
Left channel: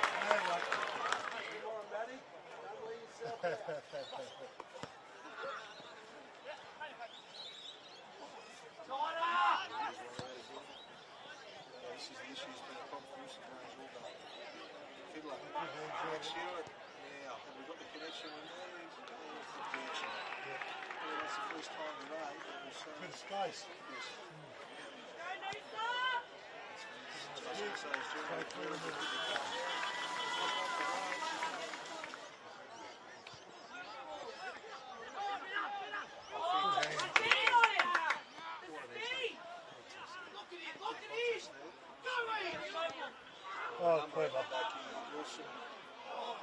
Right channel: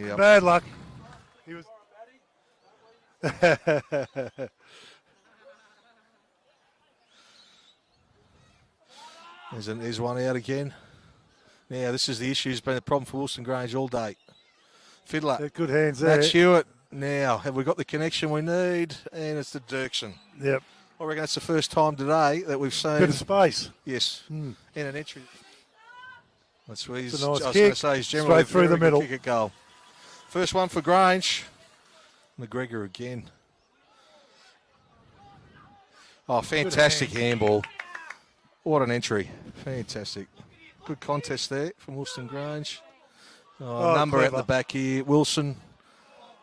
Yep. Bad luck. There's one out again. Now, this is the issue. It's been a problem for Wilson Grange all day. Fiddler. Yeah, good hands there. Matt Hewitt. Now, have we got the connection we need? And it's the Dirksen. Yep. I reckon it's the first time today that we've seen... Bit of space. Yes. In an entry. That's where he's... It's a nice I was kick. going to say he's generally Straight through the very good middle. kick at goal. First one for Grange. McGregor again. Oh, fantastic handball. What an entry. Fantastic. Good contest there from Wilson Grange. Number clever. at the back here. Wilson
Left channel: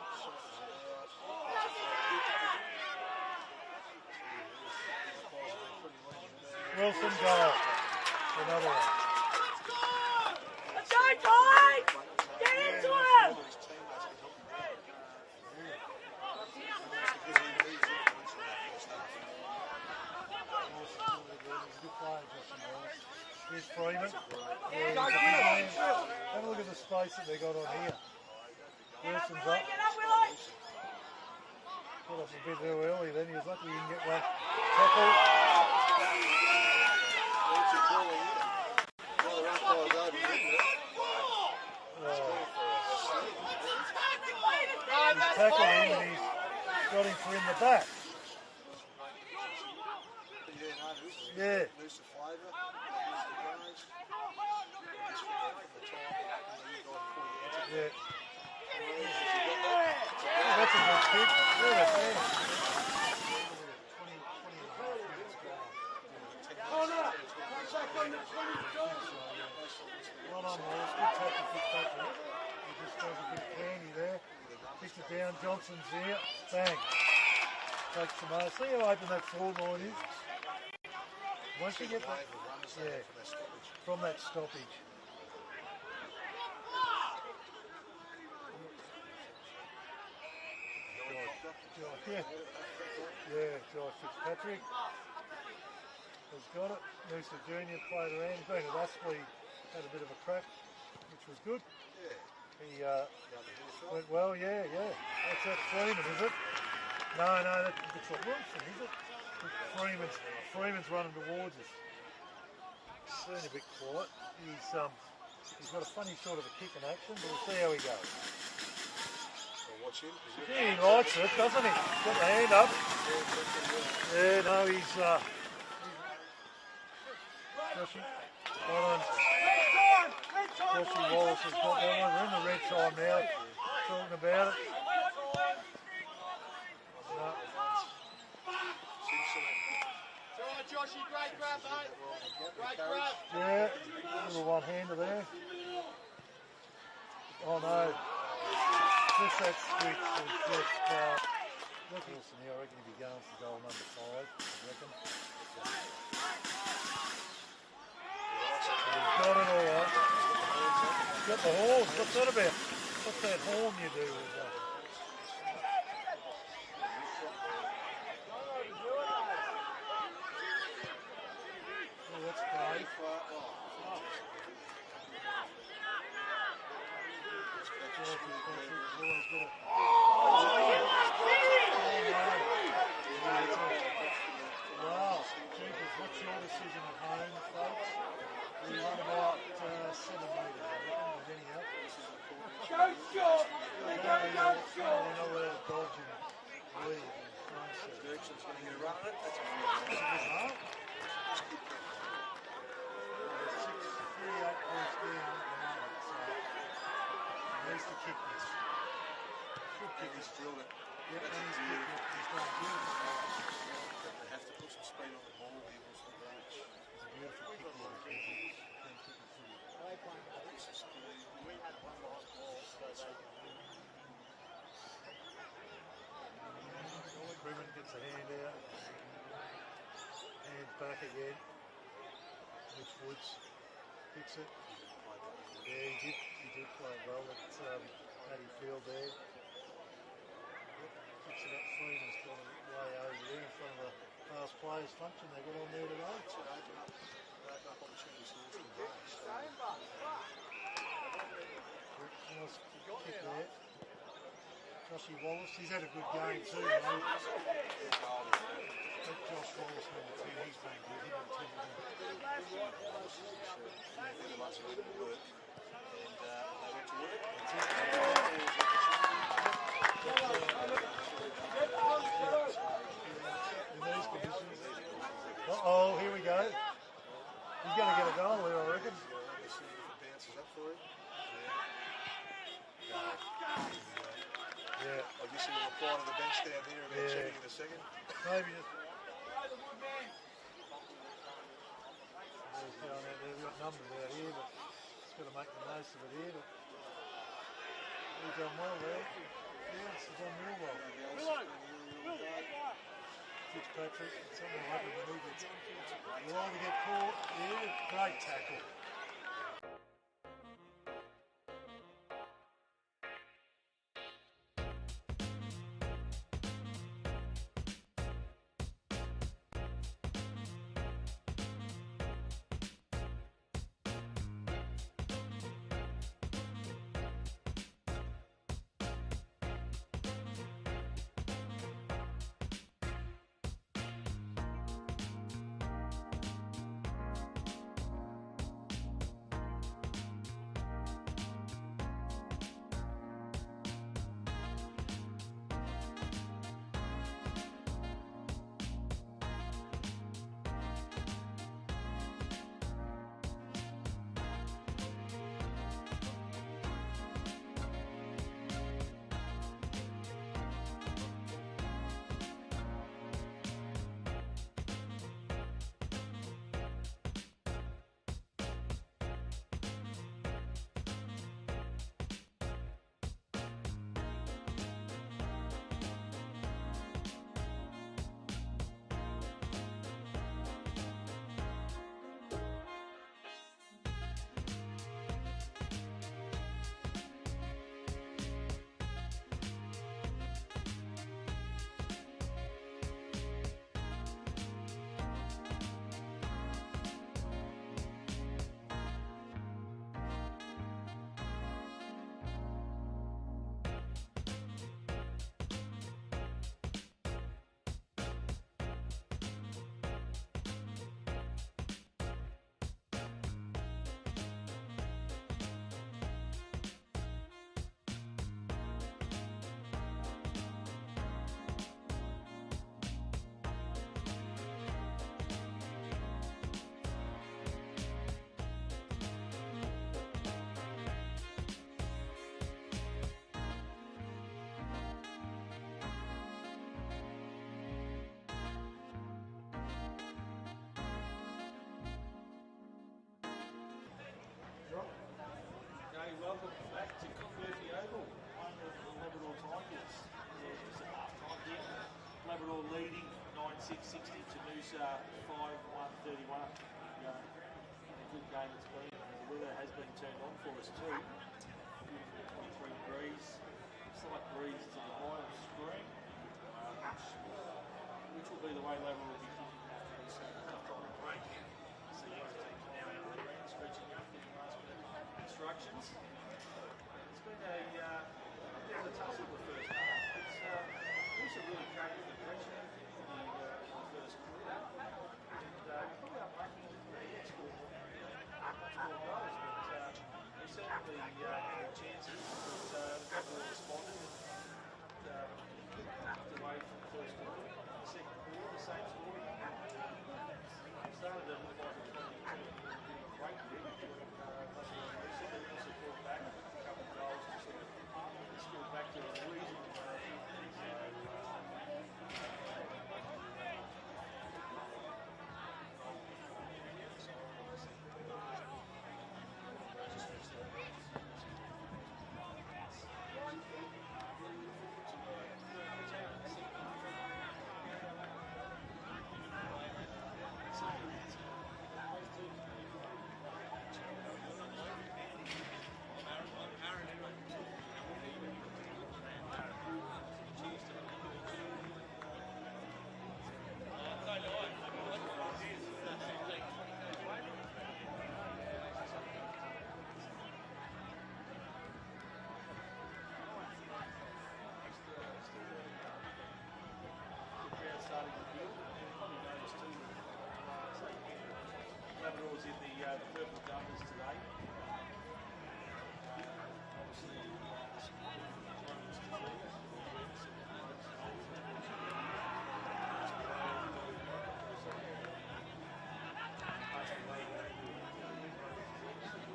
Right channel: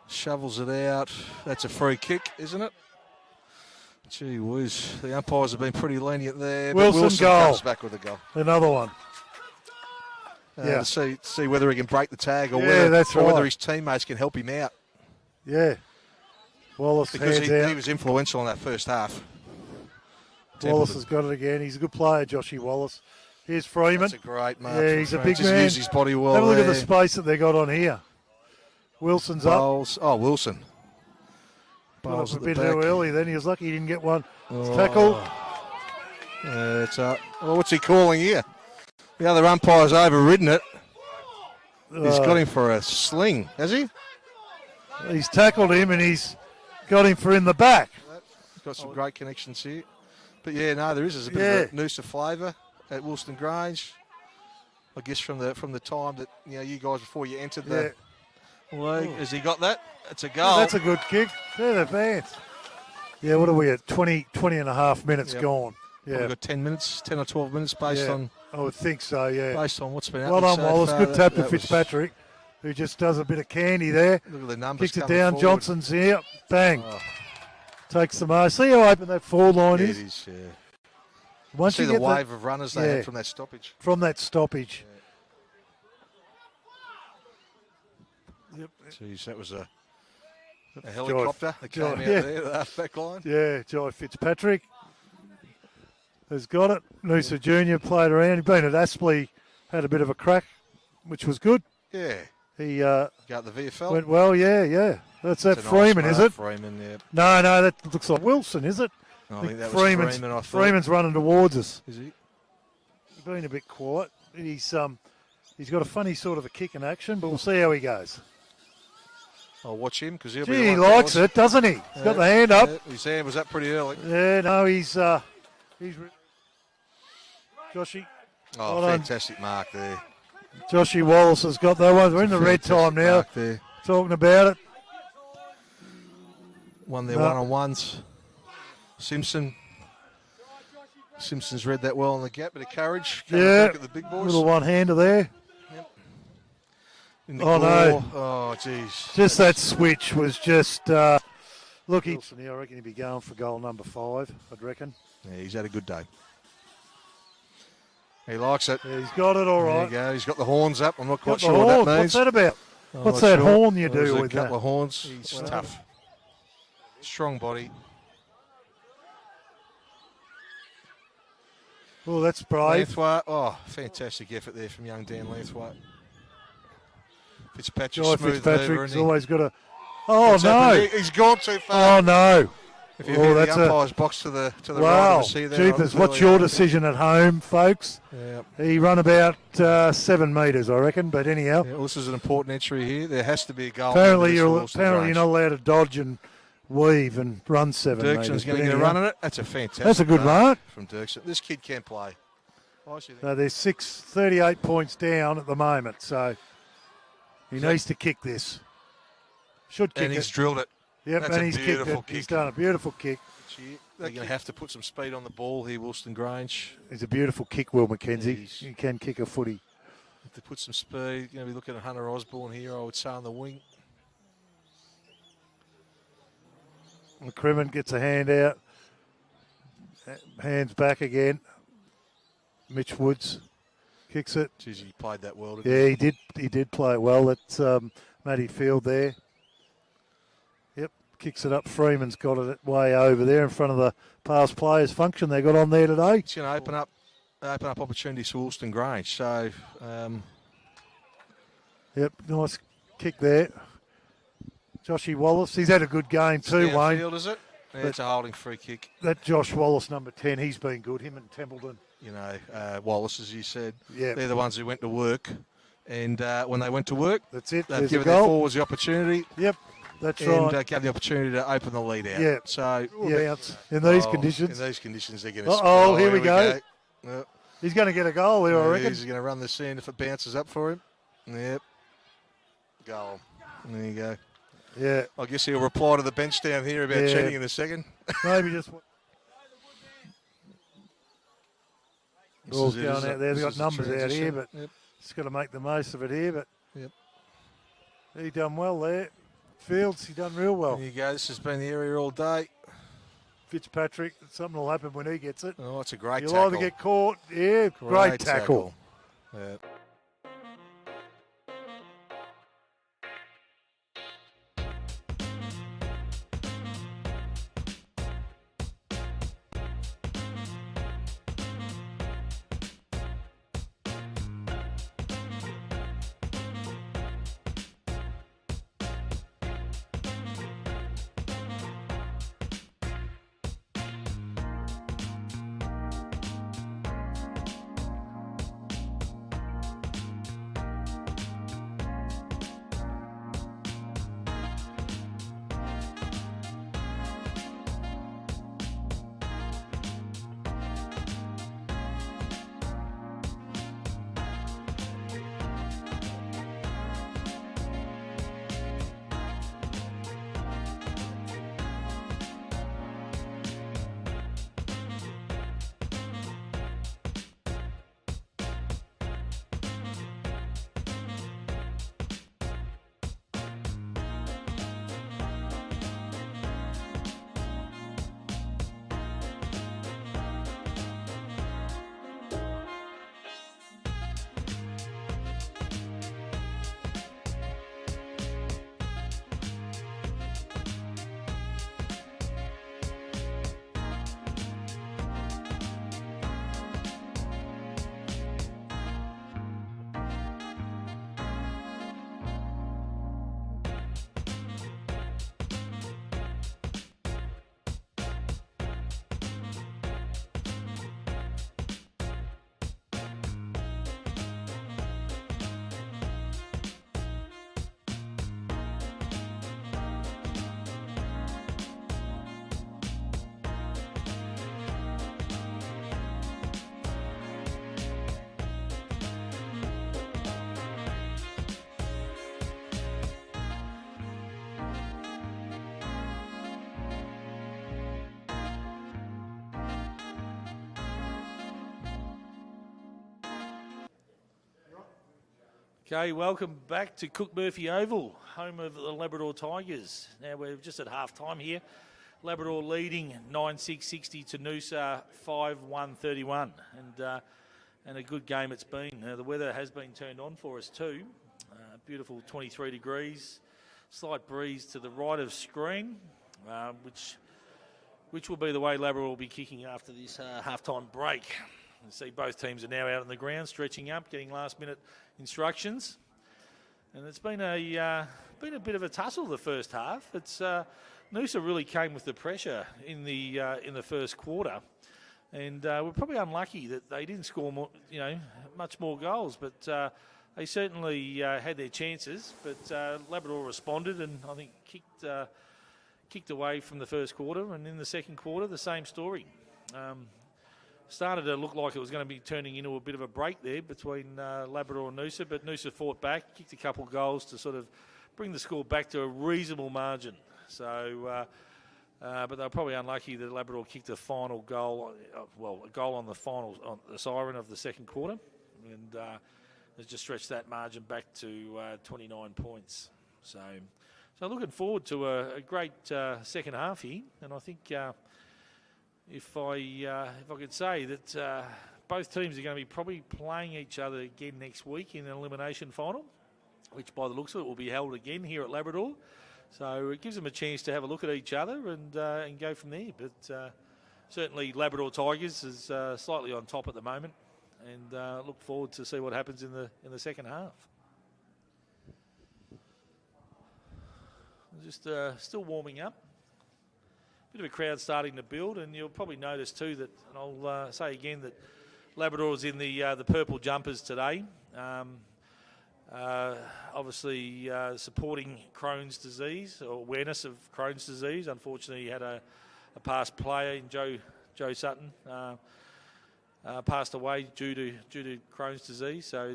shovels it out. That's a free kick, isn't it? Gee whiz. The umpires have been pretty lenient there. But Wilson goal. comes back with a goal. Another one. To see whether he can break the tag or, that's whether right. his teammates can help him out. Yeah. Wallace Because hands he out. was influential in that first half. Wallace has got it again. He's a good player, Joshy Wallace. Here's Freeman. That's a great mark. Yeah, he's a big Just man. used his body well. Have a look at the there. space that they got on here. Wilson's up. Bowles. Oh, Wilson. Put up Bowles a at the bit back. early then. He was lucky he didn't get one. It's Oh. tackled. It's what's he calling here? The other umpire's overridden it. He's got him for a sling, has he? He's tackled him and he's got him for in the back. Got some great connections here. But yeah, no, there is. There's a bit of a Noosa flavour at Wilson Grange. I guess from the time that you guys before you entered the league. Has he got that? It's a goal. That's a good kick. Yeah, the fans. Yeah, what are we at? 20 and a half minutes gone. Yeah. We've got 10 minutes, 10 or 12 minutes based on. I would think so, yeah. Based on what's been Well happening done, so Wallace. far. Good tap to That was- Fitzpatrick, who just does a bit of candy there. Look at the numbers Kicks it coming down. forward. Johnson's here. Bang. Takes the mark. See how open that forward line Yeah, is? it is, yeah. Once See you the get wave of runners they yeah, had from that stoppage. From that stoppage. Jeez, that was a helicopter that came out yeah. there, the half-back line. Yeah, Joy Fitzpatrick has got it. Noosa Junior played around. He'd been at Aspley, had a bit of a crack, which was good. Yeah. He Got the VFL. went well, yeah. That's that It's a nice Freeman, is mark, it? Freeman, yeah. No, that looks like Wilson, is it? No, I think that was Freeman, I thought. Freeman's running towards us. Is he? He's been a bit quiet. He's got a funny sort of a kick in action, but we'll see how he goes. I'll watch him because he'll be. Gee, he like likes yours. it, doesn't he? He's got the hand up. Yeah, his hand was up pretty early. Yeah, no, he's Joshy. Oh, Well done. fantastic mark there. Joshy Wallace has got that one. We're in the red time now. Mark there. Talking about it. Won their No. one-on-ones. Simpson's read that well on the gap, bit of courage. Coming Yeah, back at the big boys. little one-hander there. In the Oh, no. claw. Oh, jeez. Just that switch was just... look, I reckon he'd be going for goal number 5, I'd reckon. Yeah, he's had a good day. He likes it. Yeah, he's got it all There right. you go. He's got the horns up. I'm not Got quite the sure what horn. that means. What's that about? I'm What's not that sure. horn you There's do a with couple that? of horns. He's tough. Strong body. Oh, that's brave. Lanthwaite. Oh, fantastic effort there from young Dan Lanthwaite. Fitzpatrick Joy smooth Fitzpatrick's mover, isn't he? always got a... Oh, What's no. happening? He's gone too far. Oh, no. If you Oh, view that's the a... umpire's box to the right Wow. of us here, Jeepers, what's your decision at home, folks? Yeah. He run about 7 metres, I reckon, but anyhow. Yeah, well, this is an important entry here. There has to be a goal. Apparently you're not allowed to dodge and weave and run 7 metres. Dirkson's going to get a run on it. That's a fantastic. That's a good mark from Dirkson. This kid can play. So they're 38 points down at the moment, so he needs to kick this. Should kick and he's it. drilled it. Yep, That's and a he's kicked beautiful it. kick. He's done a beautiful kick. They're going to have to put some speed on the ball here, Woolston Grange. It's a beautiful kick, Will McKenzie. He can kick a footy. Have to put some speed. Going to be looking at Hunter Osborne here, I would say, on the wing. McCrimmon gets a hand out. Hands back again. Mitch Woods kicks it. Geez, he played that well. Yeah, he did. He did play it well. That's Matty Field there. Yep, kicks it up. Freeman's got it way over there in front of the past players function they got on there today. It's going to open up opportunities for Woolston Grange. So, yep, nice kick there. Joshy Wallace, he's had a good game too, Wayne. Field, is it? Yeah, it's a holding free kick. That Josh Wallace, number 10, he's been good. Him and Templeton. You know, Wallace, as you said, Yep. they're the ones who went to work. And when they went to work, that's it. They've There's a given their goal. forwards the opportunity. Yep, that's and, right. gave the opportunity to open the lead out. Yeah. So, Bounce. In these conditions. In these conditions, they're going to. Uh-oh, here we go. Yep. He's going to get a goal here, I reckon. He's going to run this in if it bounces up for him. Yep. Goal. There you go. Yeah. I guess he'll reply to the bench down here about cheating in a second. Maybe just. Ball's This is it, going isn't out it? there. This They've is got the numbers out here, transition. but Yep. just got to make the most of it here. But Yep. he done well there. Fields, he done real well. There you go. This has been the area all day. Fitzpatrick, something will happen when he gets it. Oh, it's a great He'll tackle. either get caught. Yeah, great tackle. Yeah. Okay, welcome back to Cook Murphy Oval, home of the Labrador Tigers. Now we're just at half time here. Labrador leading 9-6-60 to Noosa 5-1-31. And a good game it's been. The weather has been turned on for us too. Beautiful 23 degrees. Slight breeze to the right of screen, which will be the way Labrador will be kicking after this half-time break. You see both teams are now out on the ground, stretching up, getting last-minute instructions. And it's been a been a bit of a tussle the first half. It's Noosa really came with the pressure in the first quarter, and we're probably unlucky that they didn't score more, much more goals. But they certainly had their chances. But Labrador responded, and I think kicked away from the first quarter, and in the second quarter, the same story. Started to look like it was going to be turning into a bit of a break there between Labrador and Noosa, but Noosa fought back, kicked a couple of goals to sort of bring the score back to a reasonable margin. So, but they were probably unlucky that Labrador kicked a final goal, a goal on the siren of the second quarter, and just stretched that margin back to 29 points. So looking forward to a great second half here, and I think if I could say that both teams are going to be probably playing each other again next week in an elimination final, which by the looks of it will be held again here at Labrador. So it gives them a chance to have a look at each other and go from there. But certainly Labrador Tigers is slightly on top at the moment, and look forward to see what happens in the second half. Just still warming up. Bit of a crowd starting to build, and you'll probably notice too that I'll say again that Labrador is in the purple jumpers today. Obviously supporting Crohn's disease, or awareness of Crohn's disease. Unfortunately, he had a past player in Joe Sutton passed away due to Crohn's disease. So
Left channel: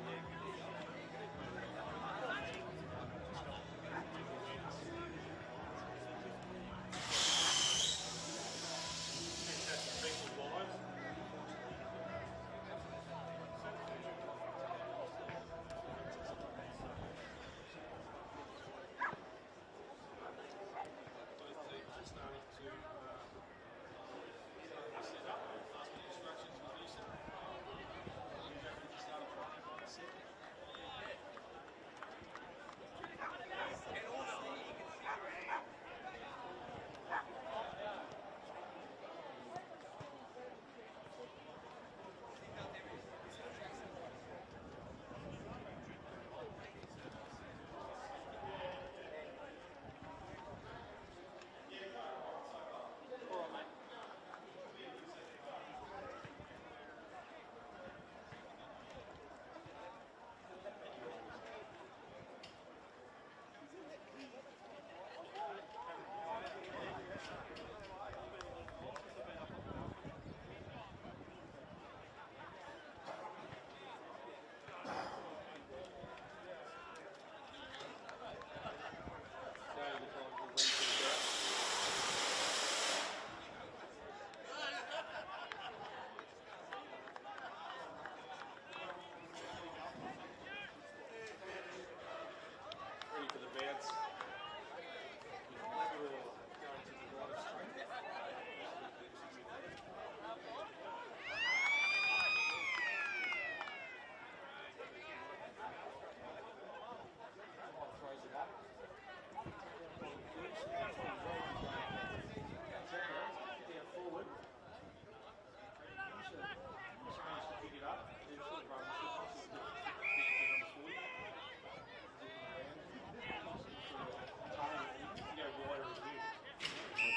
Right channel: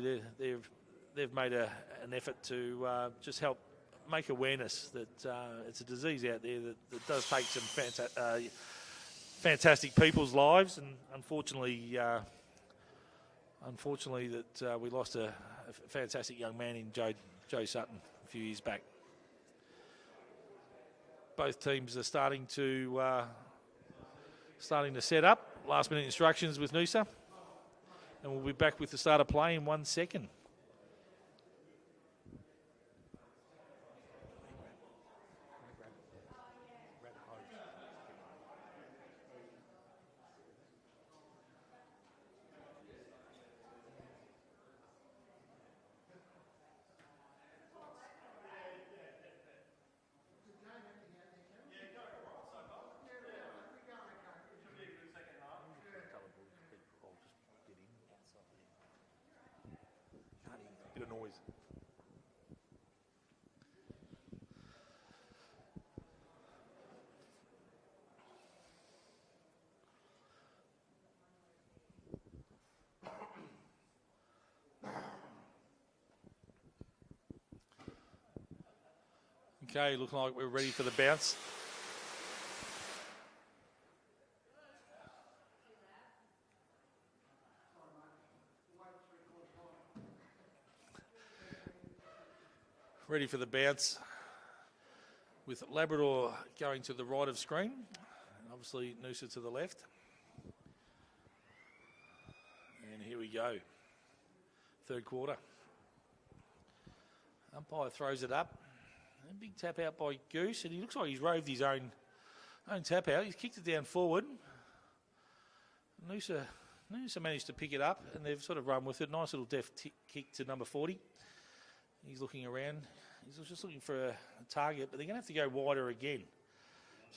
they've made an effort to just help make awareness that it's a disease out there that does take some fantastic people's lives, and unfortunately that we lost a fantastic young man in Joe Sutton a few years back. Both teams are starting to set up. Last minute instructions with Noosa, and we'll be back with the start of play in 1 second. Okay, looking like we're ready for the bounce. Ready for the bounce with Labrador going to the right of screen. Obviously Noosa to the left. And here we go. Third quarter. Umpire throws it up. Big tap out by Goose, and he looks like he's roved his own tap out. He's kicked it down forward. Noosa managed to pick it up, and they've sort of run with it. Nice little deft kick to number 40. He's looking around. He's just looking for a target, but they're going to have to go wider again.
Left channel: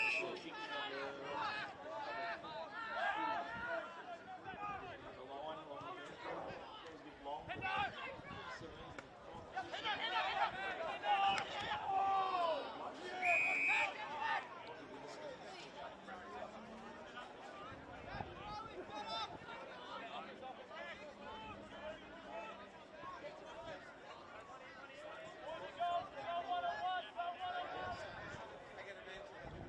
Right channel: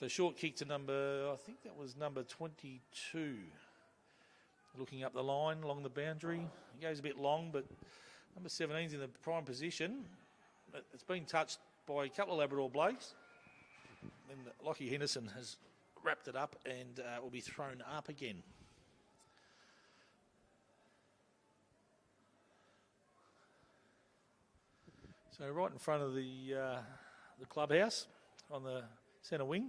So a short kick to I think it was number 22. Looking up the line along the boundary. He goes a bit long, but number 17's in the prime position. It's been touched by a couple of Labrador blokes. And Lockie Henderson has wrapped it up and will be thrown up again. So right in front of the clubhouse on the centre wing.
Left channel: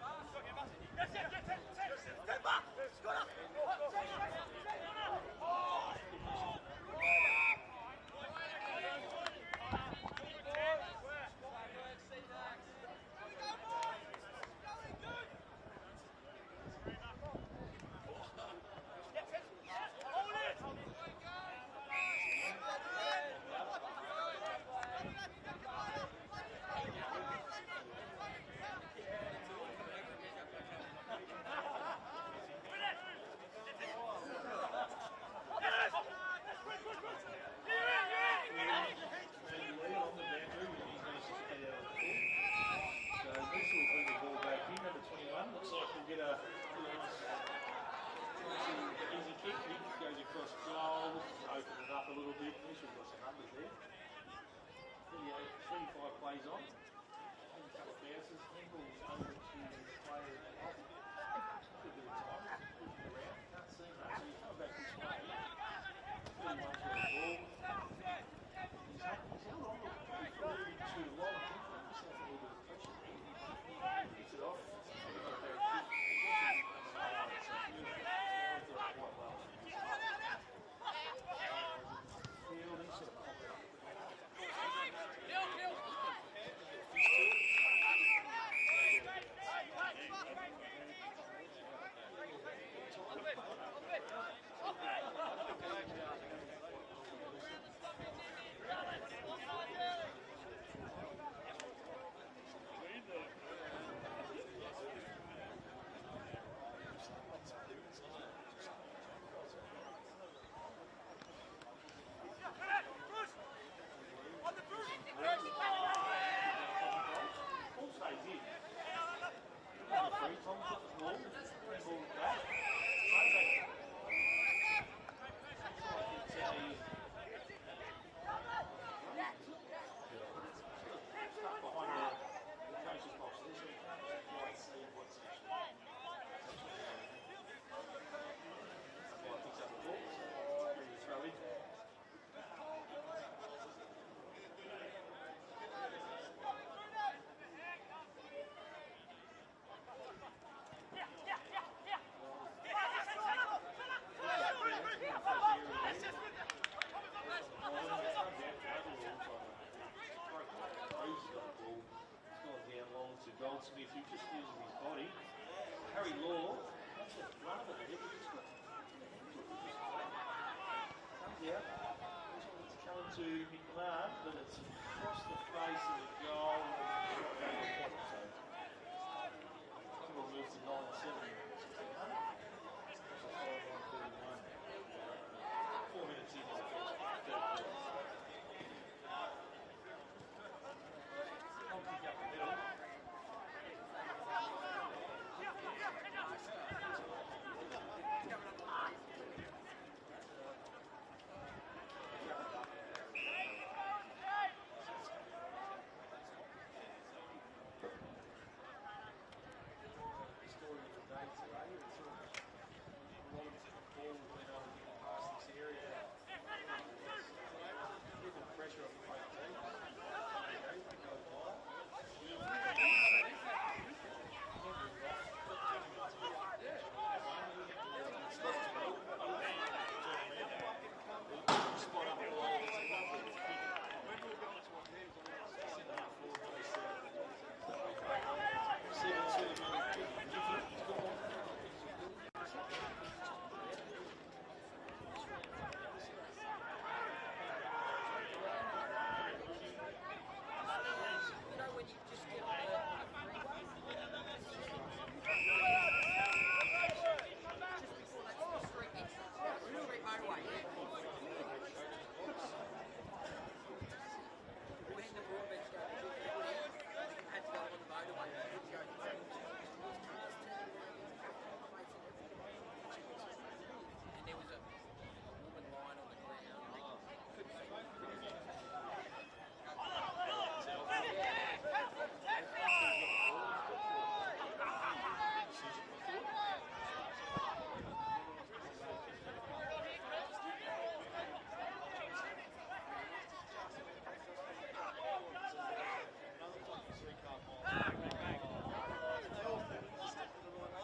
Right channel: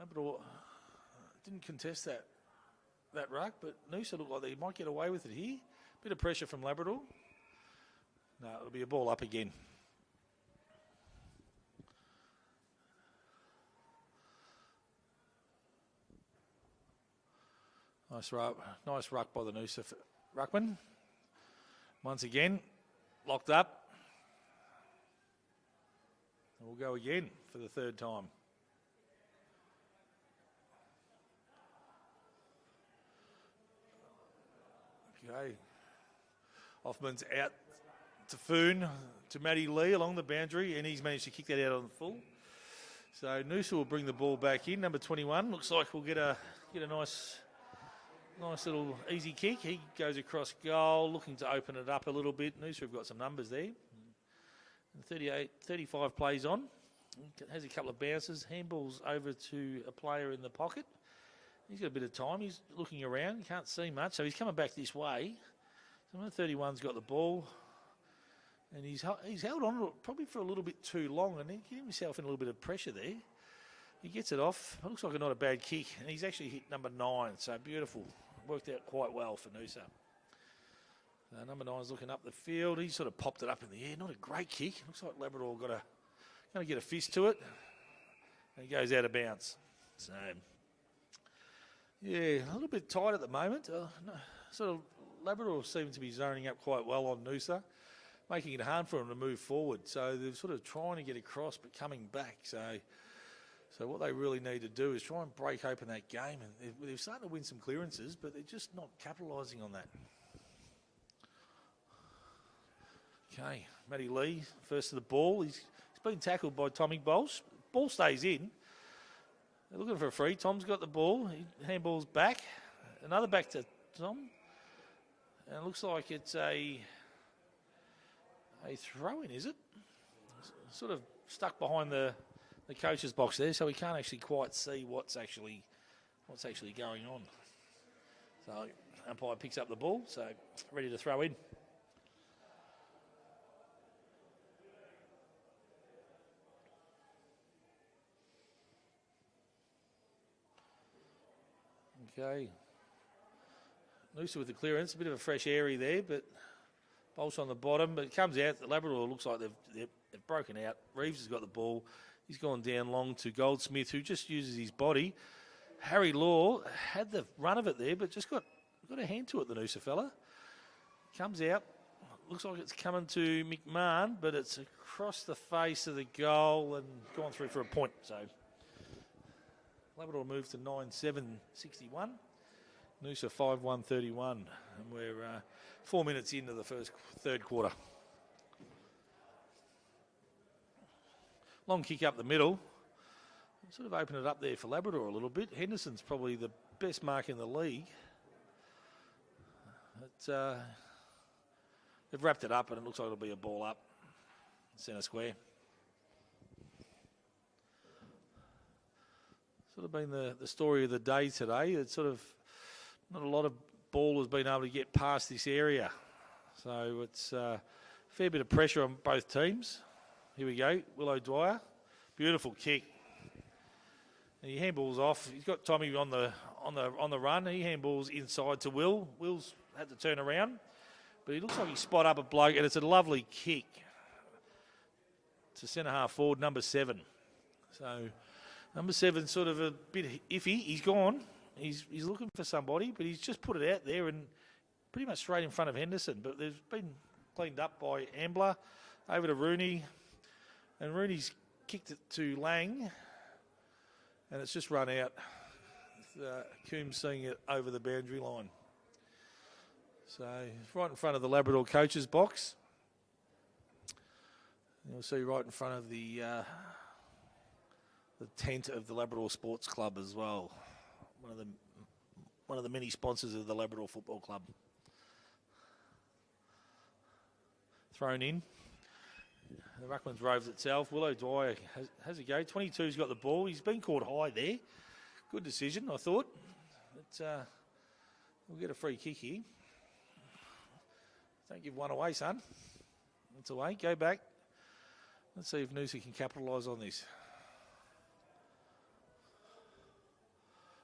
Labrador didn't contest that ruck, but Noosa looked like he might get away with it here. Bit of pressure from Labrador. It'll be a ball up again. Nice ruck by the Noosa ruckman. Once again, locked up. Here we go again for the third time. Okay. Hoffman's out to Foon. to Matty Lee along the boundary, and he's managed to kick that out on the full. So Noosa will bring the ball back in. Number 21 looks like we'll get a nice little easy kick. He goes across goal, looking to open it up a little bit. Noosa have got some numbers there. 35 plays on. Has a couple of bounces. Handballs over to a player in the pocket. He's got a bit of time. He's looking around. Can't see much, so he's coming back this way. Number 31's got the ball. And he's held on probably for a little bit too long, and he gave himself in a little bit of pressure there. He gets it off. Looks like not a bad kick. And he's actually hit number 9, so beautiful. Worked out quite well for Noosa. Number 9's looking up the field. He sort of popped it up in the air. Not a great kick. Looks like Labrador going to get a fist to it. And goes out of bounds. So, yeah, a little bit tight at the moment. Labrador seems to be zoning up quite well on Noosa, making it hard for them to move forward. So they're sort of trying to get across but coming back. So what they really need to do is try and break open that game. They've started to win some clearances, but they're just not capitalising on that. Okay, Matty Lee, first to the ball. He's been tackled by Tommy Bowles. Ball stays in. They're looking for a free. Tom's got the ball. His handball's back. Another back to Tom. And it looks like it's a throw-in, is it? It's sort of stuck behind the coach's box there, so we can't actually quite see what's actually going on. So umpire picks up the ball, so ready to throw in. Okay. Also with the clearance, a bit of a fresh area there, but also on the bottom, but it comes out. The Labrador looks like they've broken out. Reeves has got the ball. He's gone down long to Goldsmith, who just uses his body. Harry Law had the run of it there, but just got a hand to it, the Noosa fella. Comes out. Looks like it's coming to McMahon, but it's across the face of the goal and gone through for a point. So Labrador moves to 9-7-61. Noosa 5-1-31. And we're 4 minutes into the third quarter. Long kick up the middle. Sort of open it up there for Labrador a little bit. Henderson's probably the best mark in the league. But, they've wrapped it up and it looks like it'll be a ball up. Centre square. Sort of been the story of the day today. It's sort of not a lot of ball has been able to get past this area. So it's a fair bit of pressure on both teams. Here we go, Willow Dwyer. Beautiful kick. He handballs off. He's got Tommy on the run. He handballs inside to Will. Will's had to turn around, but he looks like he spot up a bloke, and it's a lovely kick. It's a centre half forward, number 7. So number 7's sort of a bit iffy. He's gone. He's looking for somebody, but he's just put it out there and pretty much straight in front of Henderson. But they've been cleaned up by Ambler. Over to Rooney. And Rooney's kicked it to Lang. And it's just run out. Coombs seeing it over the boundary line. So right in front of the Labrador coach's box. And we see right in front of the tent of the Labrador Sports Club as well. One of the many sponsors of the Labrador Football Club. Thrown in. The Ruckman's Roves itself. Willow Dwyer has a go. 22's got the ball. He's been caught high there. Good decision, I thought. But, we'll get a free kick here. Don't give one away, son. It's away. Go back. Let's see if Noosa can capitalise on this.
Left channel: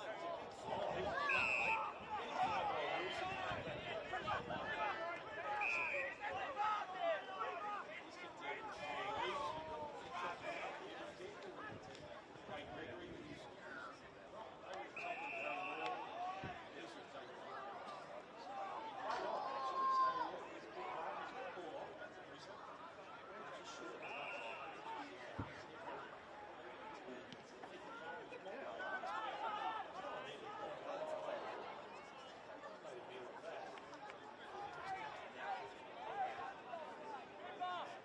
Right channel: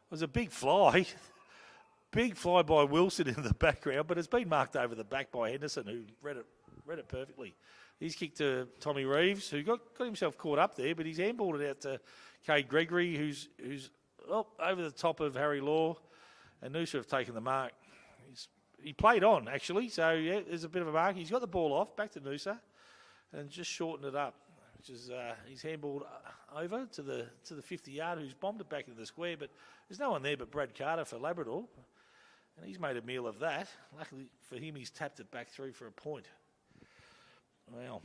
It was a big fly. Big fly by Wilson in the background, but it's been marked over the back by Henderson, who read it perfectly. He's kicked to Tommy Reeves, who got himself caught up there, but he's handballed it out to Kay Gregory, who's over the top of Harry Law, and Noosa have taken the mark. He played on, actually, so yeah, there's a bit of a mark. He's got the ball off, back to Noosa, and just shortened it up, which is he's handballed over to the 50-yard, who's bombed it back into the square, but there's no one there but Brad Carter for Labrador. He's made a meal of that. Luckily for him, he's tapped it back through for a point. Wow.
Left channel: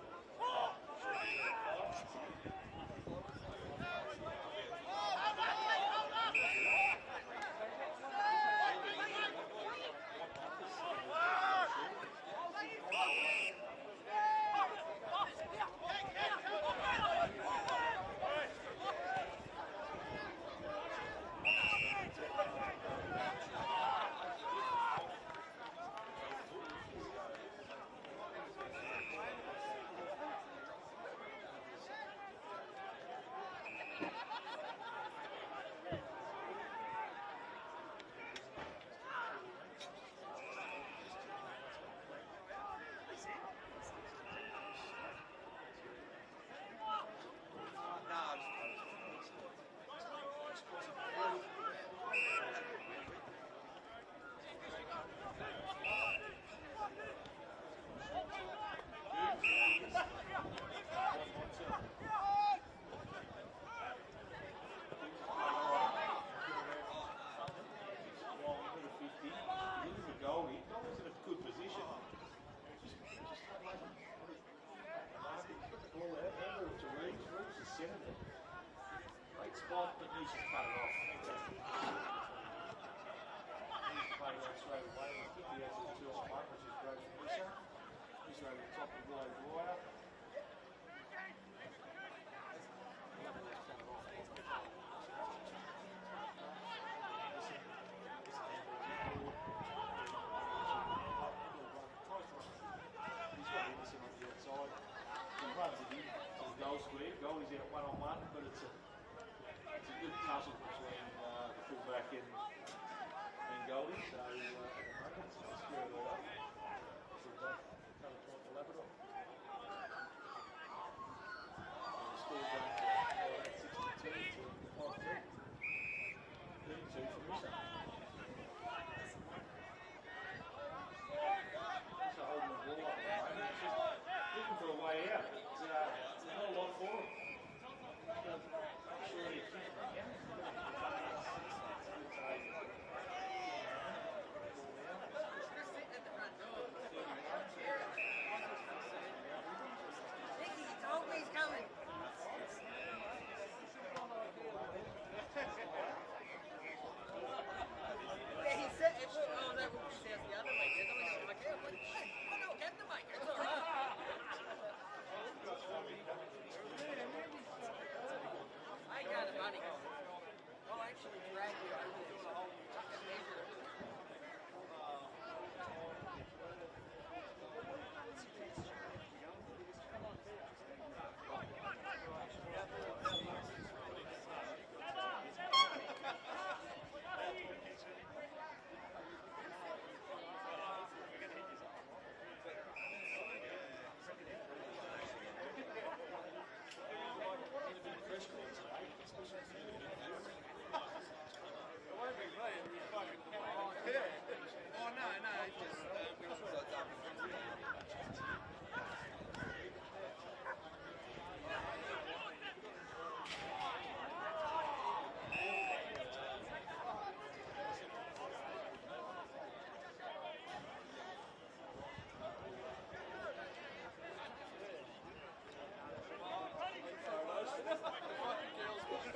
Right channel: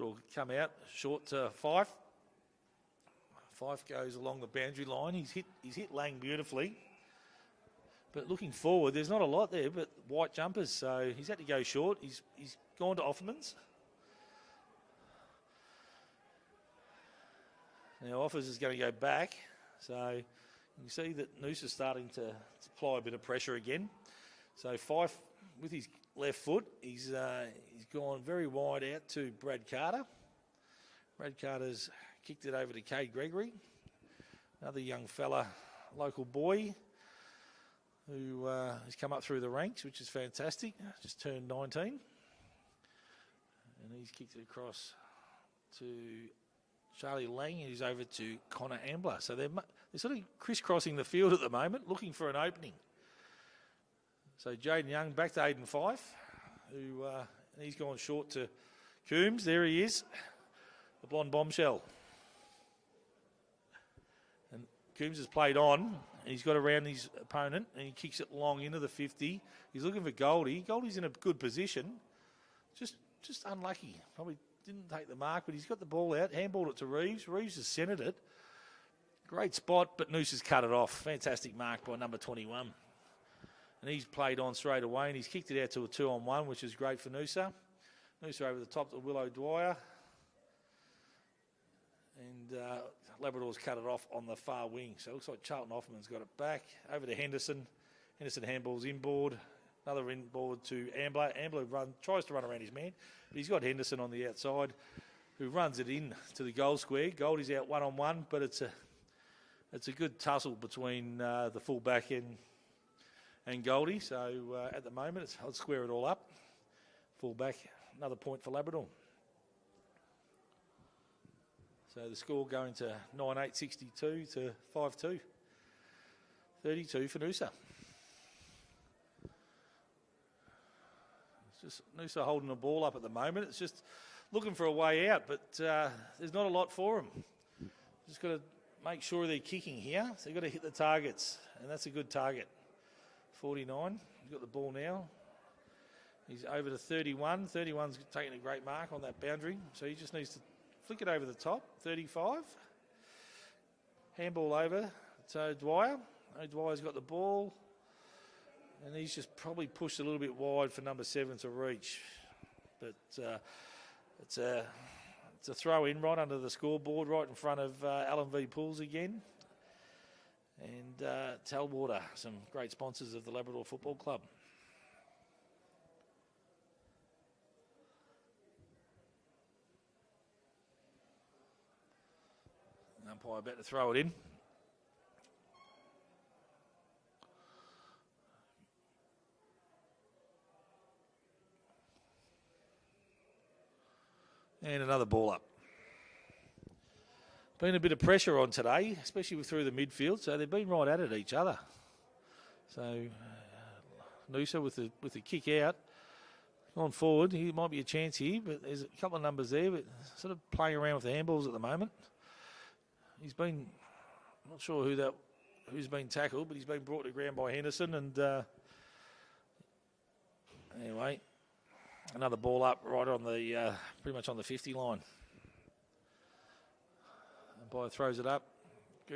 Will come out short to Fife. Fife goes along the boundary line. He's hit Lang beautifully. But looking forward, there's not a lot there, but white jumpers, so he's had to go short. He's gone to Offermans. Now Offers is going to go back, so you see that Noosa's starting to apply a bit of pressure again. So Fife, with his left foot, he's gone very wide out to Brad Carter. Brad Carter's kicked it over to Cade Gregory, another young fella, local boy, who has come up through the ranks, which is fantastic. Just turned 19. And he's kicked it across to Charlie Lang, who's over to Connor Ambler. So they're sort of crisscrossing the field at the moment, looking for an opening. So Jaden Young back to Aiden Fife, who he's gone short to Coombs. There he is, blonde bombshell. And Coombs has played on. He's got around his opponent and he kicks it long into the 50. He's looking for Goldie. Goldie's in a good position. Just unlucky. Probably didn't take the mark, but he's got the ball out. Handballed it to Reeves. Reeves has centred it. Great spot, but Noosa's cut it off. Fantastic mark by number 21. And he's played on straight away and he's kicked it out to a 2-on-1, which is great for Noosa. Noosa over the top to Willow Dwyer. And Labrador's cut it off on the far wing. So it looks like Charlton Hoffman's got it back. Over to Henderson. Henderson handballs inboard. Another inboard to Ambler. Ambler tries to run around his man, but he's got Henderson on the outside. He runs it in to the goal square. Goldie's out 1-on-1, but it's a good tussle between the full-back and Goldie. So at the moment, I'll square it all up. Full-back, another point for Labrador. So the score going to 9-8, 62 to 5-2. 32 for Noosa. Noosa holding the ball up at the moment. It's just looking for a way out, but there's not a lot for them. Just got to make sure they're kicking here. So they've got to hit the targets, and that's a good target. 49, he's got the ball now. He's over to 31. 31's taking a great mark on that boundary, so he just needs to flick it over the top. 35. Handball over to Dwyer. Dwyer's got the ball. And he's just probably pushed a little bit wide for number 7 to reach. But it's a throw in right under the scoreboard, right in front of Alan V. Pools again. And Talwater, some great sponsors of the Labrador Football Club. Umpire about to throw it in. And another ball up. Been a bit of pressure on today, especially through the midfield, so they've been right at it each other. So Noosa with the kick out. On forward, he might be a chance here, but there's a couple of numbers there, but sort of playing around with the handballs at the moment. He's been, not sure who's been tackled, but he's been brought to ground by Henderson, and anyway, another ball up right on the, pretty much on the 50 line. Boy throws it up.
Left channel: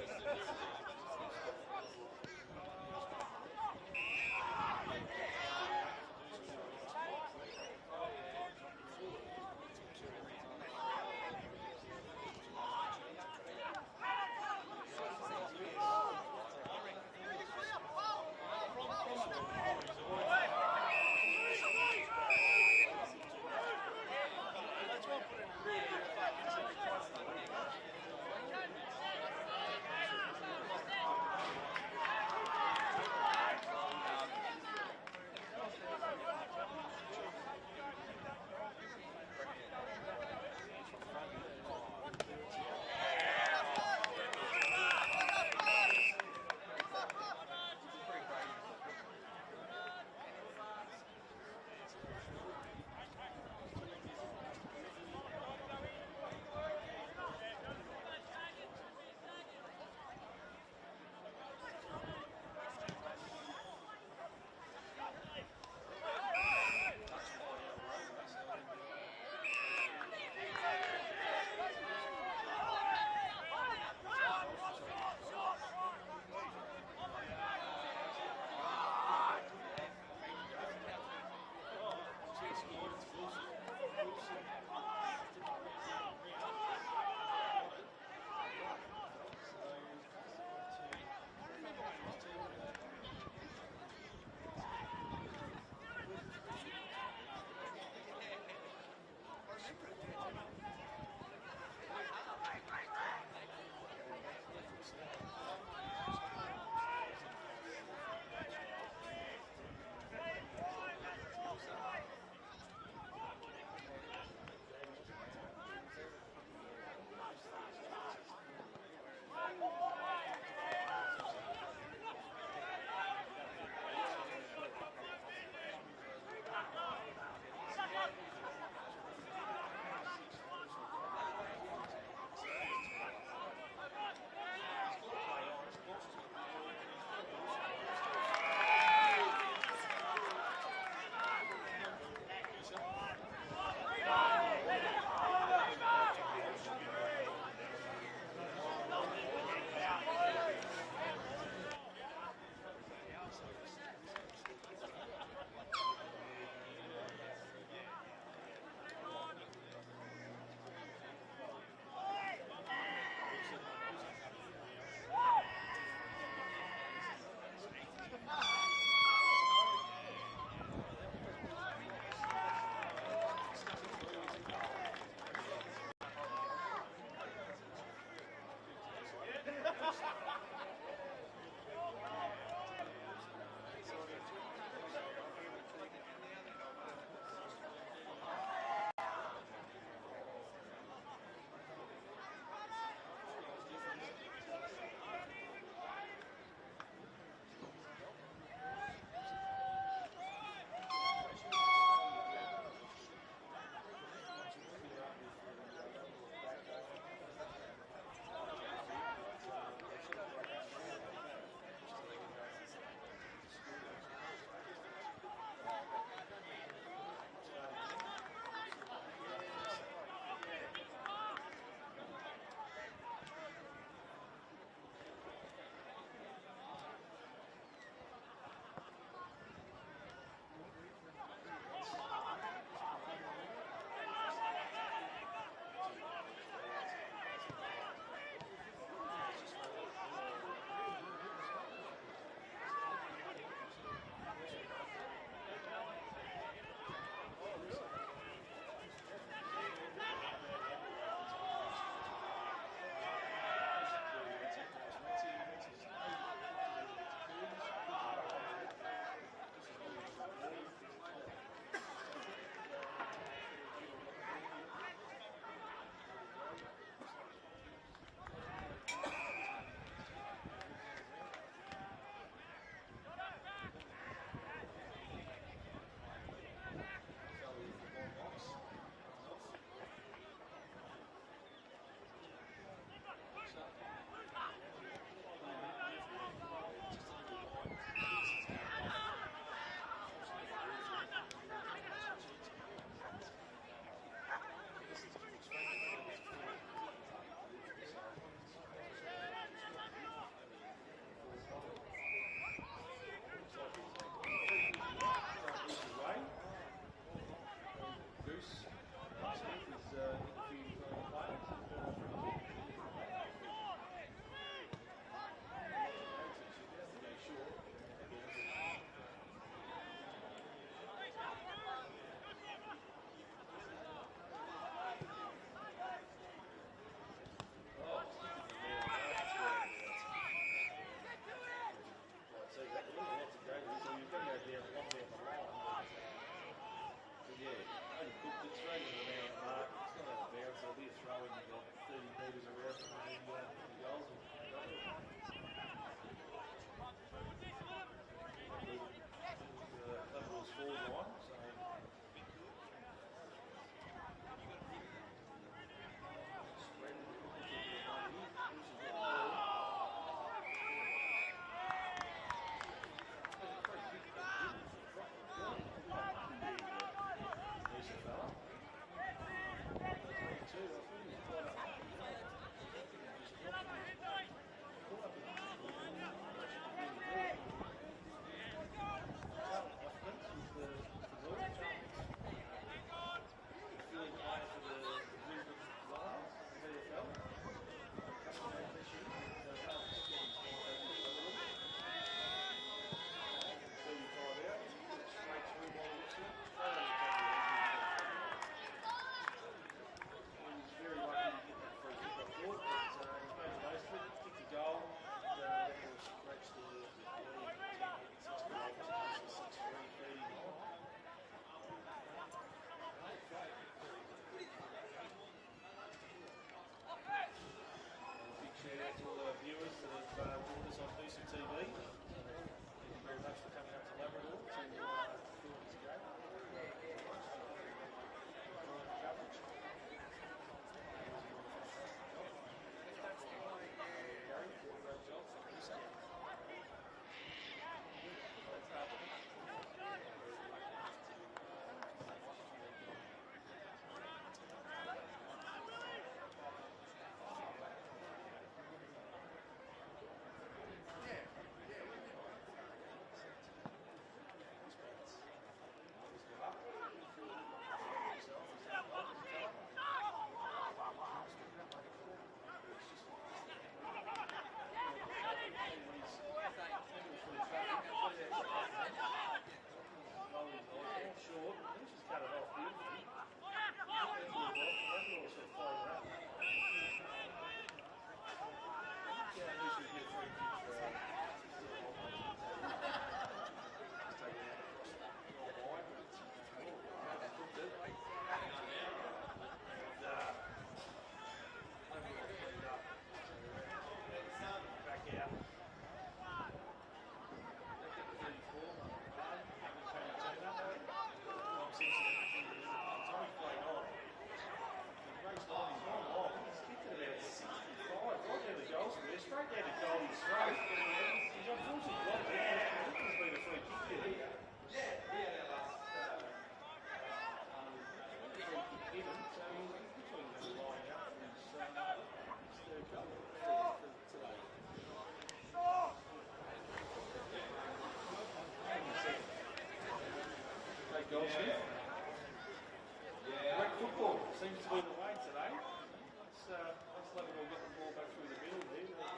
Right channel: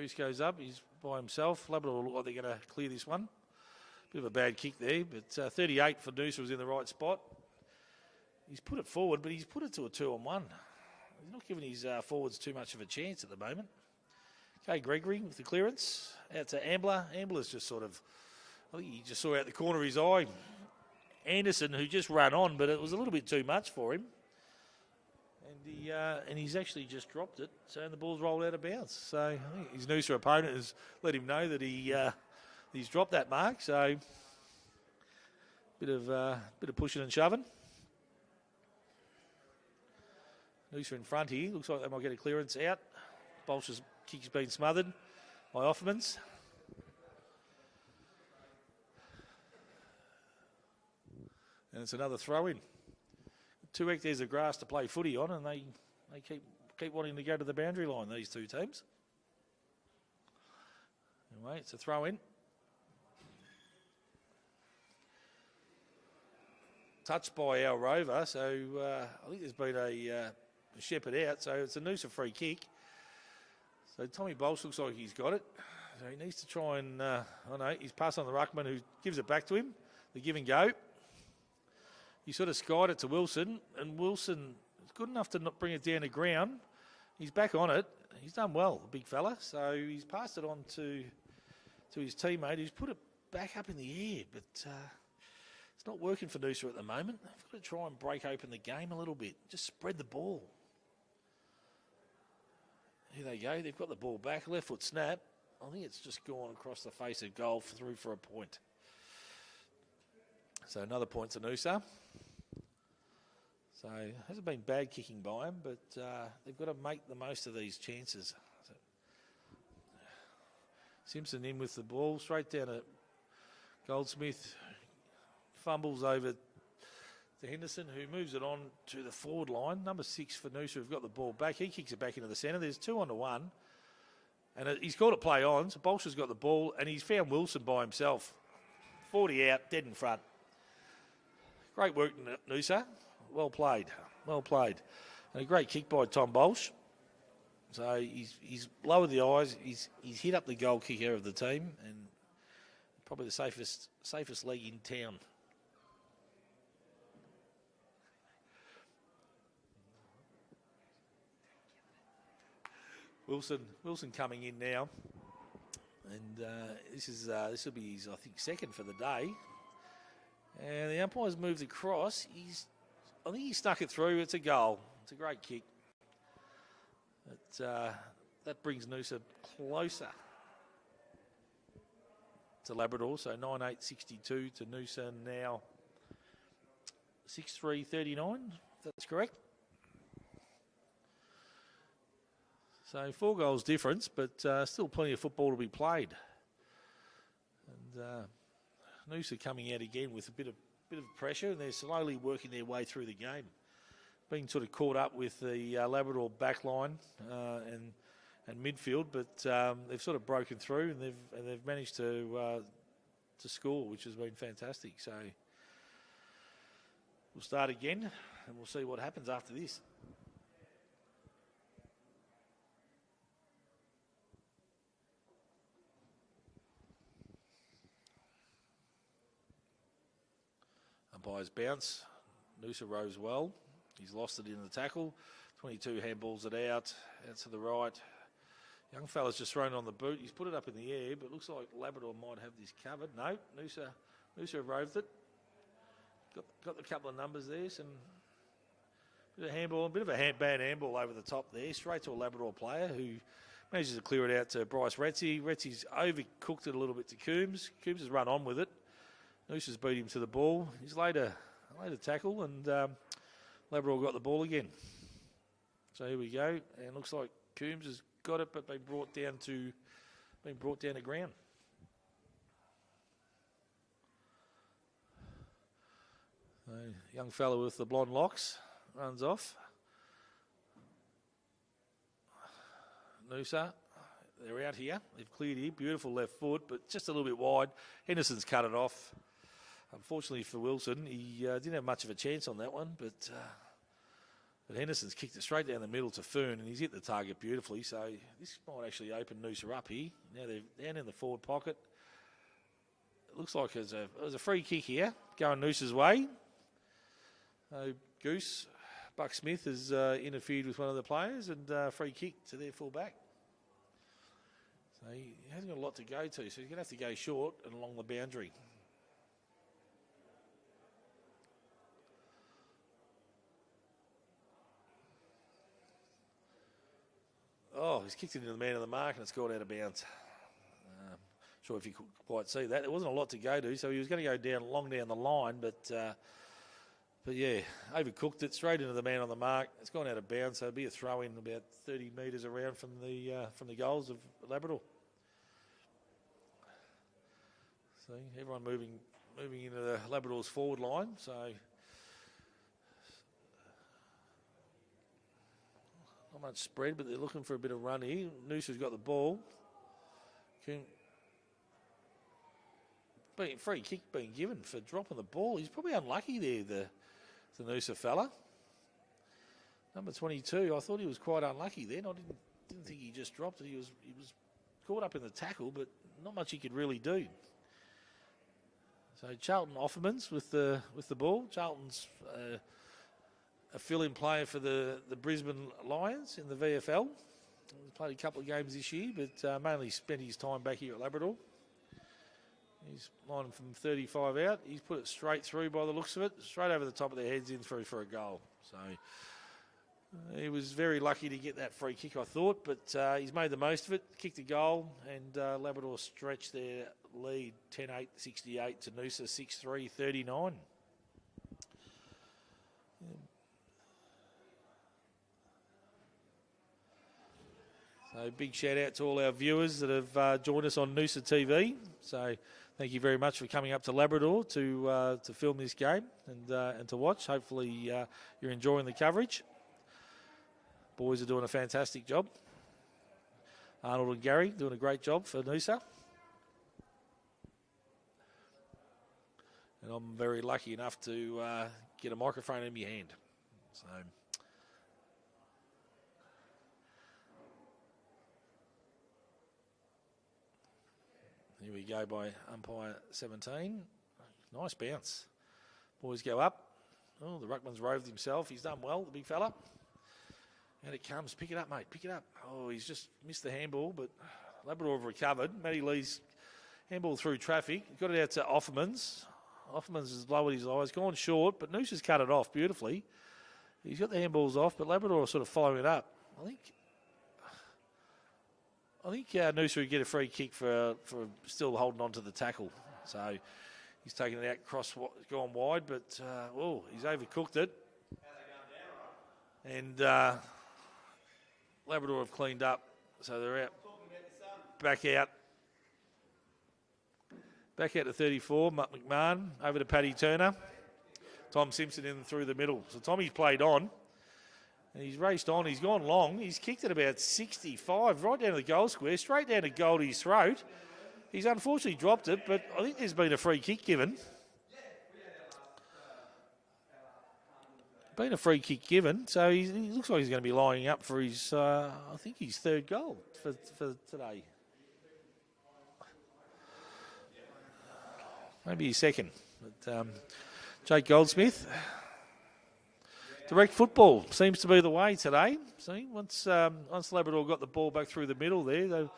Reese goes up. He's by himself. Labrador look like they're going to clear this one. Bit of a bad kick there, but 38 for Noosa was in the right spot. He's put it forward, but he's put it to a 2-on-1. Not giving his forwards too much of a chance at the moment. Okay, Gregory with the clearance. Out to Ambler. Ambler's just sort of, I think he just saw out the corner of his eye Anderson, who just ran on, but it was a little bit too much for him. And he's actually just dropped it, so the ball's rolled out of bounds. So his Noosa opponent has let him know that he's dropped that mark. So bit of pushing and shoving. Noosa in front here. Looks like they might get a clearance out. Bolcher's kick's been smothered by Offmans. And it's another throw in. 2 hectares of grass to play footy on, and they keep wanting to go to the boundary line, these two teams. All right, it's a throw in. Touched by our rover, so I think there's been a shepherd out, so it's a Noosa free kick. So Tommy Bolsh looks like he's got it. So he needs to try and, he's passed on the ruckman who gives it back to him. The give and go. He sort of skied it to Wilson, and Wilson is good enough to not bring it down to ground. He's back on it. He's done well, the big fella. So he's passed it on to his teammate, who's put it back up in the air, but it's not working for Noosa at the moment. He's got to try and break open the game a little bit. Just spread the ball. Here they go. They've got the ball back. Left foot snap. I think it's just gone across the face of goal through for a point. So another point to Noosa. So it hasn't been bad kicking by him, but they've got to make the most of these chances. Simpson in with the ball, straight down at Goldsmith. Fumbles over to Henderson, who moves it on to the forward line. Number 6 for Noosa have got the ball back. He kicks it back into the centre. There's 2 on to 1. And he's called it play on, so Bolsh has got the ball, and he's found Wilson by himself. 40 out, dead in front. Great work, Noosa. Well played. Well played. And a great kick by Tom Bolsh. So he's lowered the eyes. He's hit up the goal kicker of the team, and probably the safest leg in town. Wilson coming in now, and this will be his second for the day. And the umpire's moved across. I think he stuck it through. It's a goal. It's a great kick. That brings Noosa closer to Labrador. So 9-8-62 to Noosa now 6-3-39. That's correct. So 4 goals difference, but still plenty of football to be played. And, Noosa coming out again with a bit of pressure, and they're slowly working their way through the game. Being sort of caught up with the Labrador backline and midfield, but they've sort of broken through, and they've managed to score, which has been fantastic. So we'll start again, and we'll see what happens after this. Umpire's bounce. Noosa rows well. He's lost it in the tackle. 22 handballs it out. That's to the right. Young fella's just thrown on the boot. He's put it up in the air, but looks like Labrador might have this covered. No, Noosa roved it. Got a couple of numbers there. Some bit of handball, a bit of a bad handball over the top there, straight to a Labrador player who manages to clear it out to Bryce Retzi. Retzi's overcooked it a little bit to Coombs. Coombs has run on with it. Noosa's beat him to the ball. He's laid a tackle, and Labrador got the ball again. So here we go. And it looks like Coombs has got it, but been brought down to ground. Young fella with the blonde locks runs off. Noosa, they're out here. They've cleared here. Beautiful left foot, but just a little bit wide. Henderson's cut it off. Unfortunately for Wilson, he didn't have much of a chance on that one, but Henderson's kicked it straight down the middle to Fern, and he's hit the target beautifully, so this might actually open Noosa up here. Now they're down in the forward pocket. Looks like it was a free kick here, going Noosa's way. Goose, Buck Smith has interfered with one of the players, and free kick to their full back. So he hasn't got a lot to go to, so he's going to have to go short and along the boundary. Oh, he's kicked into the man of the mark and scored out of bounds. Not sure if you could quite see that. There wasn't a lot to go to, so he was going to go long down the line, but yeah, overcooked it straight into the man on the mark. It's gone out of bounds, so it'll be a throw in about 30 metres around from the goals of Labrador. So everyone moving into the Labrador's forward line. So not much spread, but they're looking for a bit of run here. Noosa's got the ball. Free kick being given for dropping the ball. He's probably unlucky there, the Noosa fella. Number 22, I thought he was quite unlucky then. I didn't think he just dropped. He was caught up in the tackle, but not much he could really do. So Charlton Offermans with the ball. Charlton's a fill-in player for the Brisbane Lions in the VFL. Played a couple of games this year, but mainly spent his time back here at Labrador. He's on from 35 out. He's put it straight through by the looks of it, straight over the top of the heads in for a goal. So he was very lucky to get that free kick, I thought, but he's made the most of it, kicked a goal, and Labrador stretched their lead 10-8, 68 to Noosa 6-3, 39. So big shout out to all our viewers that have joined us on Noosa TV. So thank you very much for coming up to Labrador to film this game and to watch. Hopefully you're enjoying the coverage. Boys are doing a fantastic job. Arnold and Gary doing a great job for Noosa. And I'm very lucky enough to get a microphone in my hand. So. Here we go by umpire 17. Nice bounce. Boys go up. Oh, the ruckman's roved himself. He's done well, big fella. And it comes. Pick it up, mate. Pick it up. Oh, he's just missed the handball, but Labrador have recovered. Matty Lee's handball through traffic. Got it out to Offermans. Offermans has lowered his eyes, gone short, but Noosa's cut it off beautifully. He's got the handballs off, but Labrador are sort of following it up. I think Noosa would get a free kick for still holding on to the tackle. So he's taken it out, gone wide, but he's overcooked it. And Labrador have cleaned up, so they're out, back out to 34. McMahon over to Paddy Turner. Tom Simpson in through the middle. So Tommy's played on. And he's raced on. He's gone long. He's kicked it about 65, right down to the goal square, straight down to Goldie's throat. He's unfortunately dropped it, but I think there's been a free kick given. Been a free kick given, so he looks like he's going to be lining up for his, I think his third goal for today. Maybe his second. But, Jake Goldsmith. Direct football seems to be the way today. See, once Labrador got the ball back through the middle there, they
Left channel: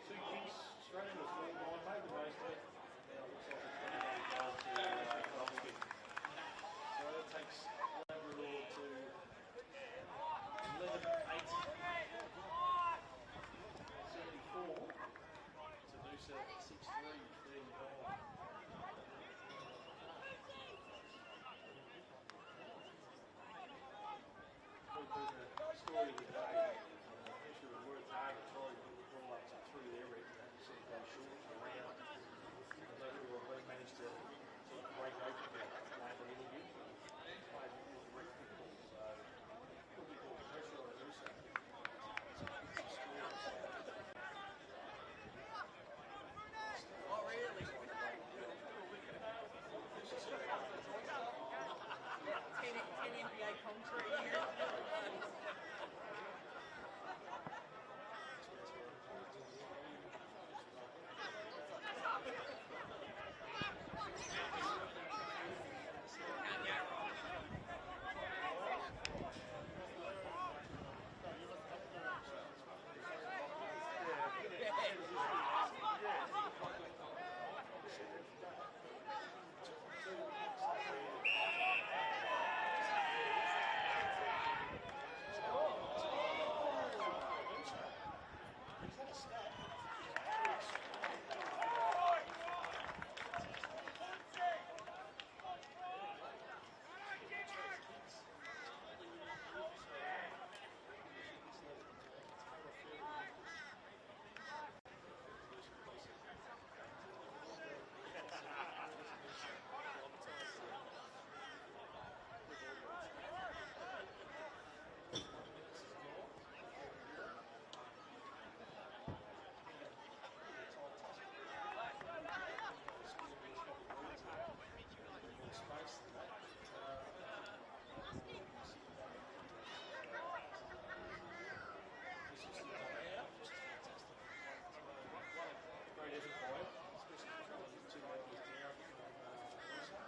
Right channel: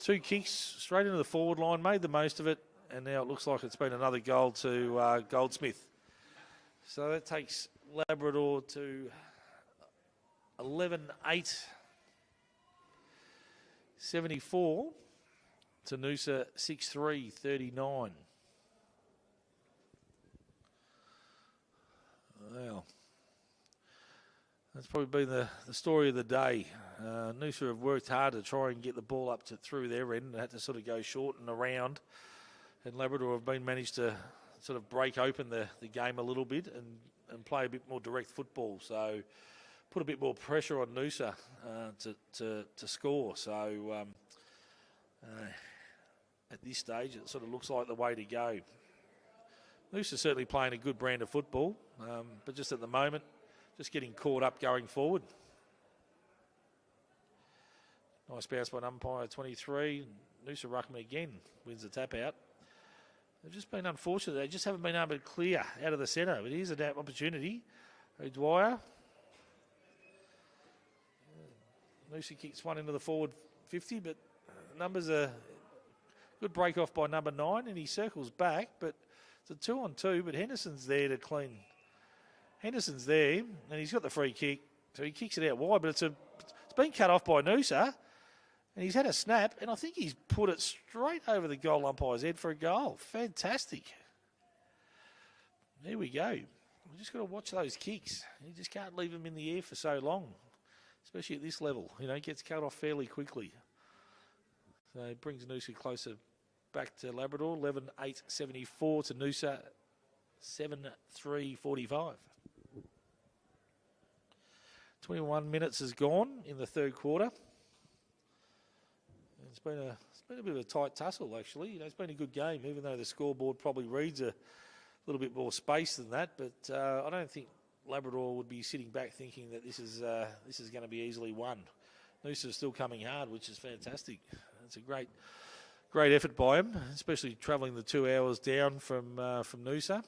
two kicks straight into the forward line, made the most of it, and now it looks like it's been another goal to Goldsmith. So that takes Labrador to 11-8, 74 to Noosa 6-3, 39. Well, that's probably been the story of the day. Noosa have worked hard to try and get the ball up through their end. They had to sort of go short and around, and Labrador have managed to sort of break open the game a little bit and play a bit more direct football. So put a bit more pressure on Noosa to score. So at this stage, it sort of looks like the way to go. Noosa certainly playing a good brand of football, but just at the moment, just getting caught up going forward. Nice bounce by umpire 23. Noosa ruckman again wins the tap out. They've just been unfortunate. They just haven't been able to clear out of the centre. But here's an opportunity. Dwyer. Noosa kicks one into the forward 50, but numbers a good break off by number 9, and he circles back, but it's a 2-on-2, but Henderson's there to clean. Henderson's there, and he's got the free kick, so he kicks it out wide, but it's been cut off by Noosa. And he's had a snap, and I think he's put it straight over the goal umpire's head for a goal. Fantastic. There we go. You just got to watch those kicks. You just can't leave them in the air for so long, especially at this level. You know, it gets cut off fairly quickly. So it brings Noosa closer back to Labrador. 11-8, 74 to Noosa. 7-3, 45. 21 minutes has gone in the third quarter. It's been a bit of a tight tussle, actually. It's been a good game, even though the scoreboard probably reads a little bit more space than that. But I don't think Labrador would be sitting back thinking that this is going to be easily won. Noosa's still coming hard, which is fantastic. It's a great effort by him, especially travelling the 2 hours down from Noosa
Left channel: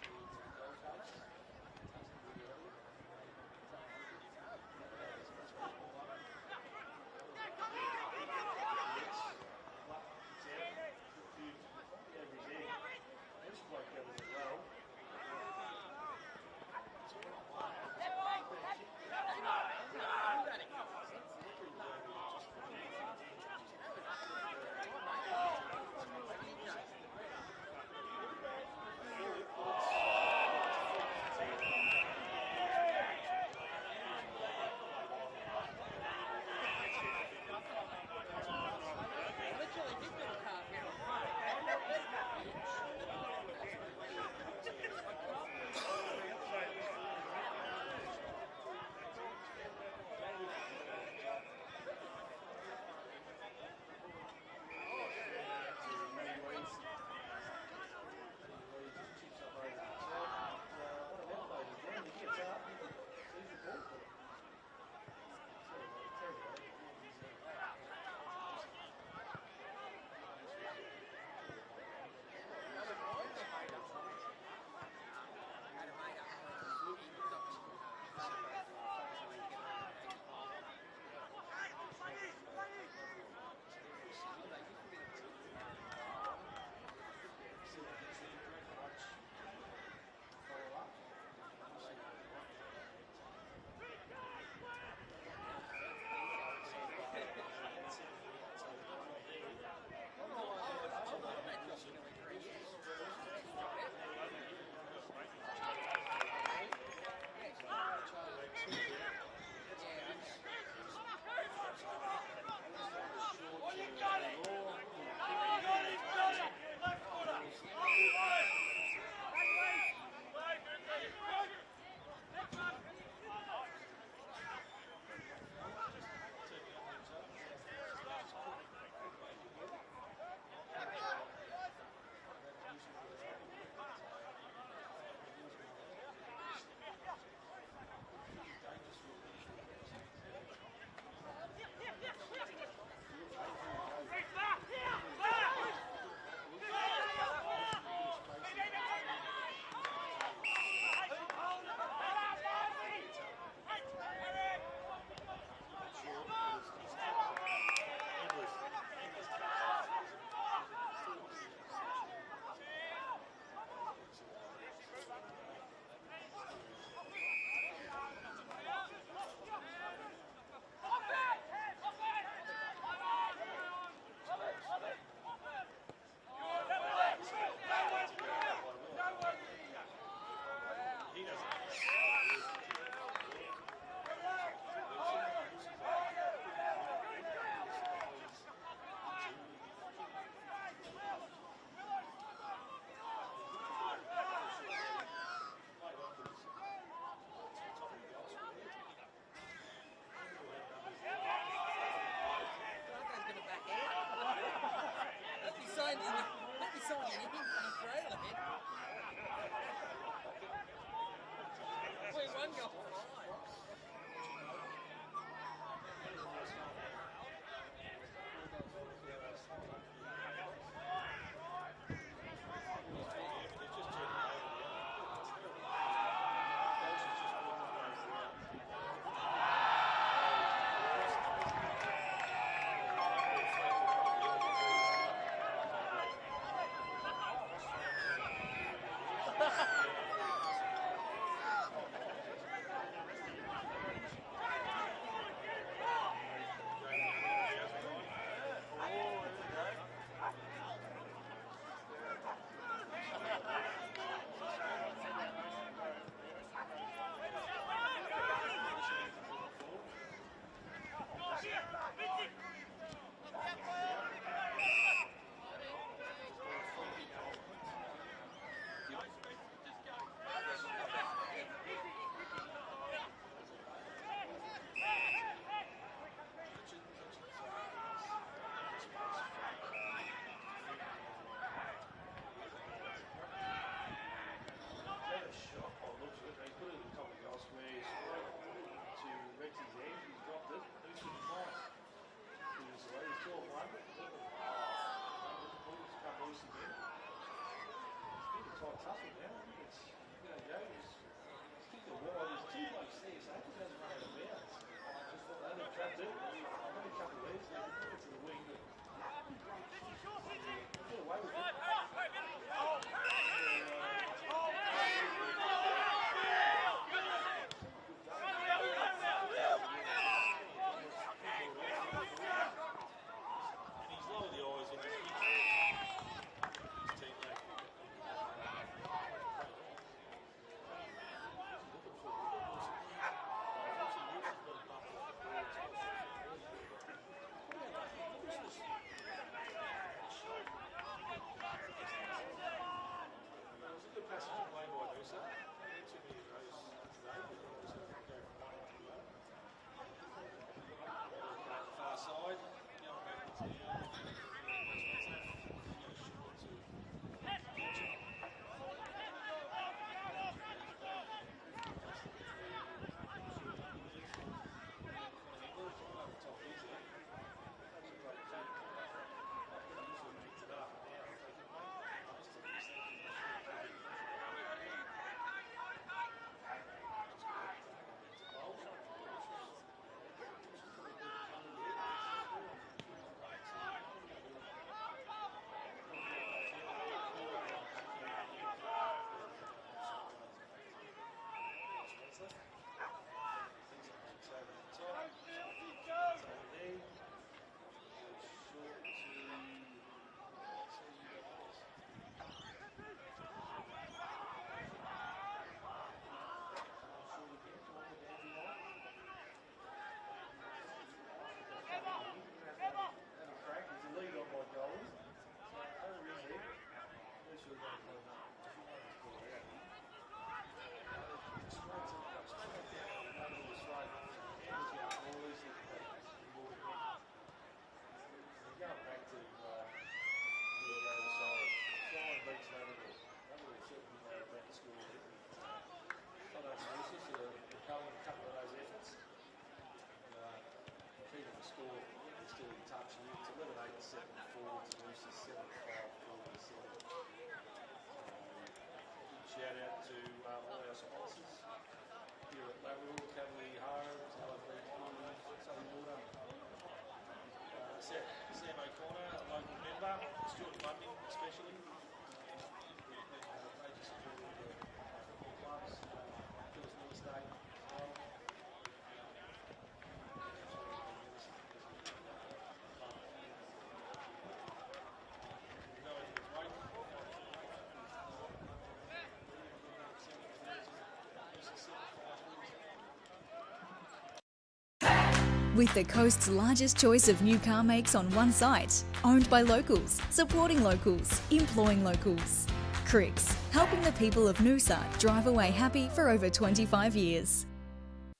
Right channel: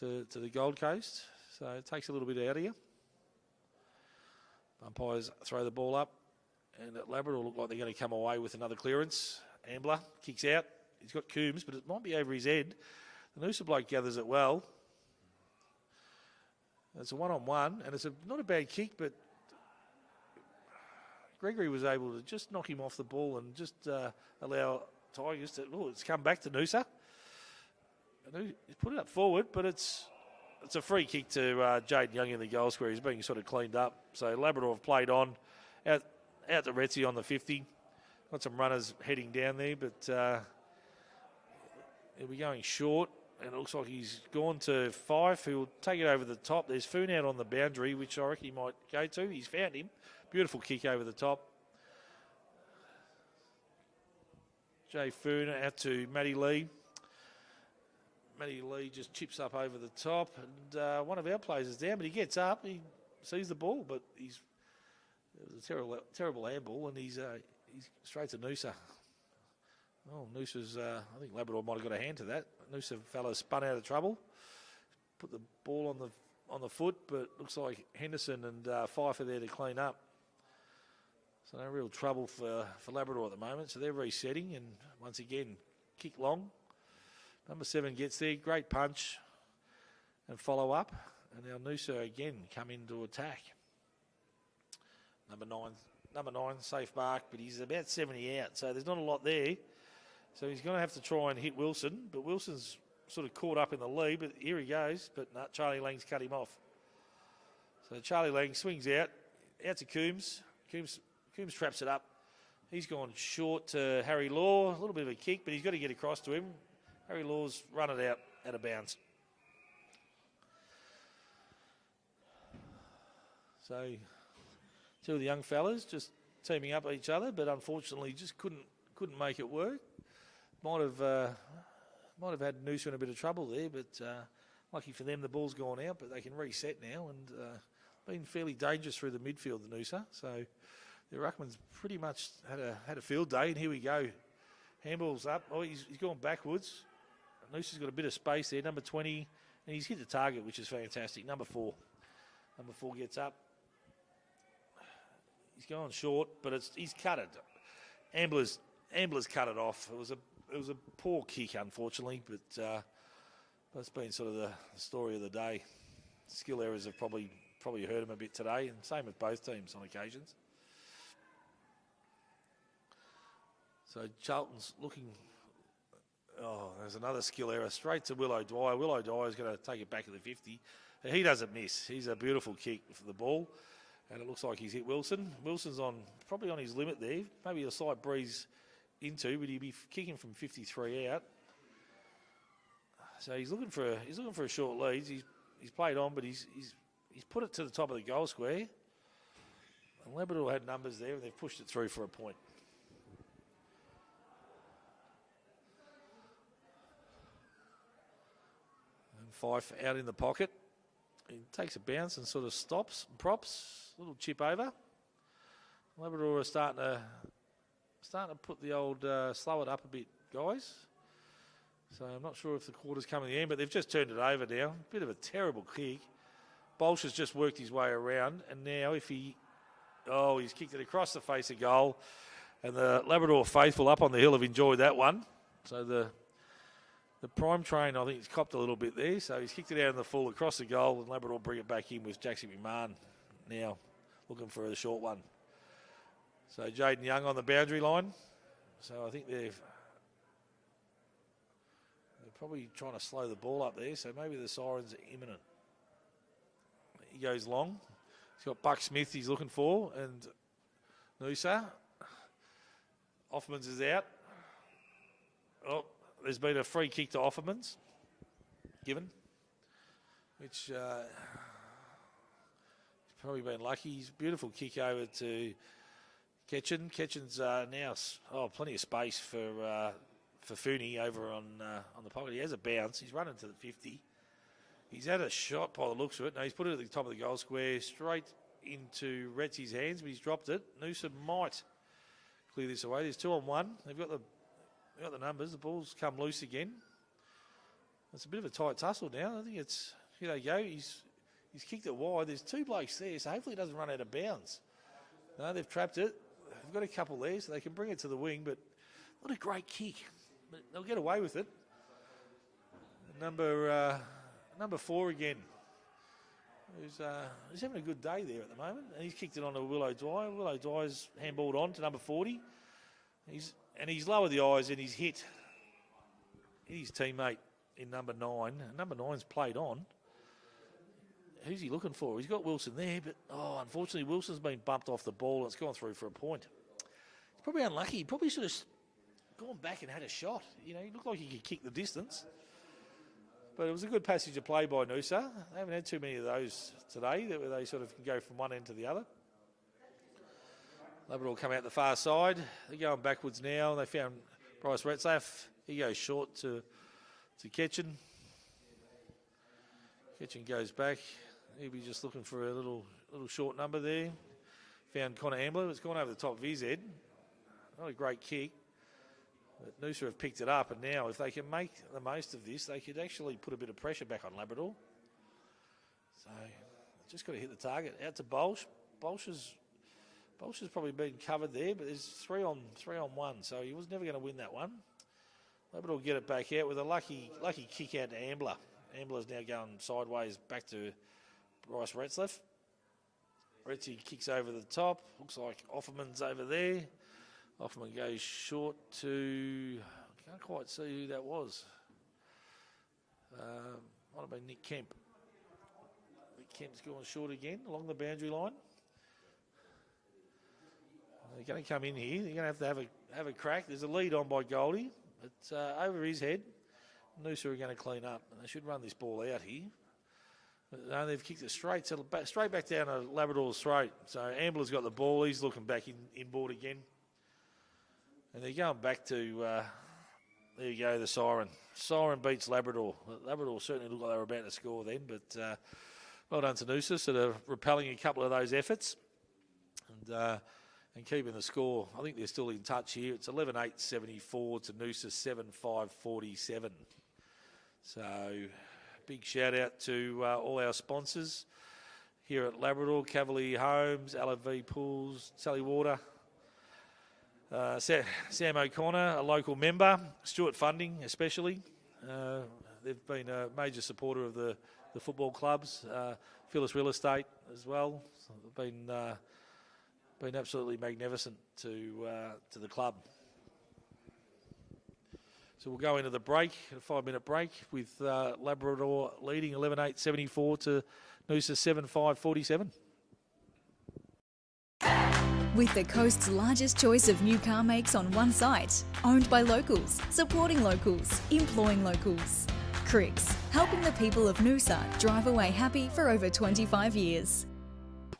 to the Gold Coast. So it takes a little bit out of you. Umpires throw the ball up, and Labrador look like they're going to come away with another clearance. Ambler kicks out. He's got Coombs, but it might be over his head. The Noosa bloke gathers it well. It's a one-on-one, and it's not a bad kick, but Gregory was able to just knock him off the ball and just allow Tigers to... Oh, it's come back to Noosa. He's put it up forward, but it's a free kick to Jade Young in the goal square. He's being sort of cleaned up. So Labrador have played on. Out to Retzi on the 50. Got some runners heading down there, but he'll be going short. It looks like he's gone to Fife. He'll take it over the top. There's Foon out on the boundary, which I reckon he might go to. He's found him. Beautiful kick over the top. Jay Foon out to Matty Lee. Matty Lee just chips up over the top. And one of our players is down, but he gets up. He sees the ball, but he's a terrible handball, and he's straight to Noosa. Oh, Noosa's, I think Labrador might have got a hand to that. Noosa fellow spun out of trouble. Put the ball on the foot, but looks like Henderson and Fife are there to clean up. So no real trouble for Labrador at the moment. So they're resetting, and once again, kick long. Number 7 gets there, great punch and follow up. And now Noosa again come in to attack. Number 9, safe mark, but he's about 70 out, so there's not a lot there. So he's going to have to try and hit Wilson, but Wilson's sort of caught up in the lead, but here he goes, but no, Charlie Lang's cut him off. So Charlie Lang swings out to Coombs. Coombs traps it up. He's gone short to Harry Law, a little bit of a kick, but he's got to get across to him. Harry Law's run it out of bounds. So two of the young fellas just teaming up each other, but unfortunately just couldn't make it work. Might have had Noosa in a bit of trouble there, but lucky for them the ball's gone out, but they can reset now and been fairly dangerous through the midfield, Noosa. So the Ruckman's pretty much had a field day, and here we go. Handball's up. Oh, he's gone backwards. Noosa's got a bit of space there. Number 20, and he's hit the target, which is fantastic. Number 4 gets up. He's going short, but he's cut it. Ambler's cut it off. It was a poor kick, unfortunately, but that's been sort of the story of the day. Skill errors have probably hurt him a bit today, and same with both teams on occasions. So Charlton's looking. Oh, there's another skill error straight to Willow Dwyer. Willow Dwyer's going to take it back to the 50. Now, he doesn't miss. He's a beautiful kick for the ball. And it looks like he's hit Wilson. Wilson's probably on his limit there. Maybe a slight breeze into, but he'd be kicking from 53 out. So he's looking for a short lead. He's played on, but he's put it to the top of the goal square. And Labrador had numbers there, and they've pushed it through for a point. Fife out in the pocket. He takes a bounce and sort of stops and props. A little chip over. Labrador are starting to put the old slow it up a bit, guys. So I'm not sure if the quarter's coming in, but they've just turned it over now. A bit of a terrible kick. Bolsh has just worked his way around, and now he's kicked it across the face of goal. And the Labrador faithful up on the hill have enjoyed that one. So the prime train, I think, has copped a little bit there. So he's kicked it out in the full across the goal, and Labrador bring it back in with Jackson McMahon now looking for a short one. So Jaden Young on the boundary line. So I think they're probably trying to slow the ball up there. So maybe the side's imminent. He goes long. He's got Buck Smith he's looking for, and Noosa. Offmans is out. Oh, there's been a free kick to Offermans given, which probably been lucky. Beautiful kick over to Ketchen. Ketchen's now plenty of space for Fooney over on the pocket. He has a bounce. He's running to the 50. He's had a shot by the looks of it. No, he's put it at the top of the goal square, straight into Retsy's hands, but he's dropped it. Noosa might clear this away. There's 2 on 1. They've got the numbers. The ball's come loose again. It's a bit of a tight tussle now. I think it's, here they go. He's kicked it wide. There's 2 blokes there, so hopefully it doesn't run out of bounds. No, they've trapped it. They've got a couple there, so they can bring it to the wing, but what a great kick. They'll get away with it. Number 4 again. He's having a good day there. He's kicked it on to Willow Dry. Willow Dry's handballed on to number 40. He's lowered the eyes and he's hit his teammate in number 9. Number 9's played on. Who's he looking for? He's got Wilson there, but unfortunately Wilson's been bumped off the ball. It's gone through for a point. It's probably unlucky. He probably should have gone back and had a shot. You know, he looked like he could kick the distance. But it was a good passage of play by Noosa. They haven't had too many of those today, where they sort of go from one end to the other. Labrador come out the far side. They're going backwards now. They found Bryce Retzlaff. He goes short to Ketchen. Ketchen goes back. Maybe just looking for a little short number there. Found Connor Ambler. It's gone over the top of his head. Another great kick. Noosa have picked it up, and now if they can make the most of this, they could actually put a bit of pressure back on Labrador. So just got to hit the target. Out to Bolsh. Bolsh has probably been covered there, but he's 3 on 1, so he was never going to win that one. Labrador get it back out with a lucky kick out to Ambler. Ambler's now going sideways back to Bryce Retzlaff. Retsy kicks over the top. Looks like Offerman's over there. Offerman goes short to, can't quite see who that was. Might be Nick Kemp. Kemp's gone short again along the boundary line. They're going to come in here. They're going to have a crack. There's a lead on by Goldie. It's over his head. Noosa are going to clean up. They should run this ball out here. No, they've kicked it straight back down to Labrador's throat. So Ambler's got the ball. He's looking back inboard again. And they're going back to, there you go, the siren. Siren beats Labrador. Labrador certainly looked like they were about to score then, but well done to Noosa, sort of repelling a couple of those efforts and keeping the score. I think they're still in touch here. It's 11-8-74 to Noosa 7-5-47. So big shout out to all our sponsors here at Labrador, Cavalier Homes, LFV Pools, Sally Water, Sam O'Connor, a local member, Stuart Funding especially. They've been a major supporter of the football clubs. Phyllis Real Estate as well. Been absolutely magnificent to the club. So we'll go into the break, a 5-minute break with Labrador leading 11-8-74 to Noosa 7-5-47. With the coast's largest choice of new car makes on one site, owned by locals, supporting locals, employing locals. Cricks, helping the people of Noosa drive away happy for over 25 years.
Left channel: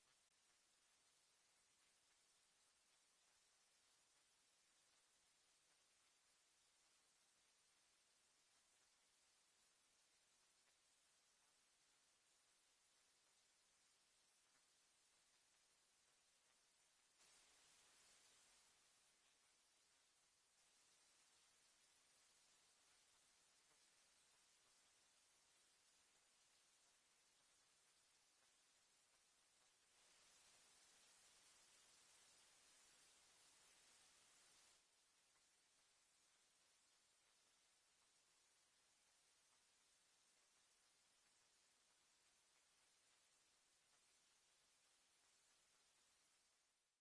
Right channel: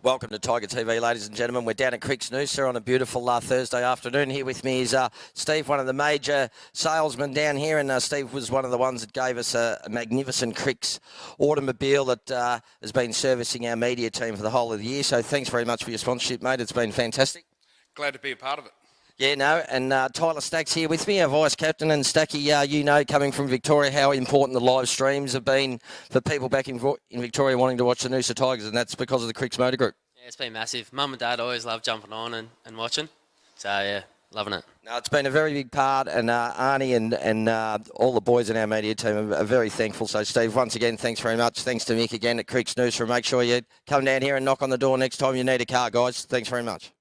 Welcome to Tiger TV, ladies and gentlemen. We're down at Cricks Noosa on a beautiful Thursday afternoon. Here with me is Steve, one of the major salesmen down here, and Steve was one of the ones that gave us a magnificent Cricks automobile that has been servicing our media team for the whole of the year. So thanks very much for your sponsorship, mate. It's been fantastic. Glad to be a part of it. Yeah, no, and Tyler Stack's here with me, our vice-captain, and Stacky, you know, coming from Victoria, how important the live streams have been for people back in Victoria wanting to watch the Noosa Tigers, and that's because of the Cricks Motor Group. Yeah, it's been massive. Mum and Dad always love jumping on and watching, so yeah, loving it. No, it's been a very big part, and Arnie and all the boys in our media team are very thankful. So, Steve, once again, thanks very much. Thanks to Mick again at Cricks Noosa, and make sure you come down here and knock on the door next time you need a car, guys. Thanks very much.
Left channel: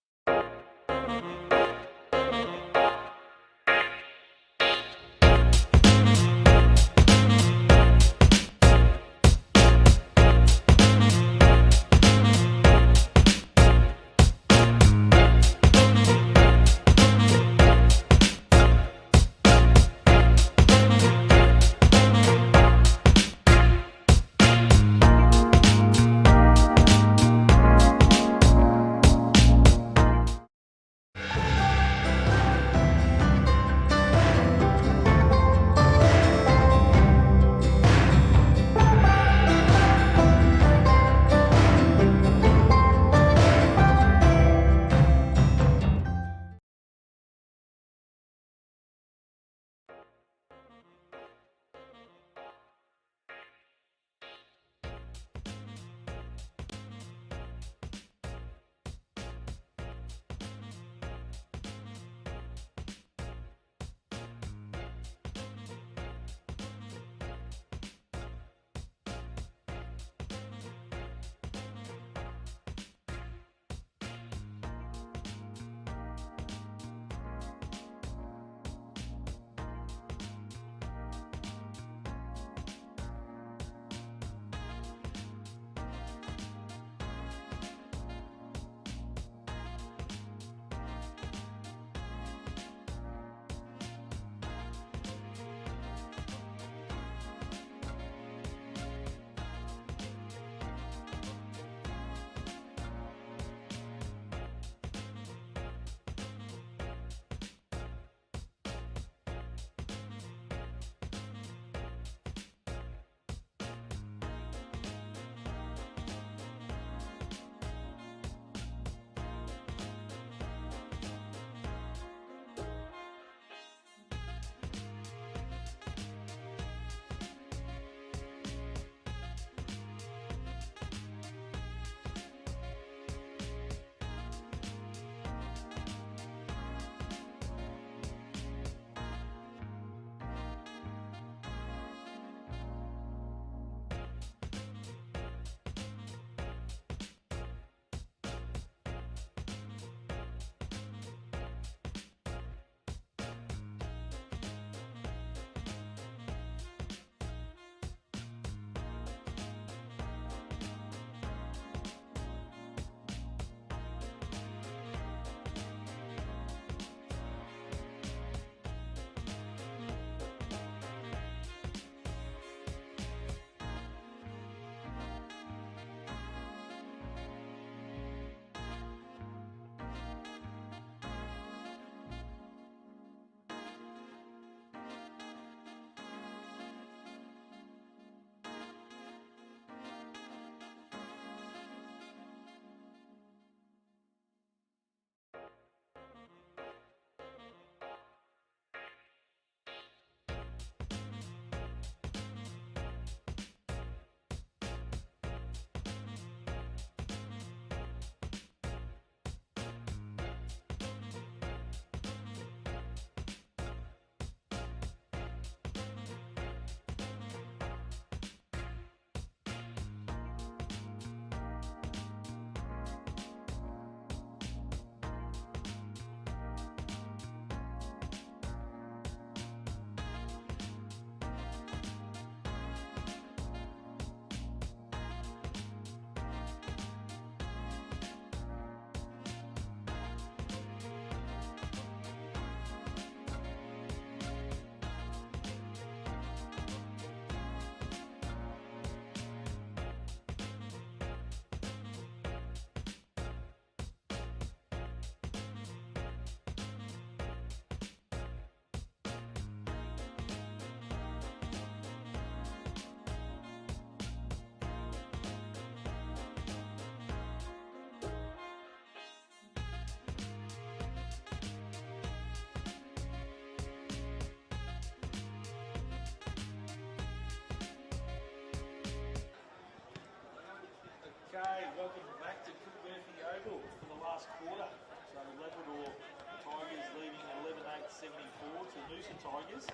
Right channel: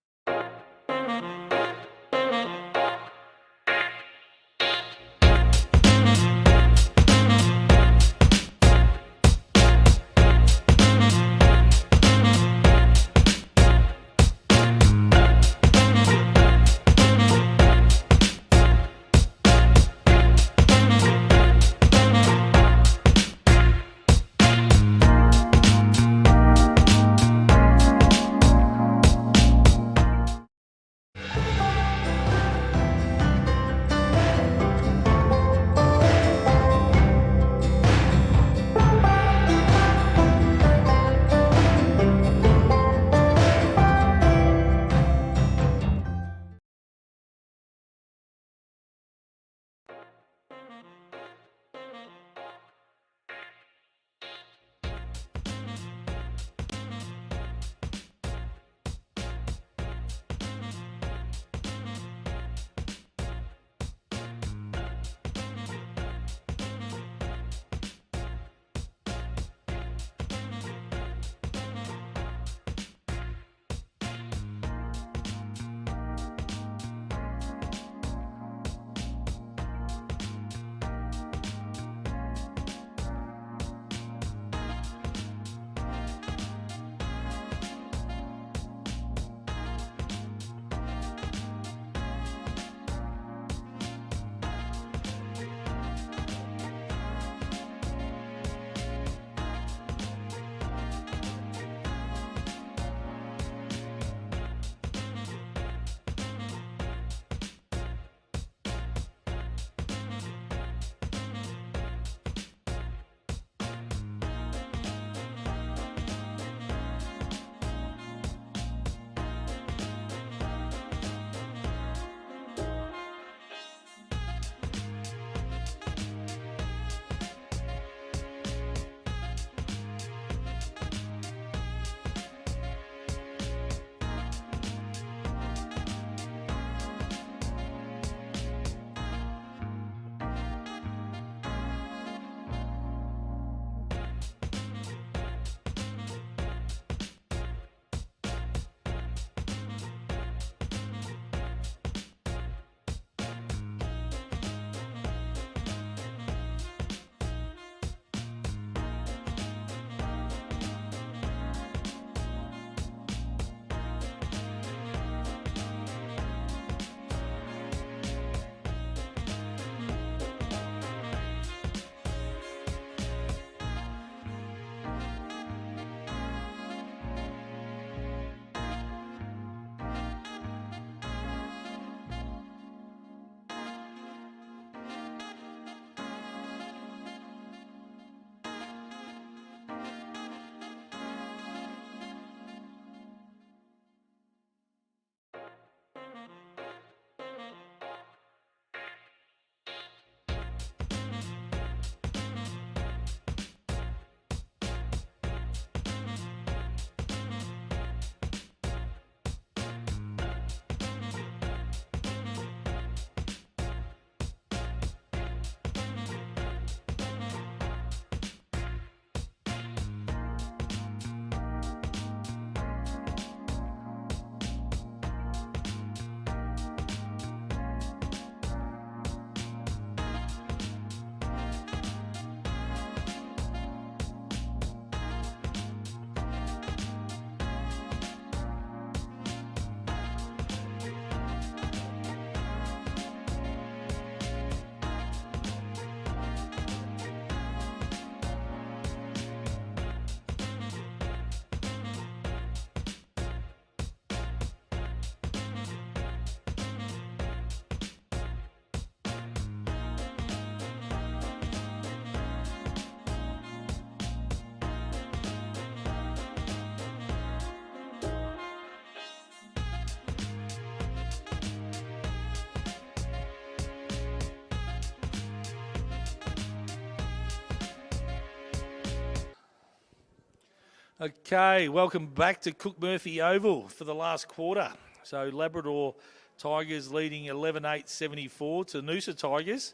Okay, welcome back to Cook Murphy Oval for the last quarter. So Labrador Tigers leading 11-8-74 to Noosa Tigers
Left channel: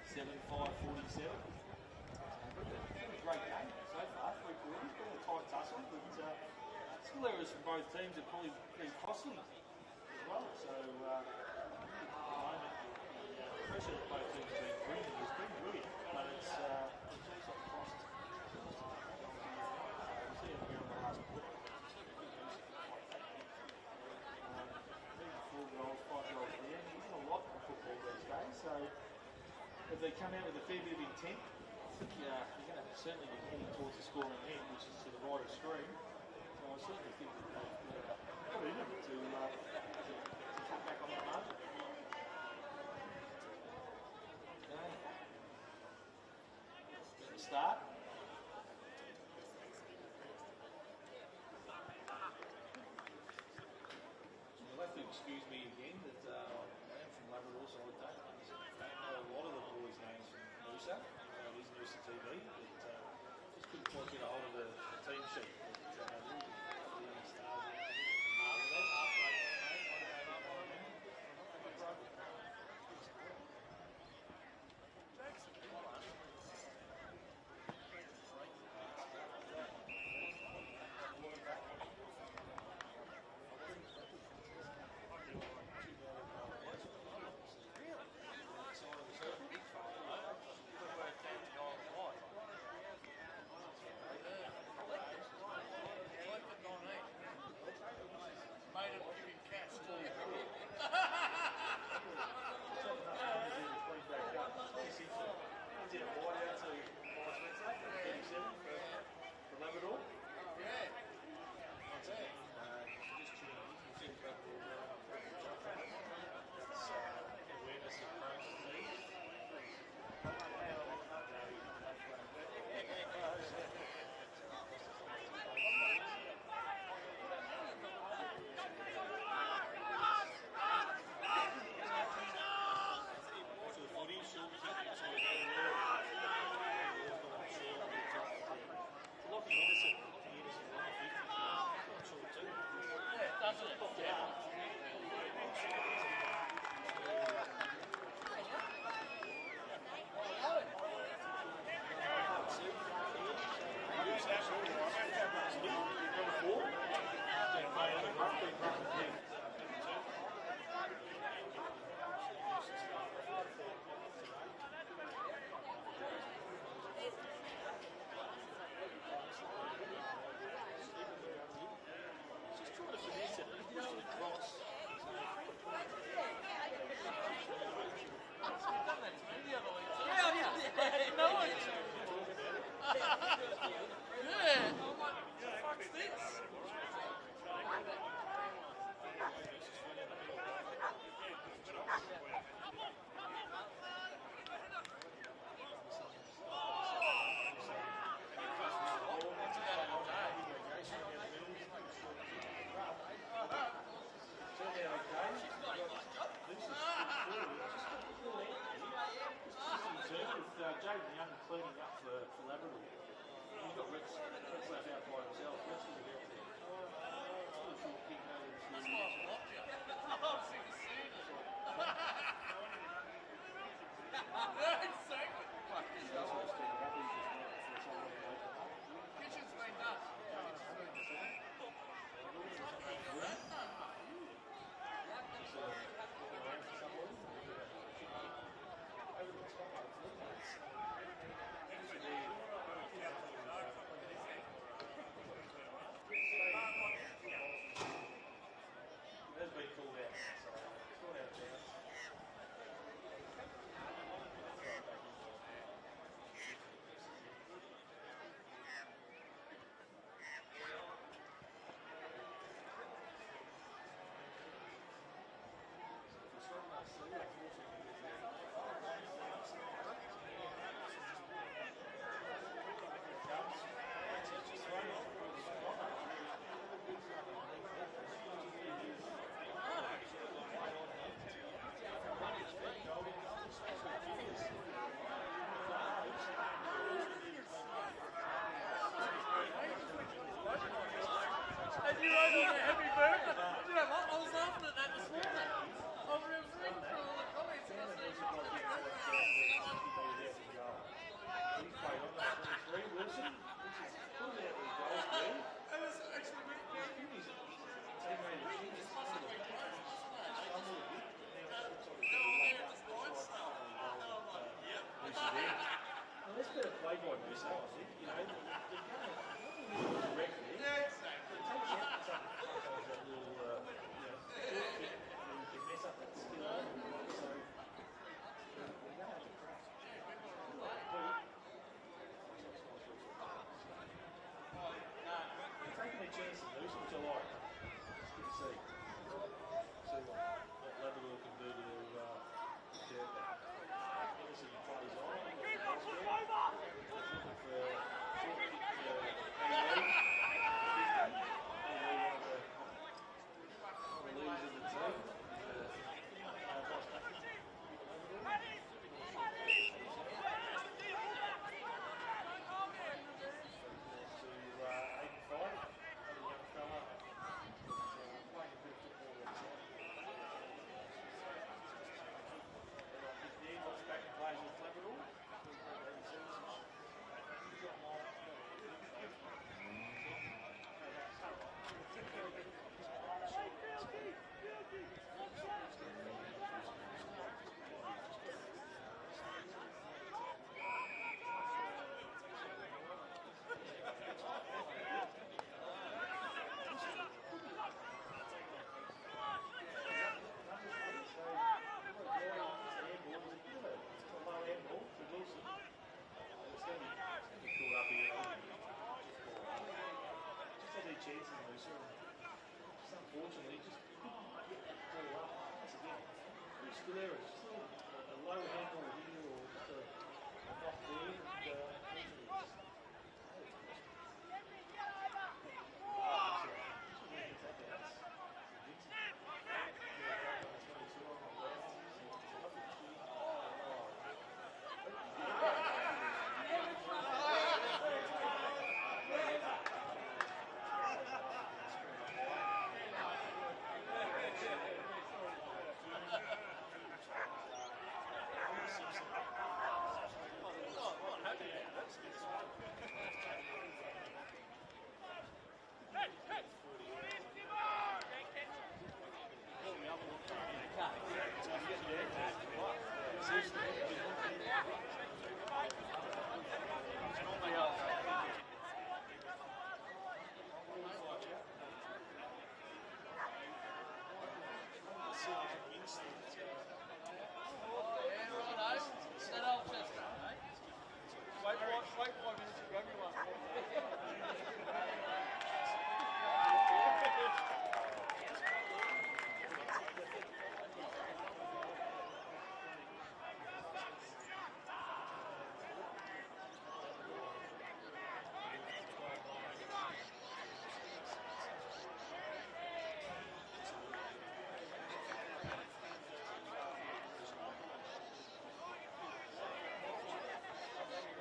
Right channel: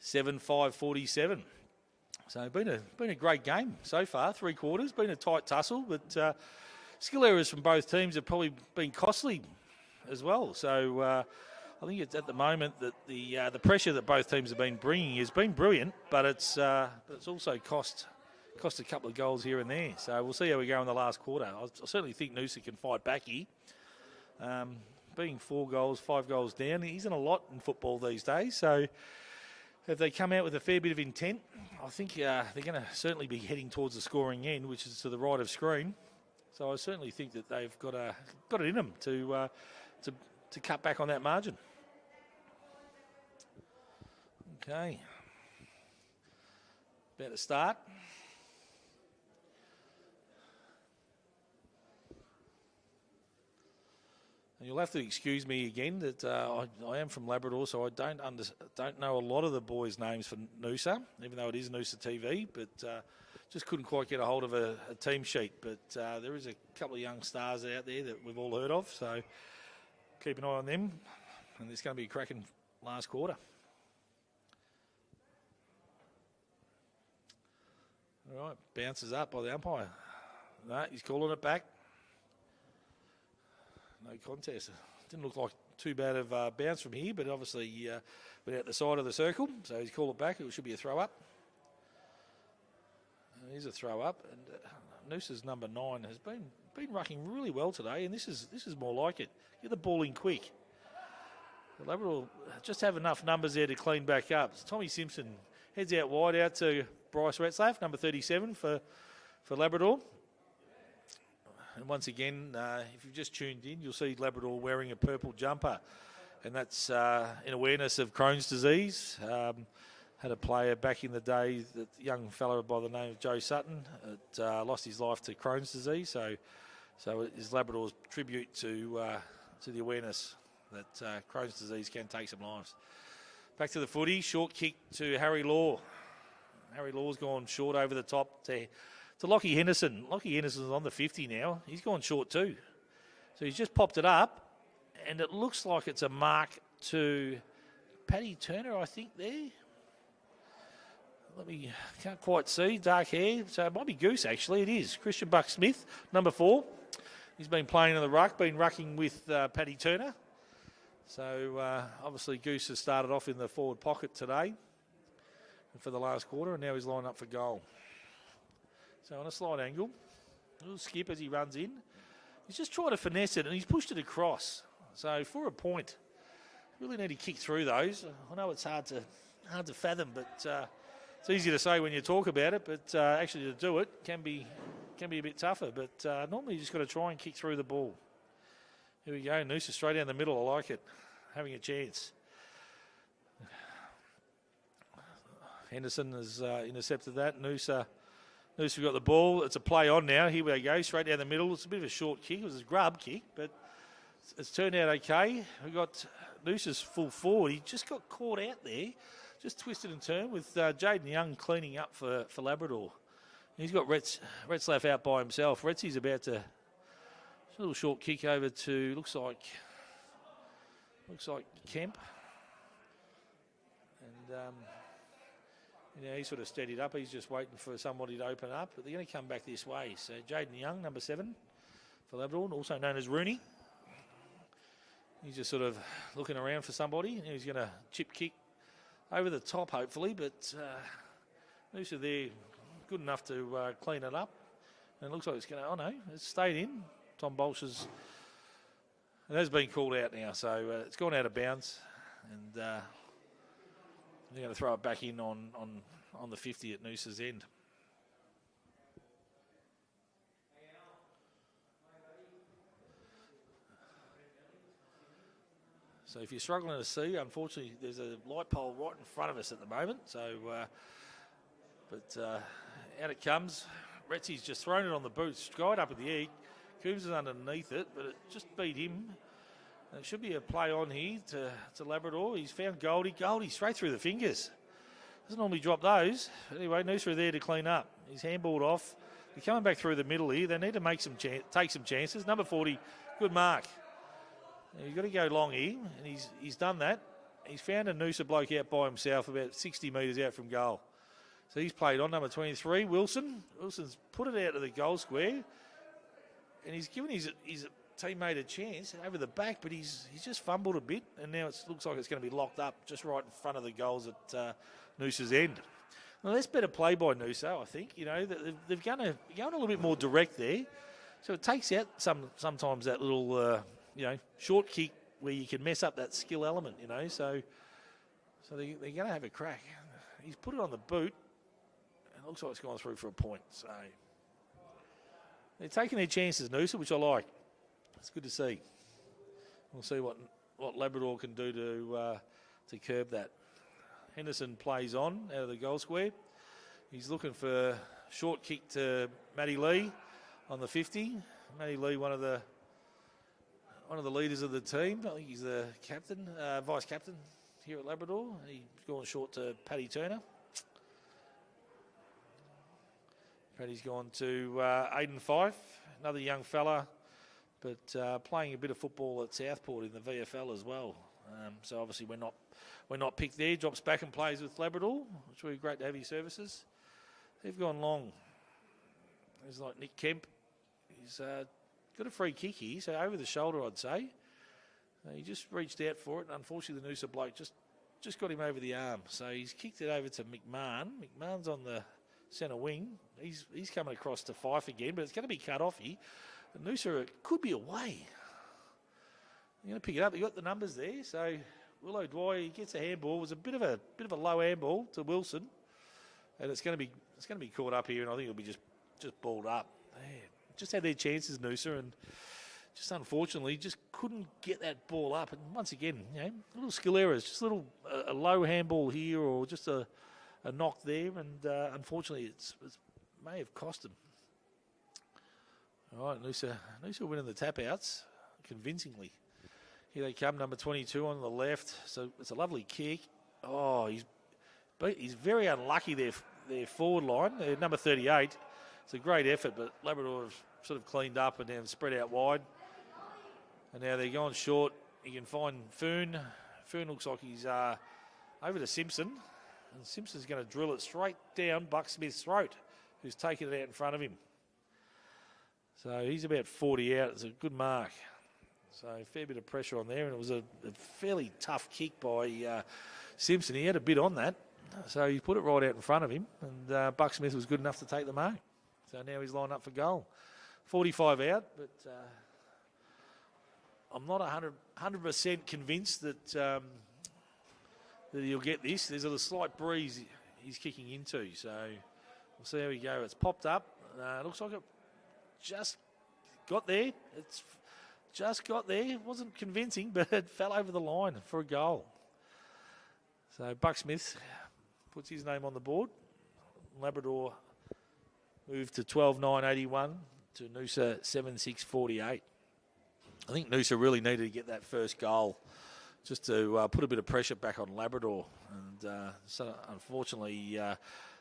7-5-47. So been a great game so far, 3 quarters. Been a tight tussle, but skill errors from both teams have probably been costly as well. So I think it's at the moment that the pressure that both teams have been bringing has been brilliant, but it's also cost a couple of goals here and there. So we'll see how we go in the last quarter. I certainly think Noosa can fight back here. Being 4 goals, 5 goals down, isn't a lot in football these days. So if they come out with a fair bit of intent, I think they're going to certainly be heading towards the scoring end, which is to the right of screen. So I certainly think that they've got it in them to cut back on that margin. Okay. About to start. You'll have to excuse me again that I am from Labrador, so I don't know a lot of the boys' names for Noosa, even though it is Noosa TV, but just couldn't quite get a hold of a team sheet. But there is a couple of young stars out there that we've all heard of, so keep an eye on them. And it's going to be a cracking last quarter. All right, bounces up by the umpire. No, he's calling it back. Contest. Didn't look like too bad of a bounce from here, but obviously been out the side of the circle, so he's called it back. It should be a throw up. And here's a throw up. Noosa's number 9 has been rucking really well today, and this is more like it. Get the ball in quick. Labrador just have enough numbers there to clean back up. Tommy Simpson heads out wide out to Bryce Retzlaff, number 37 for Labrador. And once again, if you just tuned in, you'll see Labrador wearing a purple jumper. And that's in awareness of Crohn's disease. Had a player back in the day, the young fellow by the name of Joe Sutton, that lost his life to Crohn's disease. So it is Labrador's tribute to the awareness that Crohn's disease can take some lives. Back to the footy, short kick to Harry Law. Harry Law's gone short over the top to Lockie Henderson. Lockie Henderson's on the 50 now. He's gone short too. So he's just popped it up, and it looks like it's a mark to Paddy Turner, I think, there. Can't quite see, dark hair. So it might be Goose, actually. It is. Christian Buck-Smith, number 4. He's been playing in the ruck, been rucking with Paddy Turner. So obviously Goose has started off in the forward pocket today for the last quarter, and now he's lined up for goal. So on a slight angle, little skip as he runs in. He's just trying to finesse it, and he's pushed it across. So for a point, really need to kick through those. I know it's hard to fathom, but it's easy to say when you talk about it. But actually to do it can be a bit tougher. But normally you just got to try and kick through the ball. There we go, Noosa straight down the middle. I like it, having a chance. Henderson has intercepted that. Noosa got the ball. It's a play on now. Here we go, straight down the middle. It's a bit of a short kick. It was a grub kick, but it's turned out okay. He got Noosa's full forward. He just got caught out there, just twisted and turned with Jaden Young cleaning up for Labrador. He's got Retzlaff out by himself. Retzy's about to a little short kick over to looks like Kemp. And, he sort of steadied up. He's just waiting for somebody to open up, but they're going to come back this way. So Jaden Young, number 7 for Labrador, also known as Rooney. He's just sort of looking around for somebody. He's going to chip kick over the top, hopefully, but Noosa there good enough to clean it up. And it looks like it's going to, oh no, it's stayed in. Tom Bolsh's, it has been called out now, so it's gone out of bounds. And they're going to throw it back in on the 50 at Noosa's end. So if you're struggling to see, unfortunately, there's a light pole right in front of us at the moment. So, out it comes. Retzy's just thrown it on the boot, straight up in the air. Coombs is underneath it, but it just beat him. It should be a play on here to Labrador. He's found Goldie straight through the fingers. Doesn't normally drop those. Anyway, Noosa are there to clean up. He's handballed off. They're coming back through the middle here. They need to make take some chances. Number 40, good mark. You've got to go long here. And he's done that. He's found a Noosa bloke out by himself about 60 metres out from goal. So he's played on, number 23, Wilson. Wilson's put it out to the goal square. And he's given his teammate a chance over the back, but he's just fumbled a bit. And now it looks like it's going to be locked up just right in front of the goals at Noosa's end. Well, that's better play by Noosa, I think. You know, they've gone a little bit more direct there. So it takes out sometimes that little, short kick where you can mess up that skill element, you know. So they're going to have a crack. He's put it on the boot. It looks like it's gone through for a point. So they're taking their chances, Noosa, which I like. It's good to see. We'll see what Labrador can do to curb that. Henderson plays on out of the goal square. He's looking for a short kick to Matty Lee on the 50. Matty Lee, one of the leaders of the team. I think he's the captain, vice captain here at Labrador. He's gone short to Paddy Turner. Paddy's gone to Aiden Fife, another young fella, but playing a bit of football at Southport in the VFL as well. So obviously we're not picked there. Drops back and plays with Labrador. It's really great to have his services. They've gone long. He's like Nick Kemp. He's got a free kick here, so over the shoulder, I'd say. He just reached out for it. Unfortunately, the Noosa bloke just got him over the arm. So he's kicked it over to McMahon. McMahon's on the centre wing. He's coming across to Fife again, but it's going to be cut off here. Noosa could be away. Pick it up. You got the numbers there. So Willow Dwyer, he gets a handball. It was a bit of a low handball to Wilson, and it's going to be caught up here, and I think it'll be just balled up. Just had their chances, Noosa, and just unfortunately just couldn't get that ball up. And once again, little skill errors, just a low handball here or just a knock there, and unfortunately it may have cost them. All right, Noosa winning the tap outs convincingly. Here they come, number 22 on the left. So it's a lovely kick. Oh, he's very unlucky there, their forward line. Number 38. It's a great effort, but Labrador have sort of cleaned up and then spread out wide. And now they're going short. You can find Foon. Foon looks like he's over to Simpson. And Simpson's going to drill it straight down Buck Smith's throat, who's taking it out in front of him. So he's about 40 out. It's a good mark. So a fair bit of pressure on there. And it was a fairly tough kick by Simpson. He had a bit on that. So he put it right out in front of him. And Buck Smith was good enough to take the mark. So now he's lined up for goal. 45 out. But I'm not 100% convinced that you'll get this. There's a slight breeze he's kicking into. So we'll see how we go. It's popped up. Looks like it just got there. It's just got there. It wasn't convincing, but it fell over the line for a goal. So Buck Smith puts his name on the board. Labrador moved to 12.981 to Noosa 7.648. I think Noosa really needed to get that first goal just to put a bit of pressure back on Labrador. And so unfortunately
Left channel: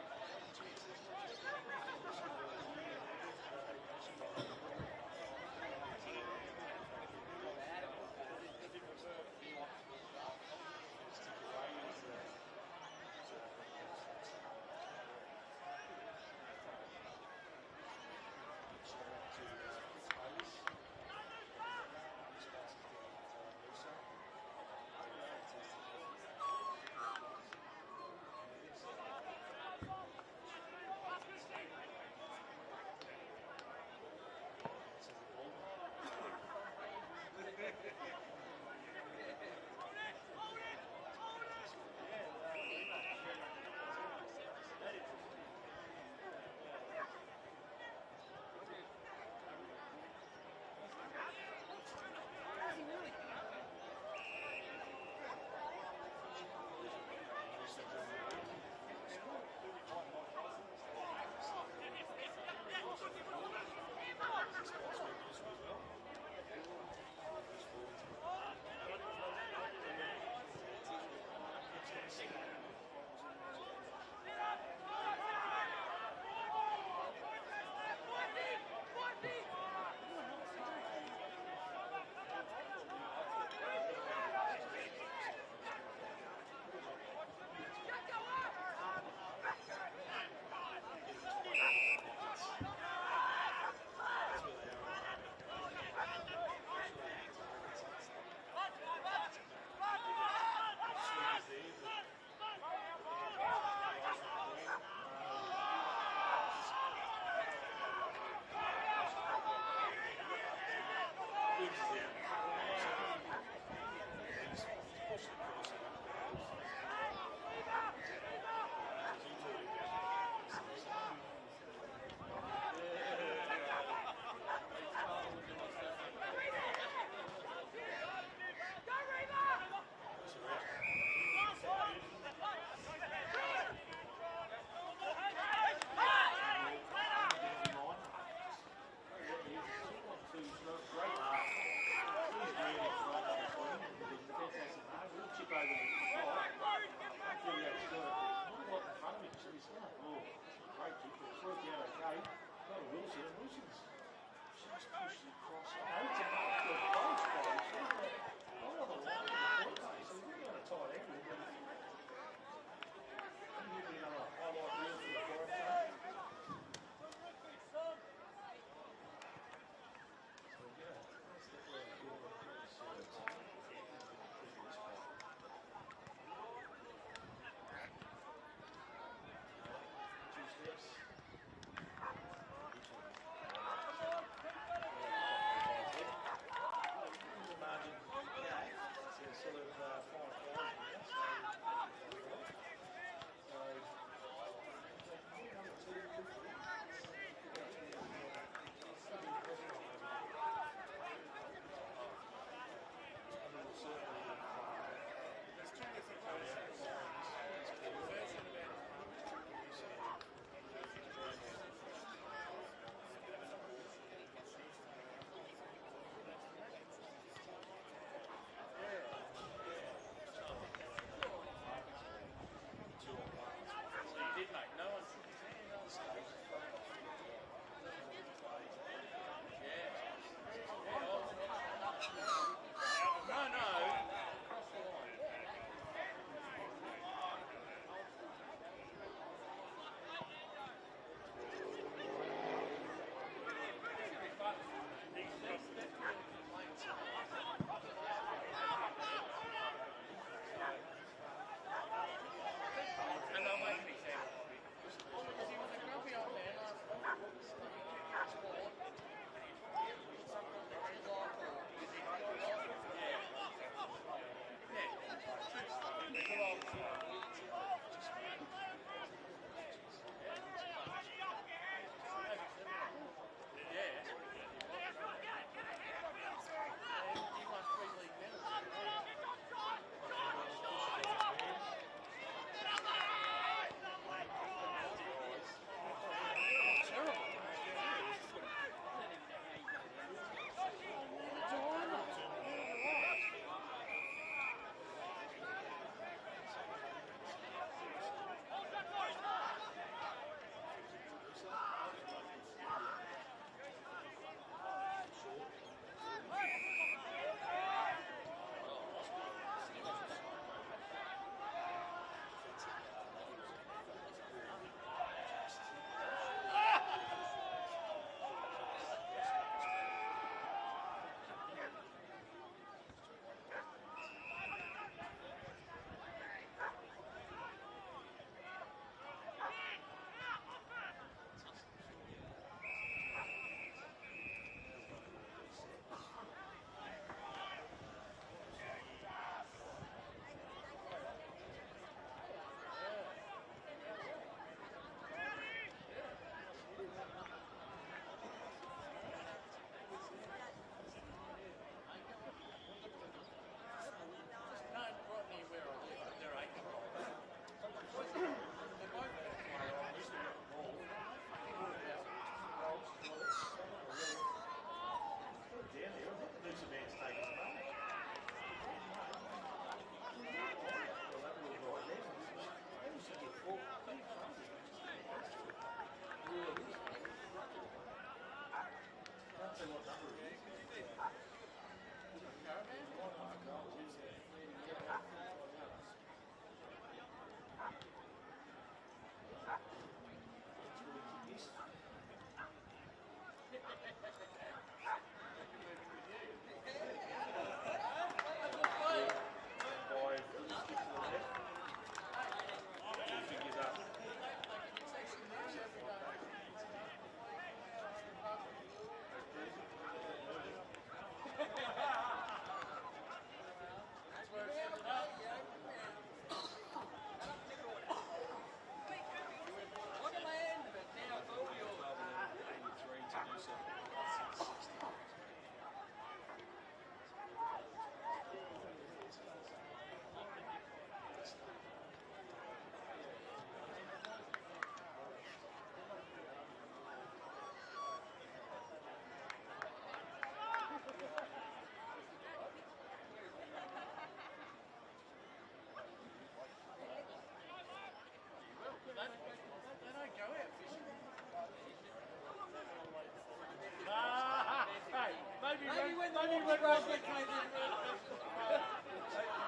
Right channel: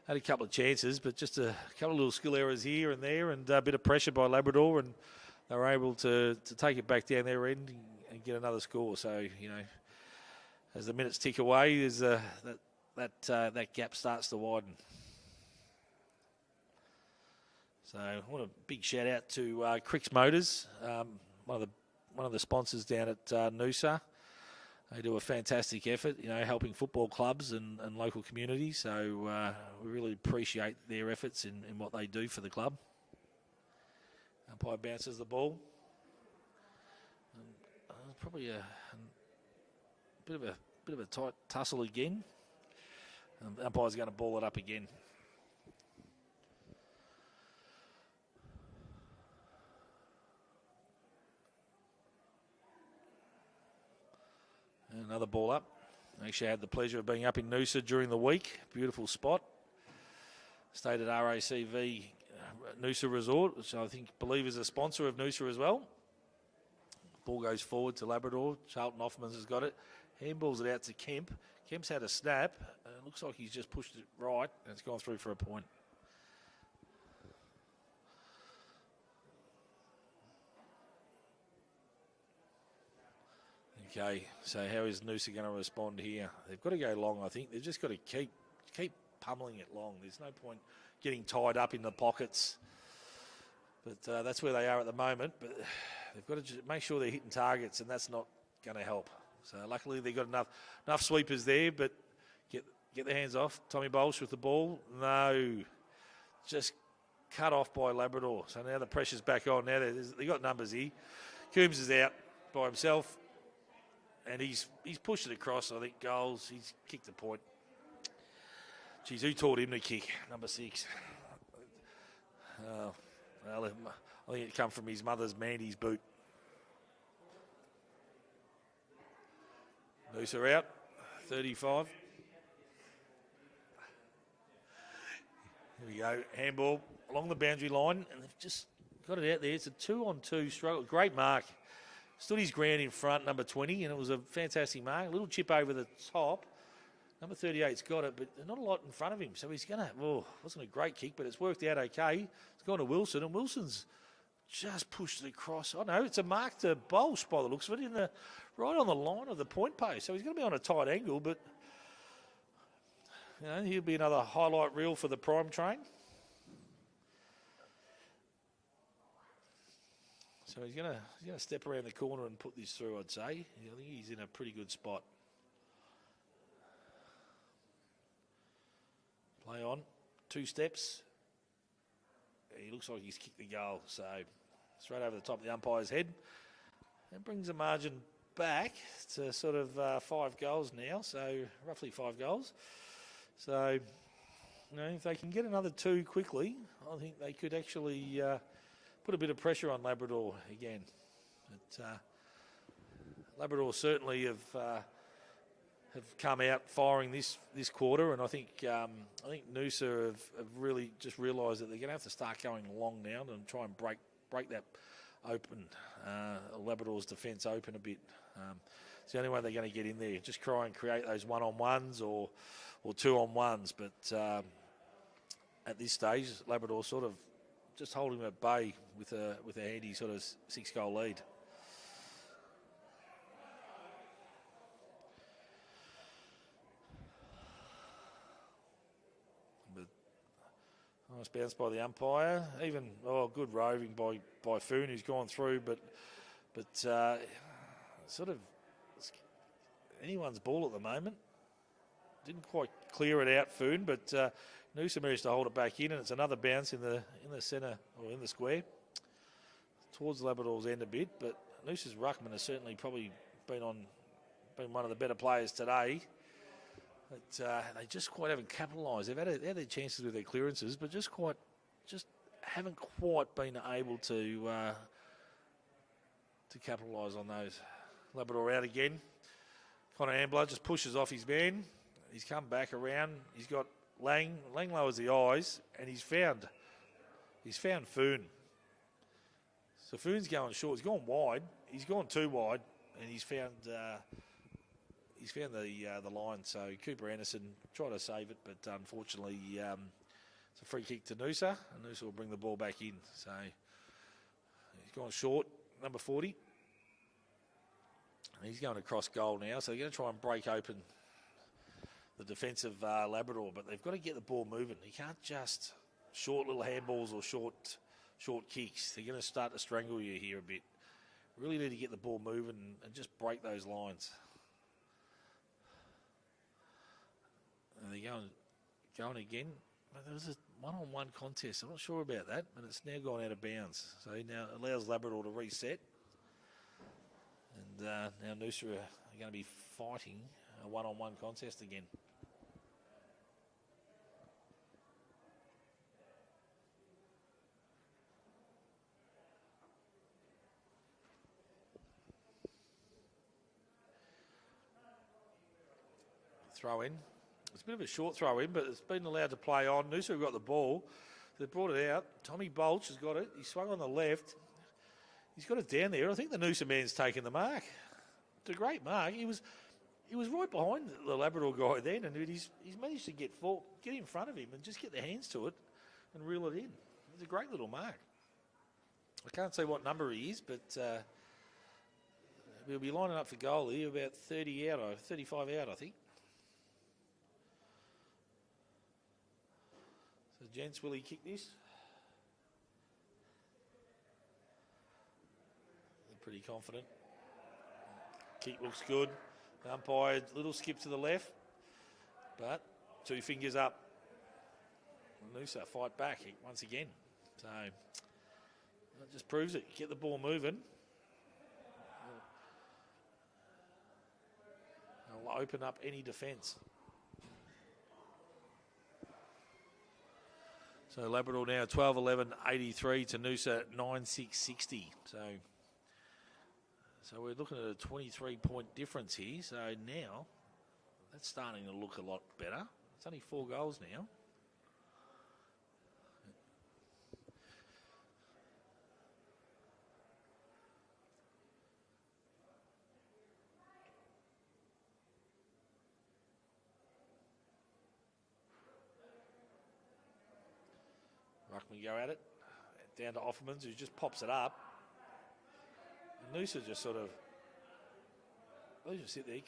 had a couple of chances, but just a couple of little skill errors here and there and a bit of pressure by Labrador, and they were able to take it back down their end and get another score. So, as the minutes tick away, there's that gap starts to widen. So what a big shout out to Cricks Motors, one of the sponsors down at Noosa. They do a fantastic effort, helping football clubs and local communities. So we really appreciate their efforts in what they do for the club. Umpire bounces the ball. Probably a bit of a tight tussle again. And umpire's going to ball it up again. Another ball up. Actually, I had the pleasure of being up in Noosa during the week. Beautiful spot. Stayed at RACV Noosa Resort, which I believe is a sponsor of Noosa as well. Ball goes forward to Labrador. Charlton Hoffmans has got it. Handballs it out to Kemp. Kemp's had a snap. It looks like he's just pushed it right. And it's gone through for a point. Okay, so how is Noosa going to respond here? They've got to go long, I think. They've just got to keep pummeling it long. There's no point getting tied up in the pockets. But that's where they are at the moment. But they've got to make sure they're hitting targets, and that's not going to help. So luckily they've got enough sweepers there, but get their hands off. Tommy Bolsh with the ball. No, just cut off by Labrador. So now the pressure's back on. Now they've got numbers here. Coombs is out by himself, and he's pushed it across. I think goals. He's kicked the point. Geez, who taught him to kick? Number 6. I think it come from his mother's Mandy's boot. Noosa out, 35. Here we go, handball along the boundary line. Just got it out there. It's a 2-on-2 struggle. Great mark. Stood his ground in front, number 20, and it was a fantastic mark. Little chip over the top. Number 38's got it, but not a lot in front of him. So he's going to, wasn't a great kick, but it's worked out okay. It's gone to Wilson, and Wilson's just pushed it across. I know, it's a mark to Bolsh by the looks of it, right on the line of the point post. So he's going to be on a tight angle, but he'll be another highlight reel for the prime train. So he's going to step around the corner and put this through, I'd say. I think he's in a pretty good spot. Play on, 2 steps. He looks like he's kicked the goal, so it's right over the top of the umpire's head. That brings the margin back to sort of 5 goals now, so roughly 5 goals. So, if they can get another 2 quickly, I think they could actually put a bit of pressure on Labrador again. But, Labrador certainly have come out firing this quarter, and I think Noosa have really just realised that they're going to have to start going long now and try and break that open, Labrador's defence open a bit. It's the only way they're going to get in there. Just try and create those 1-on-1s or 2-on-1s, but at this stage, Labrador sort of just holding at bay with a handy sort of 6-goal lead. Nice bounce by the umpire. Even good roving by Foon, who's gone through, but sort of anyone's ball at the moment. Didn't quite clear it out, Foon, but Noosa managed to hold it back in, and it's another bounce in the centre, or in the square, towards Labrador's end a bit. But Noosa's ruckman has certainly probably been one of the better players today. But they just quite haven't capitalised. They've had their chances with their clearances, but just haven't quite been able to capitalise on those. Labrador out again. Connor Ambler just pushes off his man. He's come back around. He's got Lang. Lang lowers the eyes, and he's found Foon. So Foon's going short. He's gone wide. He's gone too wide, and he's found the line. So Cooper Anderson tried to save it, but unfortunately, it's a free kick to Noosa. Noosa will bring the ball back in. So he's gone short. Number 40. He's going across goal now, so they're going to try and break open the defence of Labrador, but they've got to get the ball moving. You can't just short little handballs or short kicks. They're going to start to strangle you here a bit. Really need to get the ball moving and just break those lines. And they're going again. This is a 1-on-1 contest. I'm not sure about that, but it's now gone out of bounds. So it now allows Labrador to reset. And now Noosa are going to be fighting a 1-on-1 contest again. Throw in. It's a bit of a short throw in, but it's been allowed to play on. Noosa have got the ball. They've brought it out. Tommy Bolch has got it. He swung on the left. He's got it down there. I think the Noosa man's taken the mark. It's a great mark. He was right behind the Labrador guy then, and he's managed to get in front of him and just get their hands to it and reel it in. It's a great little mark. I can't say what number he is, but We'll be lining up for goal here, about 30 out, or 35 out, I think. So gents, will he kick this? Pretty confident. Kick looks good. Umpire, little skip to the left. But 2 fingers up. Noosa fight back once again. So just proves it. Get the ball moving. It'll open up any defence. So Labrador now 12-11, 83 to Noosa 9-6-60. So we're looking at a 23-point difference here. So now it's starting to look a lot better. It's only 4 goals now. Go at it. Down to Offermans, who just pops it up. Noosa just sort of...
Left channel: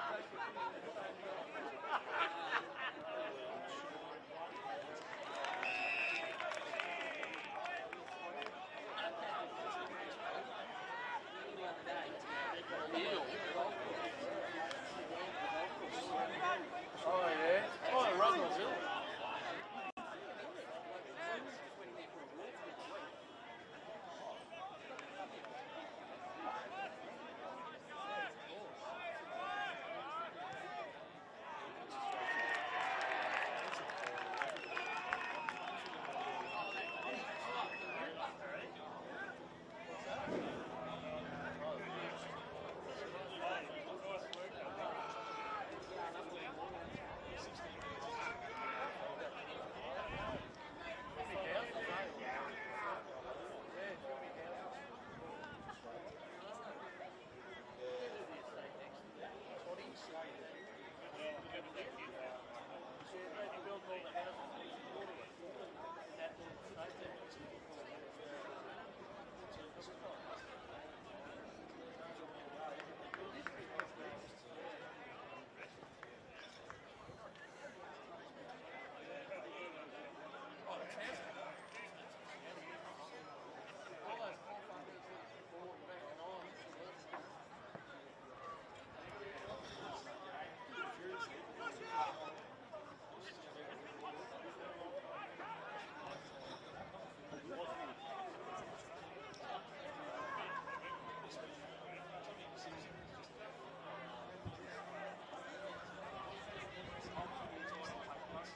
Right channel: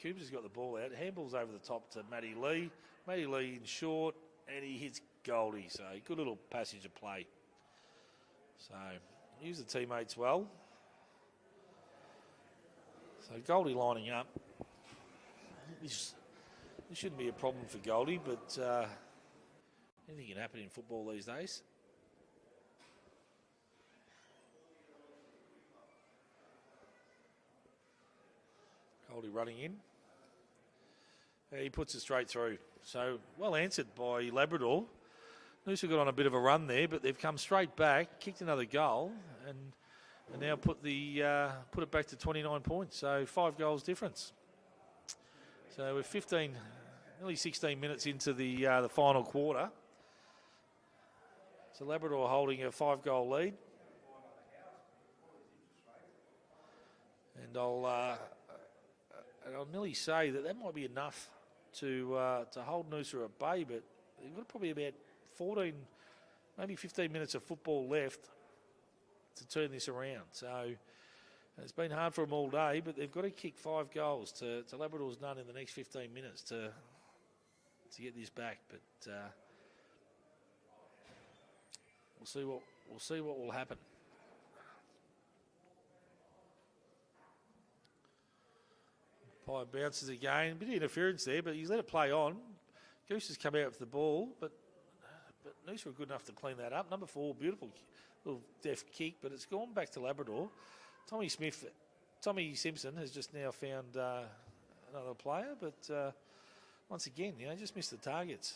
Cooper's got the ball out. Handball's over the top to Matty Lee. Matty Lee in short, and he hits Goldie. So good little passage of play. So use the teammates well. So Goldie lining up. This shouldn't be a problem for Goldie, but anything can happen in football these days. Running in. Yeah, he puts it straight through. So well answered by Labrador. Noosa got on a bit of a run there, but they've come straight back, kicked another goal, and now put it back to 29 points. So 5 goals difference. So we're nearly 16 minutes into the final quarter. So Labrador holding a 5-goal lead. And I'll nearly say that might be enough to hold Noosa at bay, but we've got probably about 14, maybe 15 minutes of football left to turn this around. So it's been hard for them all day, but they've got to kick 5 goals to Labrador's none in the next 15 minutes to get this back. But we'll see what will happen. Bounces again, a bit of interference there, but he's let it play on. Goose has come out with the ball, but Noosa were good enough to clean that up. Number 4, beautiful little deft kick, but it's gone back to Labrador. Tommy Simpson has just now found another player, but once again, just missed the targets.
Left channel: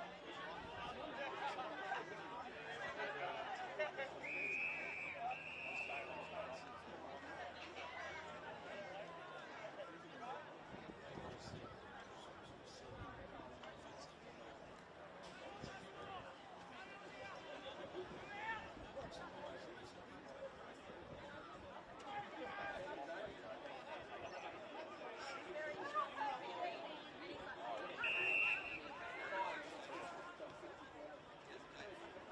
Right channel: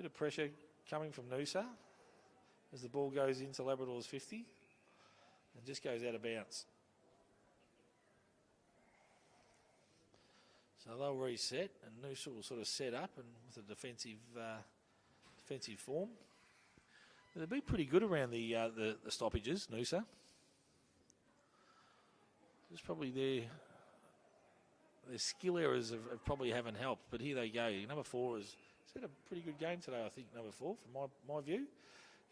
Bit of pressure coming from Noosa as the ball goes into Labrador's 50. It just goes out of bounds. So they'll reset, and Noosa will sort of set up with a defensive form. They'll be pretty good around the stoppages, Noosa. It's probably their skill errors probably haven't helped, but here they go. Number 4 has had a pretty good game today, I think, number 4, from my view.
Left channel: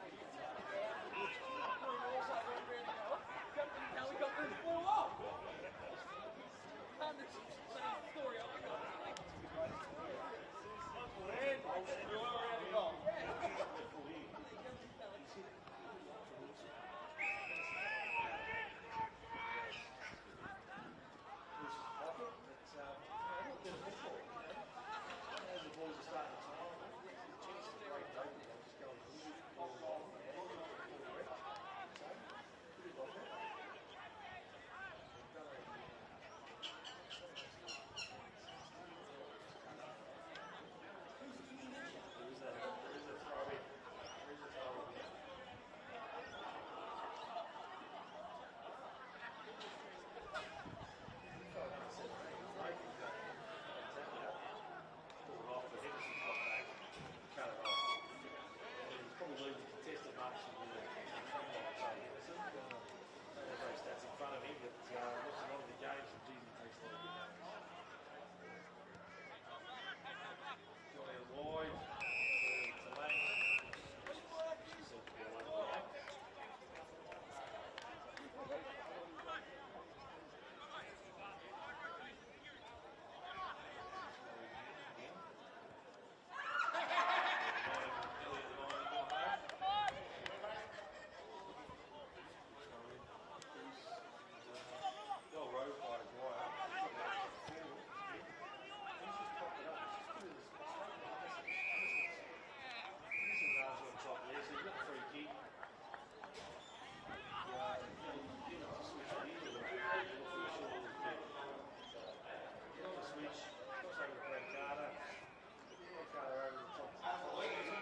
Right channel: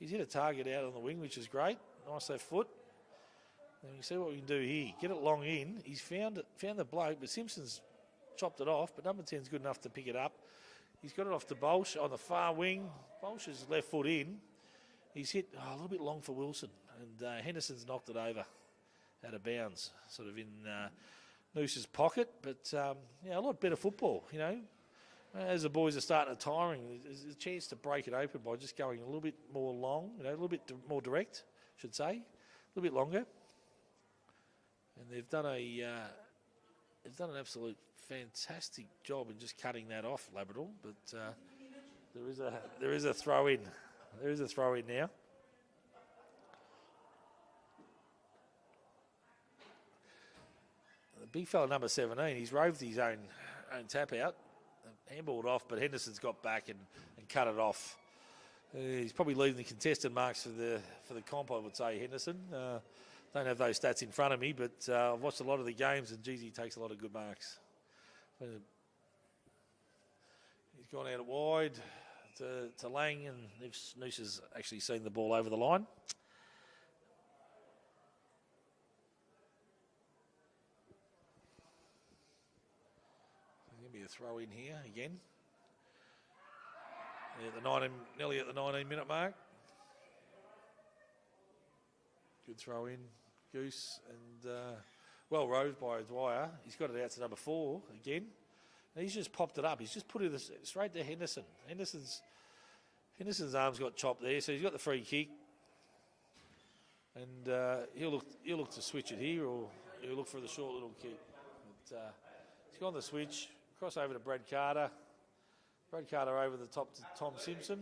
He's hit a target out on the wing, which is great. Nice left foot. And we'll see what we can do here. Get it long in. He's found the bloke, but Simpson's chopped it off, but number 10's good enough to pick it up. He's got it off to Bolsh on the far wing. Bolsh's left foot in. He's hit a little bit long for Wilson, and Henderson's knocked it over out of bounds, sort of in Noosa's pocket. But a lot better football, As the boys are starting to tiring, there's a chance to break it open by just going a little bit more long, a little bit more direct, I should say, a little bit longer. And they've done an absolute fantastic job in just cutting that off, Labrador. But there is a throw in. There is a throw in now. The big fella number 17, he's roved his own tap out, and handballed off, but Henderson's got back and cut it off. He's probably leading the contested marks for the comp, I would say, Henderson. Don't have those stats in front of me, but I've watched a lot of the games, and geez, he takes a lot of good marks. He's gone out wide to Lang, and Noosa's actually seen the ball over the line. throw in here again. Nearly at the 19-minute mark. Good throw in, Goose, and well rode by Dwyer. He's got it out to number 4 again. And he's just popped it up. He's just put it straight to Henderson. Henderson's arms got chopped there, so he's got the free kick. And he'll look to switch it here, or he'll look for the short little kick. But, he's gone the switch, cross over to Brad Carter. Brad Carter over the top to Tom Simpson.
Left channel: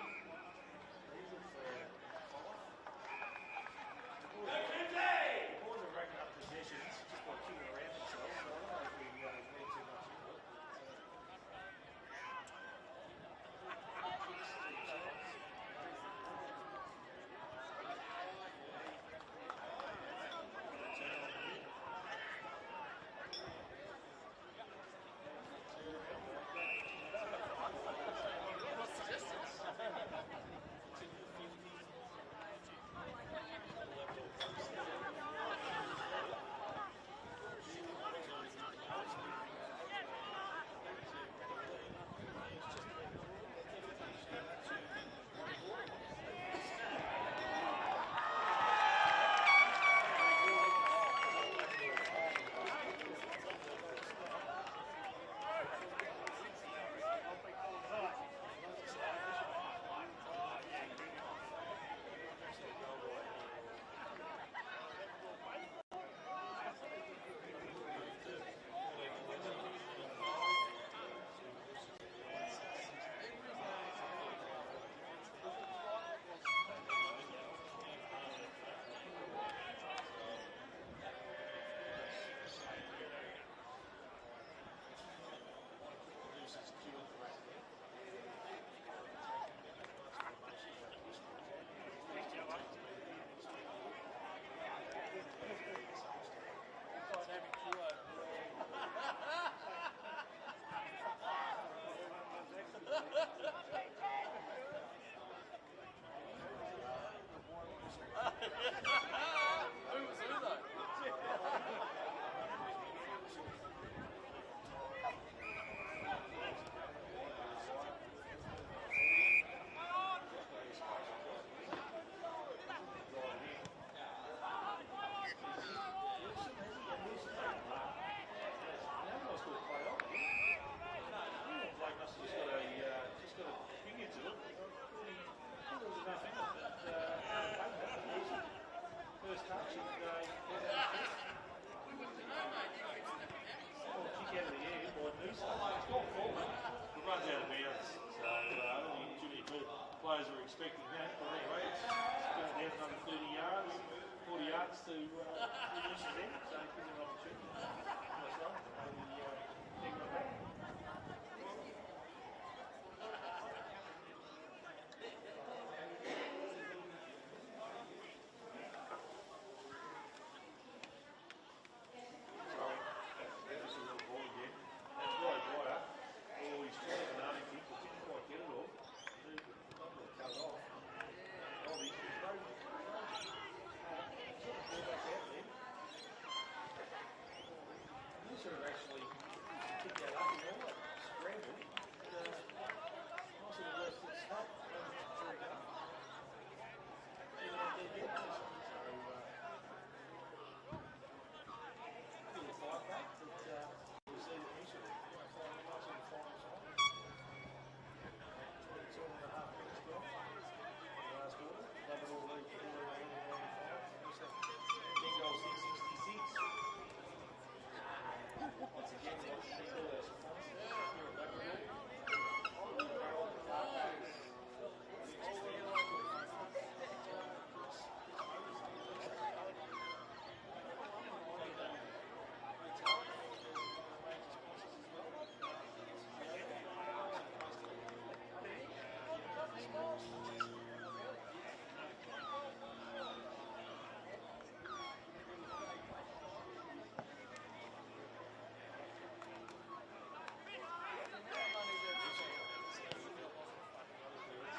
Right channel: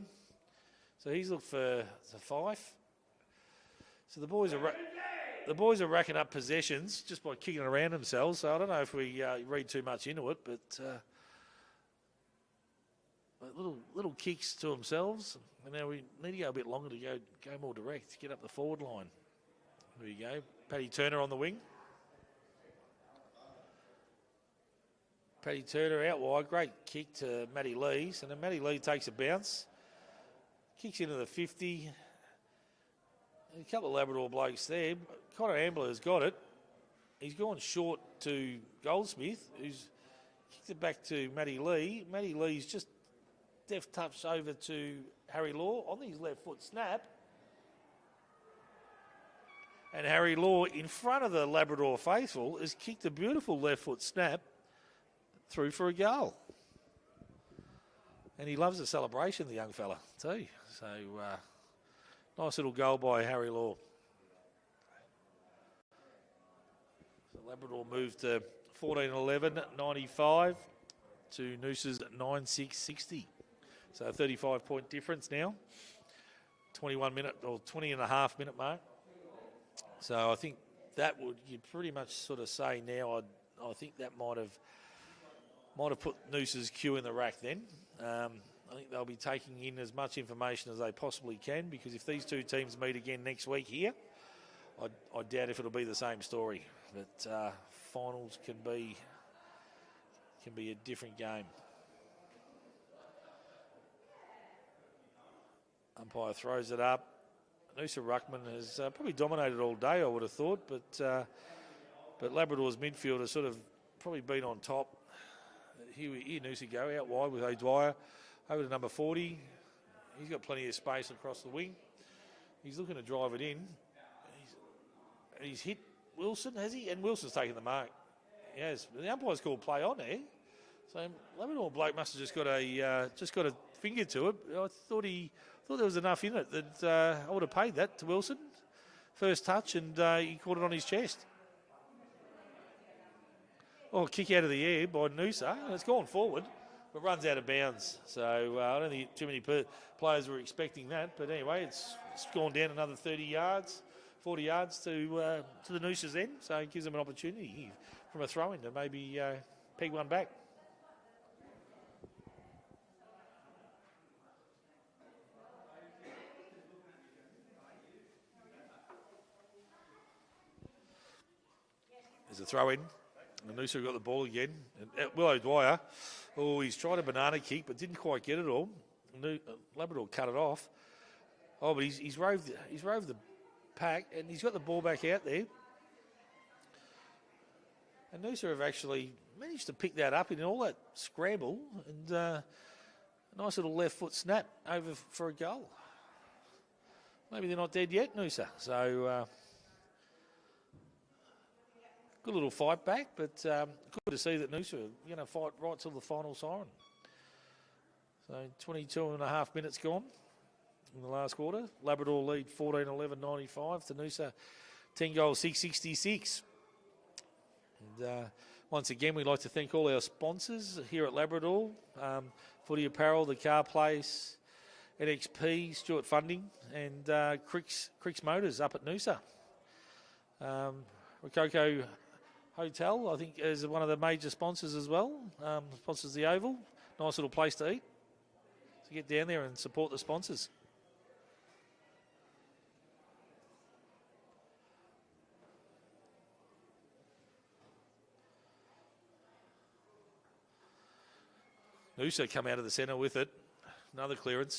So he's looked for Fife. So the boys are racking up possessions just by kicking around themselves. So I don't know if we read too much into it, but little kicks to themselves. And now we need to go a bit longer to go more direct, get up the forward line. There we go. Paddy Turner on the wing. Paddy Turner out wide, great kick to Matty Lees, and then Matty Lee takes a bounce, kicks into the 50. A couple of Labrador blokes there. Connor Ambler's got it. He's gone short to Goldsmith, who's kicked it back to Matty Lee. Matty Lee's just deft touch over to Harry Law on his left foot snap. And Harry Law, in front of the Labrador faithful, has kicked a beautiful left foot snap through for a goal. And he loves the celebration, the young fella, too. So, nice little goal by Harry Law. Labrador moved to 14-11, 95 to Noosa's 9-6-60. So 35-point difference now. 21-minute or 20.5-minute mark. So I think that would, you pretty much sort of say now, I think that might have put Noosa's Q in the rack then. I think they'll be taking in as much information as they possibly can, because if these two teams meet again next week here, I doubt if it'll be the same story. But finals can be a different game. Umpire throws it up. Noosa Ruckman has probably dominated all day, I would have thought, but Labrador's midfield has sort of probably been on top. Here Noosa go out wide with O'Dwyer over to number 40. He's got plenty of space across the wing. He's looking to drive it in. He's hit Wilson, has he? And Wilson's taken the mark. Yes, well, the umpire's called play on there. So Labrador bloke must have just got a finger to it. I thought there was enough in it that I would have paid that to Wilson. First touch, and he caught it on his chest. Oh, kick out of the air by Noosa. It's gone forward. It runs out of bounds. So I don't think too many players were expecting that. But anyway, it's gone down another 30 yards, 40 yards to the Noosa's end. So it gives them an opportunity from a throw-in to maybe peg one back. There's a throw-in. Noosa got the ball again. Will O'Dwyer, he's tried a banana kick but didn't quite get it all. Labrador cut it off. Oh, but he's roved the pack, and he's got the ball back out there. And Noosa have actually managed to pick that up in all that scramble, and nice little left foot snap over for a goal. Maybe they're not dead yet, Noosa. So good little fight back, but good to see that Noosa fight right till the final siren. So 22.5 minutes gone in the last quarter. Labrador lead 14-11, 95 to Noosa 10 goals, 666. And once again, we'd like to thank all our sponsors here at Labrador. Footy Apparel, the Car Place, NXP, Stewart Funding, and Cricks Motors up at Noosa. Coco Hotel, I think, is one of the major sponsors as well. Sponsors the Oval. Nice little place to eat. Get down there and support the sponsors. Noosa come out of the centre with it. Another clearance.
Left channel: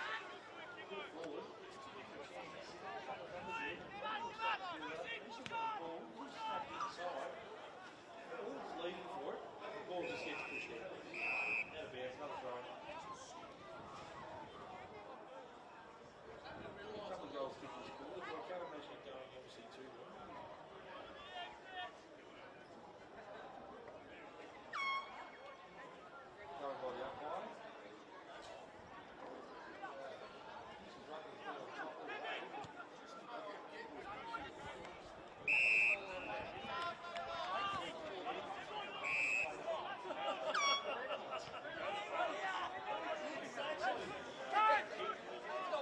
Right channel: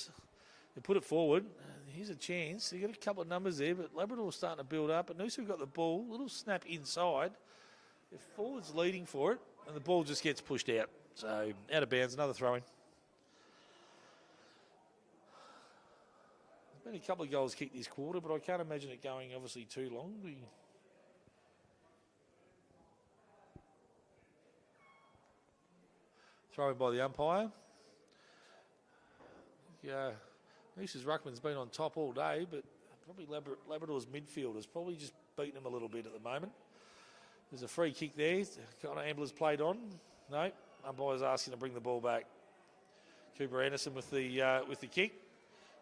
They put it forward. Here's a chance. They get a couple of numbers there, but Labrador's starting to build up. But Noosa got the ball. A little snap inside. The forward's leading for it. And the ball just gets pushed out. So out of bounds, another throw in. Only a couple of goals kicked this quarter, but I can't imagine it going obviously too long. Thrown by the umpire. Yeah, Noosa's ruckman's been on top all day, but probably Labrador's midfield has probably just beaten him a little bit at the moment. There's a free kick there. Connor Ambler's played on. No, umpire's asking to bring the ball back. Cooper Anderson with the kick.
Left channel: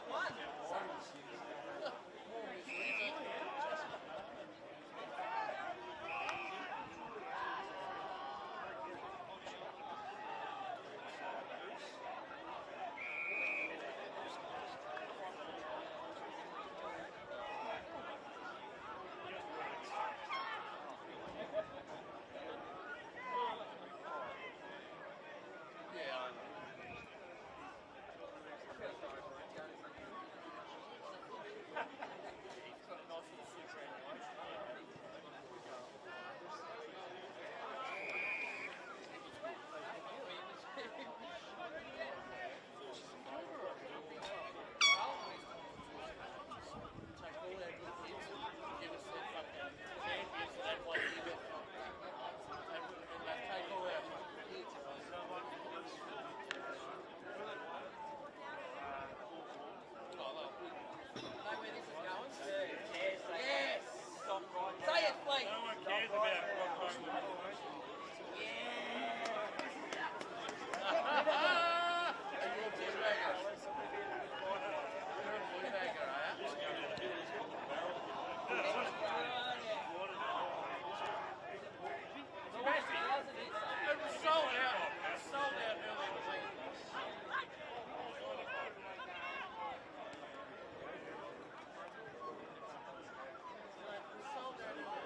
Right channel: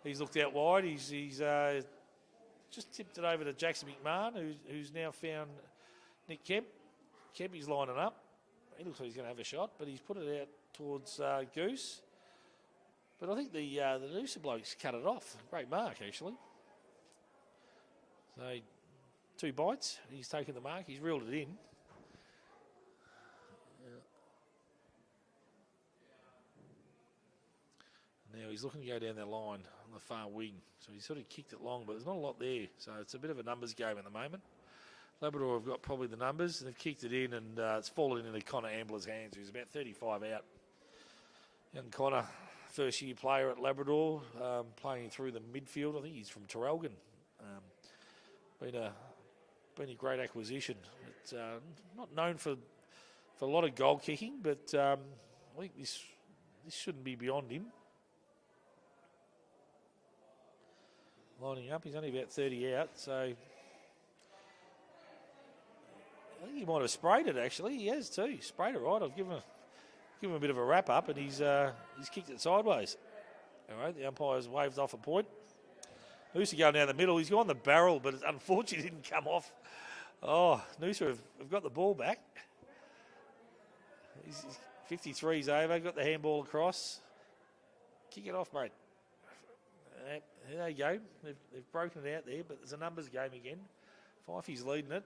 He's looked out wide. He's just tipped it over to Jackson McMahon, who's now found Nick Kemp. Kemp is lining up. He looks like he's going to have a shot, but he's put it out towards Goose. But I think the Noosa bloke's cut it off. Great mark, actually. So, 2 bites. He's taken the mark. He's reeled it in. Now he's looking to go down that line on the far wing. So he's sort of kicked it long, but there's not a lot there. So it's a bit of a numbers game at the moment. Labrador have got probably the numbers. They've kicked it in, and it's fallen into Connor Ambler's hands. He was about 35 out. And Connor, first-year player at Labrador, playing through the midfield. I think he's from Traralgon. Been a great acquisition. It's, not known for a lot of goal kicking, but I think this shouldn't be beyond him. Lining up, he's only about 30 out, so I think he might have sprayed it actually. He has too. He sprayed it right. I've given him a bit of a wrap up, and he's kicked it sideways. All right, the umpire's waved off a point. Noosa going down the middle. He's gone the barrel, but unfortunately didn't come off. Oh, Noosa have got the ball back. 53's over. Got the handball across. Kick it off, mate. There you go. They've broken it out there, but it's a numbers game again. Fifey's leading it.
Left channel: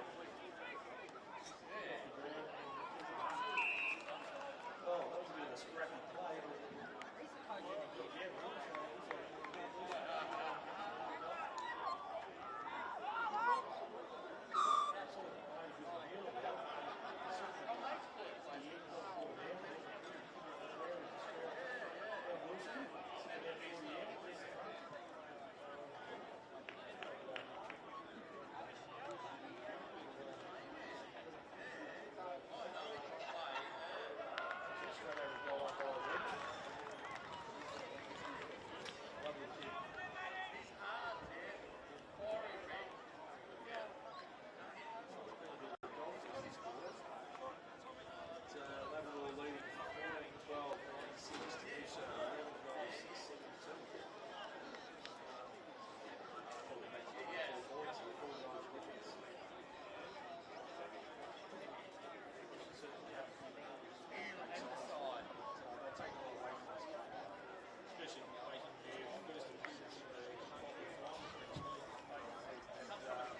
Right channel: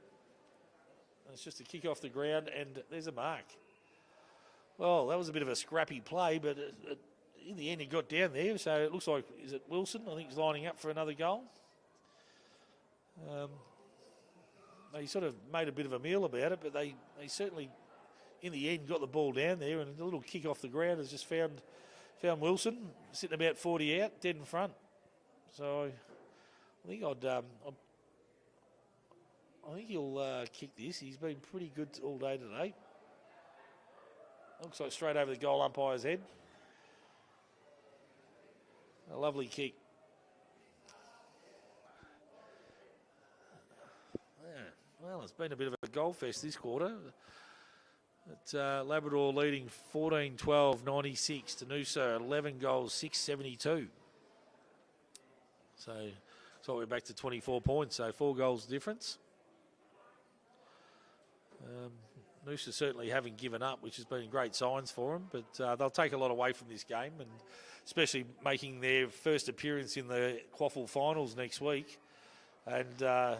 It's just a kick off the ground, and there's a mark. Oh, that was a bit of a scrappy play, but in the end he got down there, so it looks like, is it Wilson? I think he's lining up for another goal. He sort of made a bit of a meal about it, but they certainly, in the end, got the ball down there, and a little kick off the ground has just found Wilson, sitting about 40 out, dead in front. So I think he'll kick this. He's been pretty good all day today. Looks like straight over the goal umpire's head. A lovely kick. Yeah. Well, it's been a bit of a goal fest this quarter. But, Labrador leading 14-12-96 to Noosa, 11 goals, 6-72. So we're back to 24 points, so 4 goals difference. Noosa certainly haven't given up, which has been great signs for them, but they'll take a lot away from this game, and especially making their first appearance in the QAFL finals next week. And I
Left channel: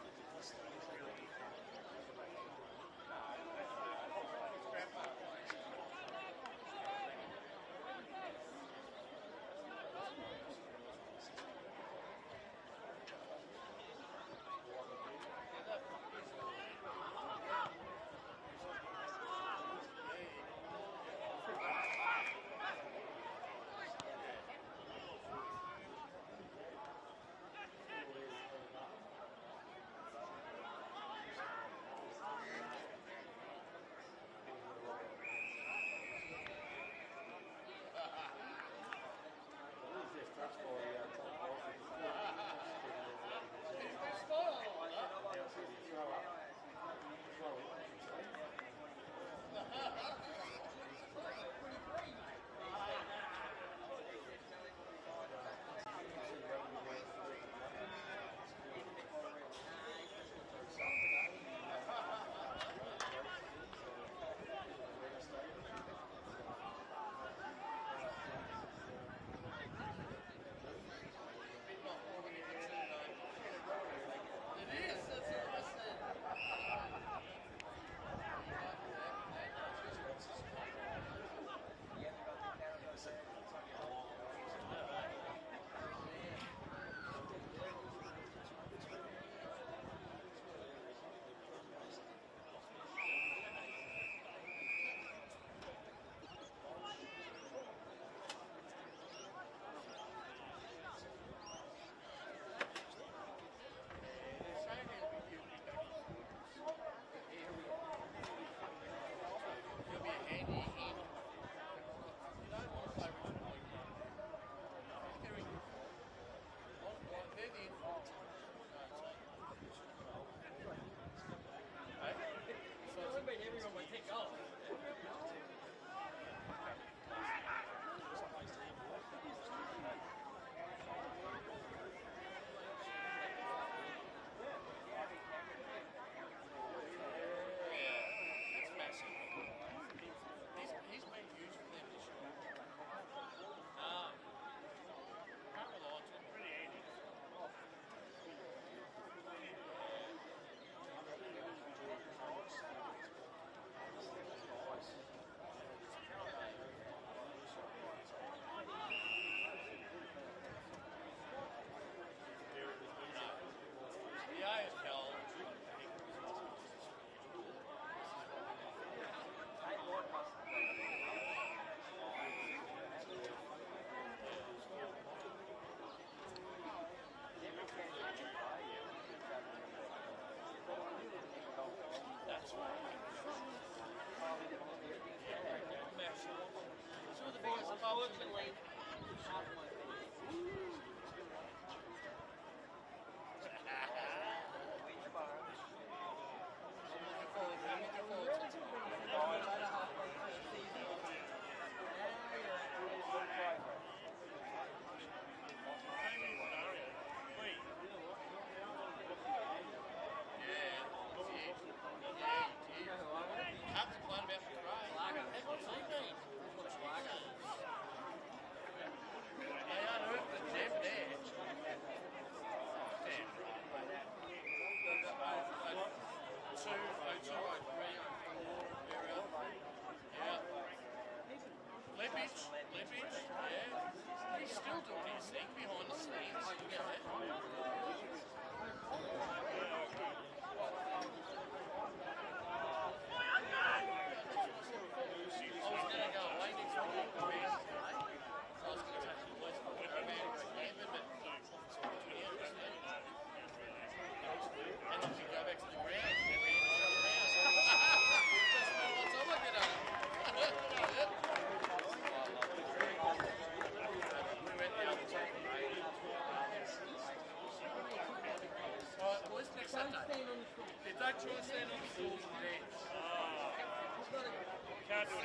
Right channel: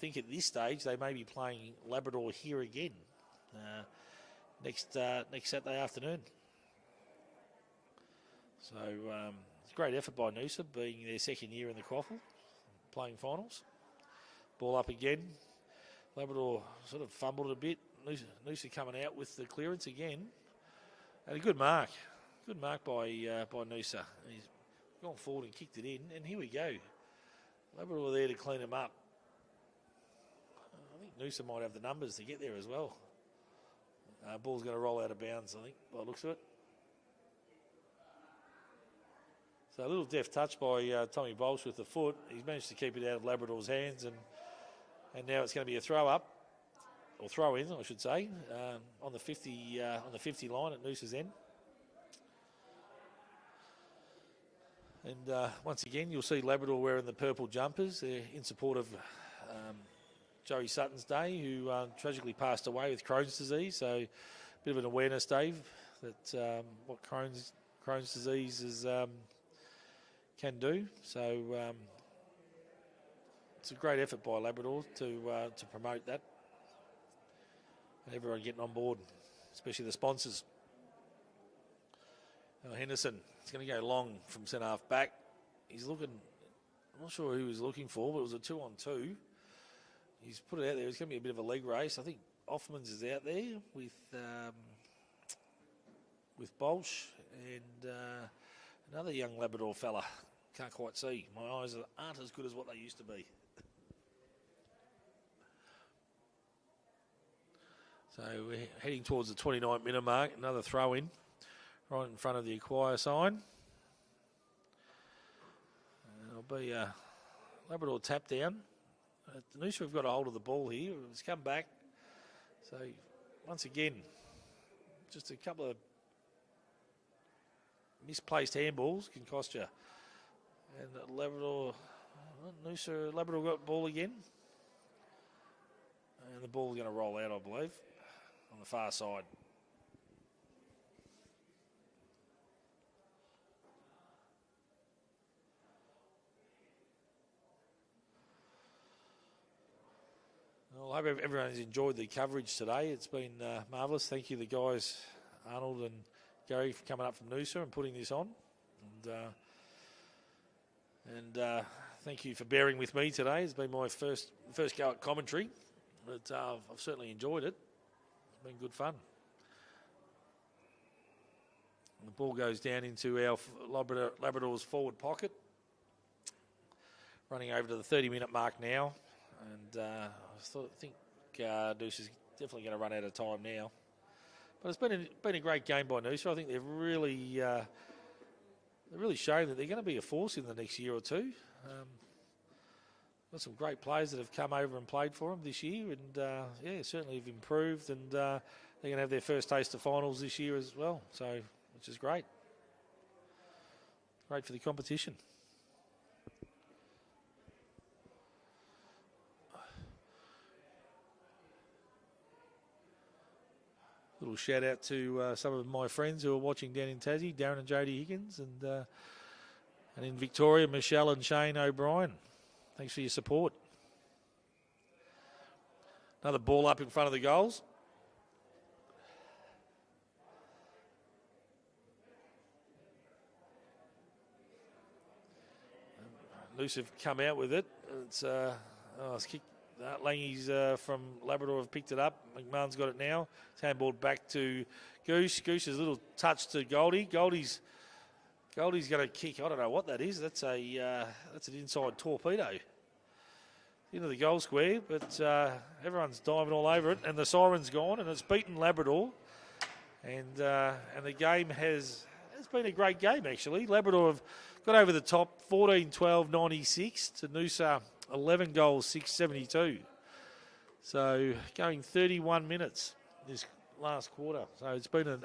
think at this stage they may be playing Labrador here again next Saturday afternoon. So great effort by Noosa, being their second year in the QAFL, playing finals. Ball up again. Labrador sort of fumbled a bit. Noosa coming out with the clearance again. And a good mark. Good mark by Noosa. He's gone forward and kicked it in. And here we go. Labrador there to clean him up. Noosa might have the numbers to get there as well. Ball's going to roll out of bounds, I think, by the looks of it. So a little deft touch by Tommy Bolsh with the foot. He's managed to keep it out of Labrador's hands, and now it's going to be a throw up, or throw in, I should say, on the 50 line at Noosa's end. And once again, you'll see Labrador wearing the purple jumpers. They're in support of Joey Sutton's day, who tragically passed away with Crohn's disease. So a bit of an awareness day that what Crohn's disease is. Can do. So it's a great effort by Labrador to promote that. Everyone getting on board, especially the sponsors. Henderson is going to go long from centre half back. He's looking, not sure who he was looking for, but it was a 2-on-2. He's put it out there. It's going to be a bit of a leg race. I think Offmans is out there with Bolsh and another young Labrador fella. Can't quite see. My eyes aren't as good as what they used to be. So we're heading towards the 29-minute mark. Another throw in right in front of the acquire sign. It'll be a Labrador tap down. Noosa have got a hold of the ball here. It's come back. So once again, just a couple of misplaced handballs can cost you. And Noosa, Labrador got the ball again. And the ball going to roll out, I believe, on the far side. I hope everyone's enjoyed the coverage today. It's been marvellous. Thank you, the guys, Arnold and Gary, for coming up from Noosa and putting this on. And thank you for bearing with me today. It's been my first go at commentary, but I've certainly enjoyed it. It's been good fun. The ball goes down into our Labrador's forward pocket. Running over to the 30-minute mark now. And I think Noosa's definitely going to run out of time now. But it's been a great game by Noosa. I think they've really shown that they're going to be a force in the next year or two. Got some great players that have come over and played for them this year, and certainly have improved. And they're going to have their first taste of finals this year as well, so which is great. Great for the competition. A little shout out to some of my friends who are watching down in Tassie, Darren and Jodie Higgins, and in Victoria, Michelle and Shane O'Brien. Thanks for your support. Another ball up in front of the goals. Noosa have come out with it. It's a nice kick. Langies from Labrador have picked it up. McMahon's got it now. Handballed back to Goose. Goose's little touch to Goldie. Goldie's going to kick. I don't know what that is. That's an inside torpedo into the goal square. But everyone's diving all over it, and the siren's gone, and it's beaten Labrador. And the game it's been a great game actually. Labrador have got over the top, 14-12-96 to Noosa, 11 goals, 672. So going 31 minutes this last quarter. So it's been a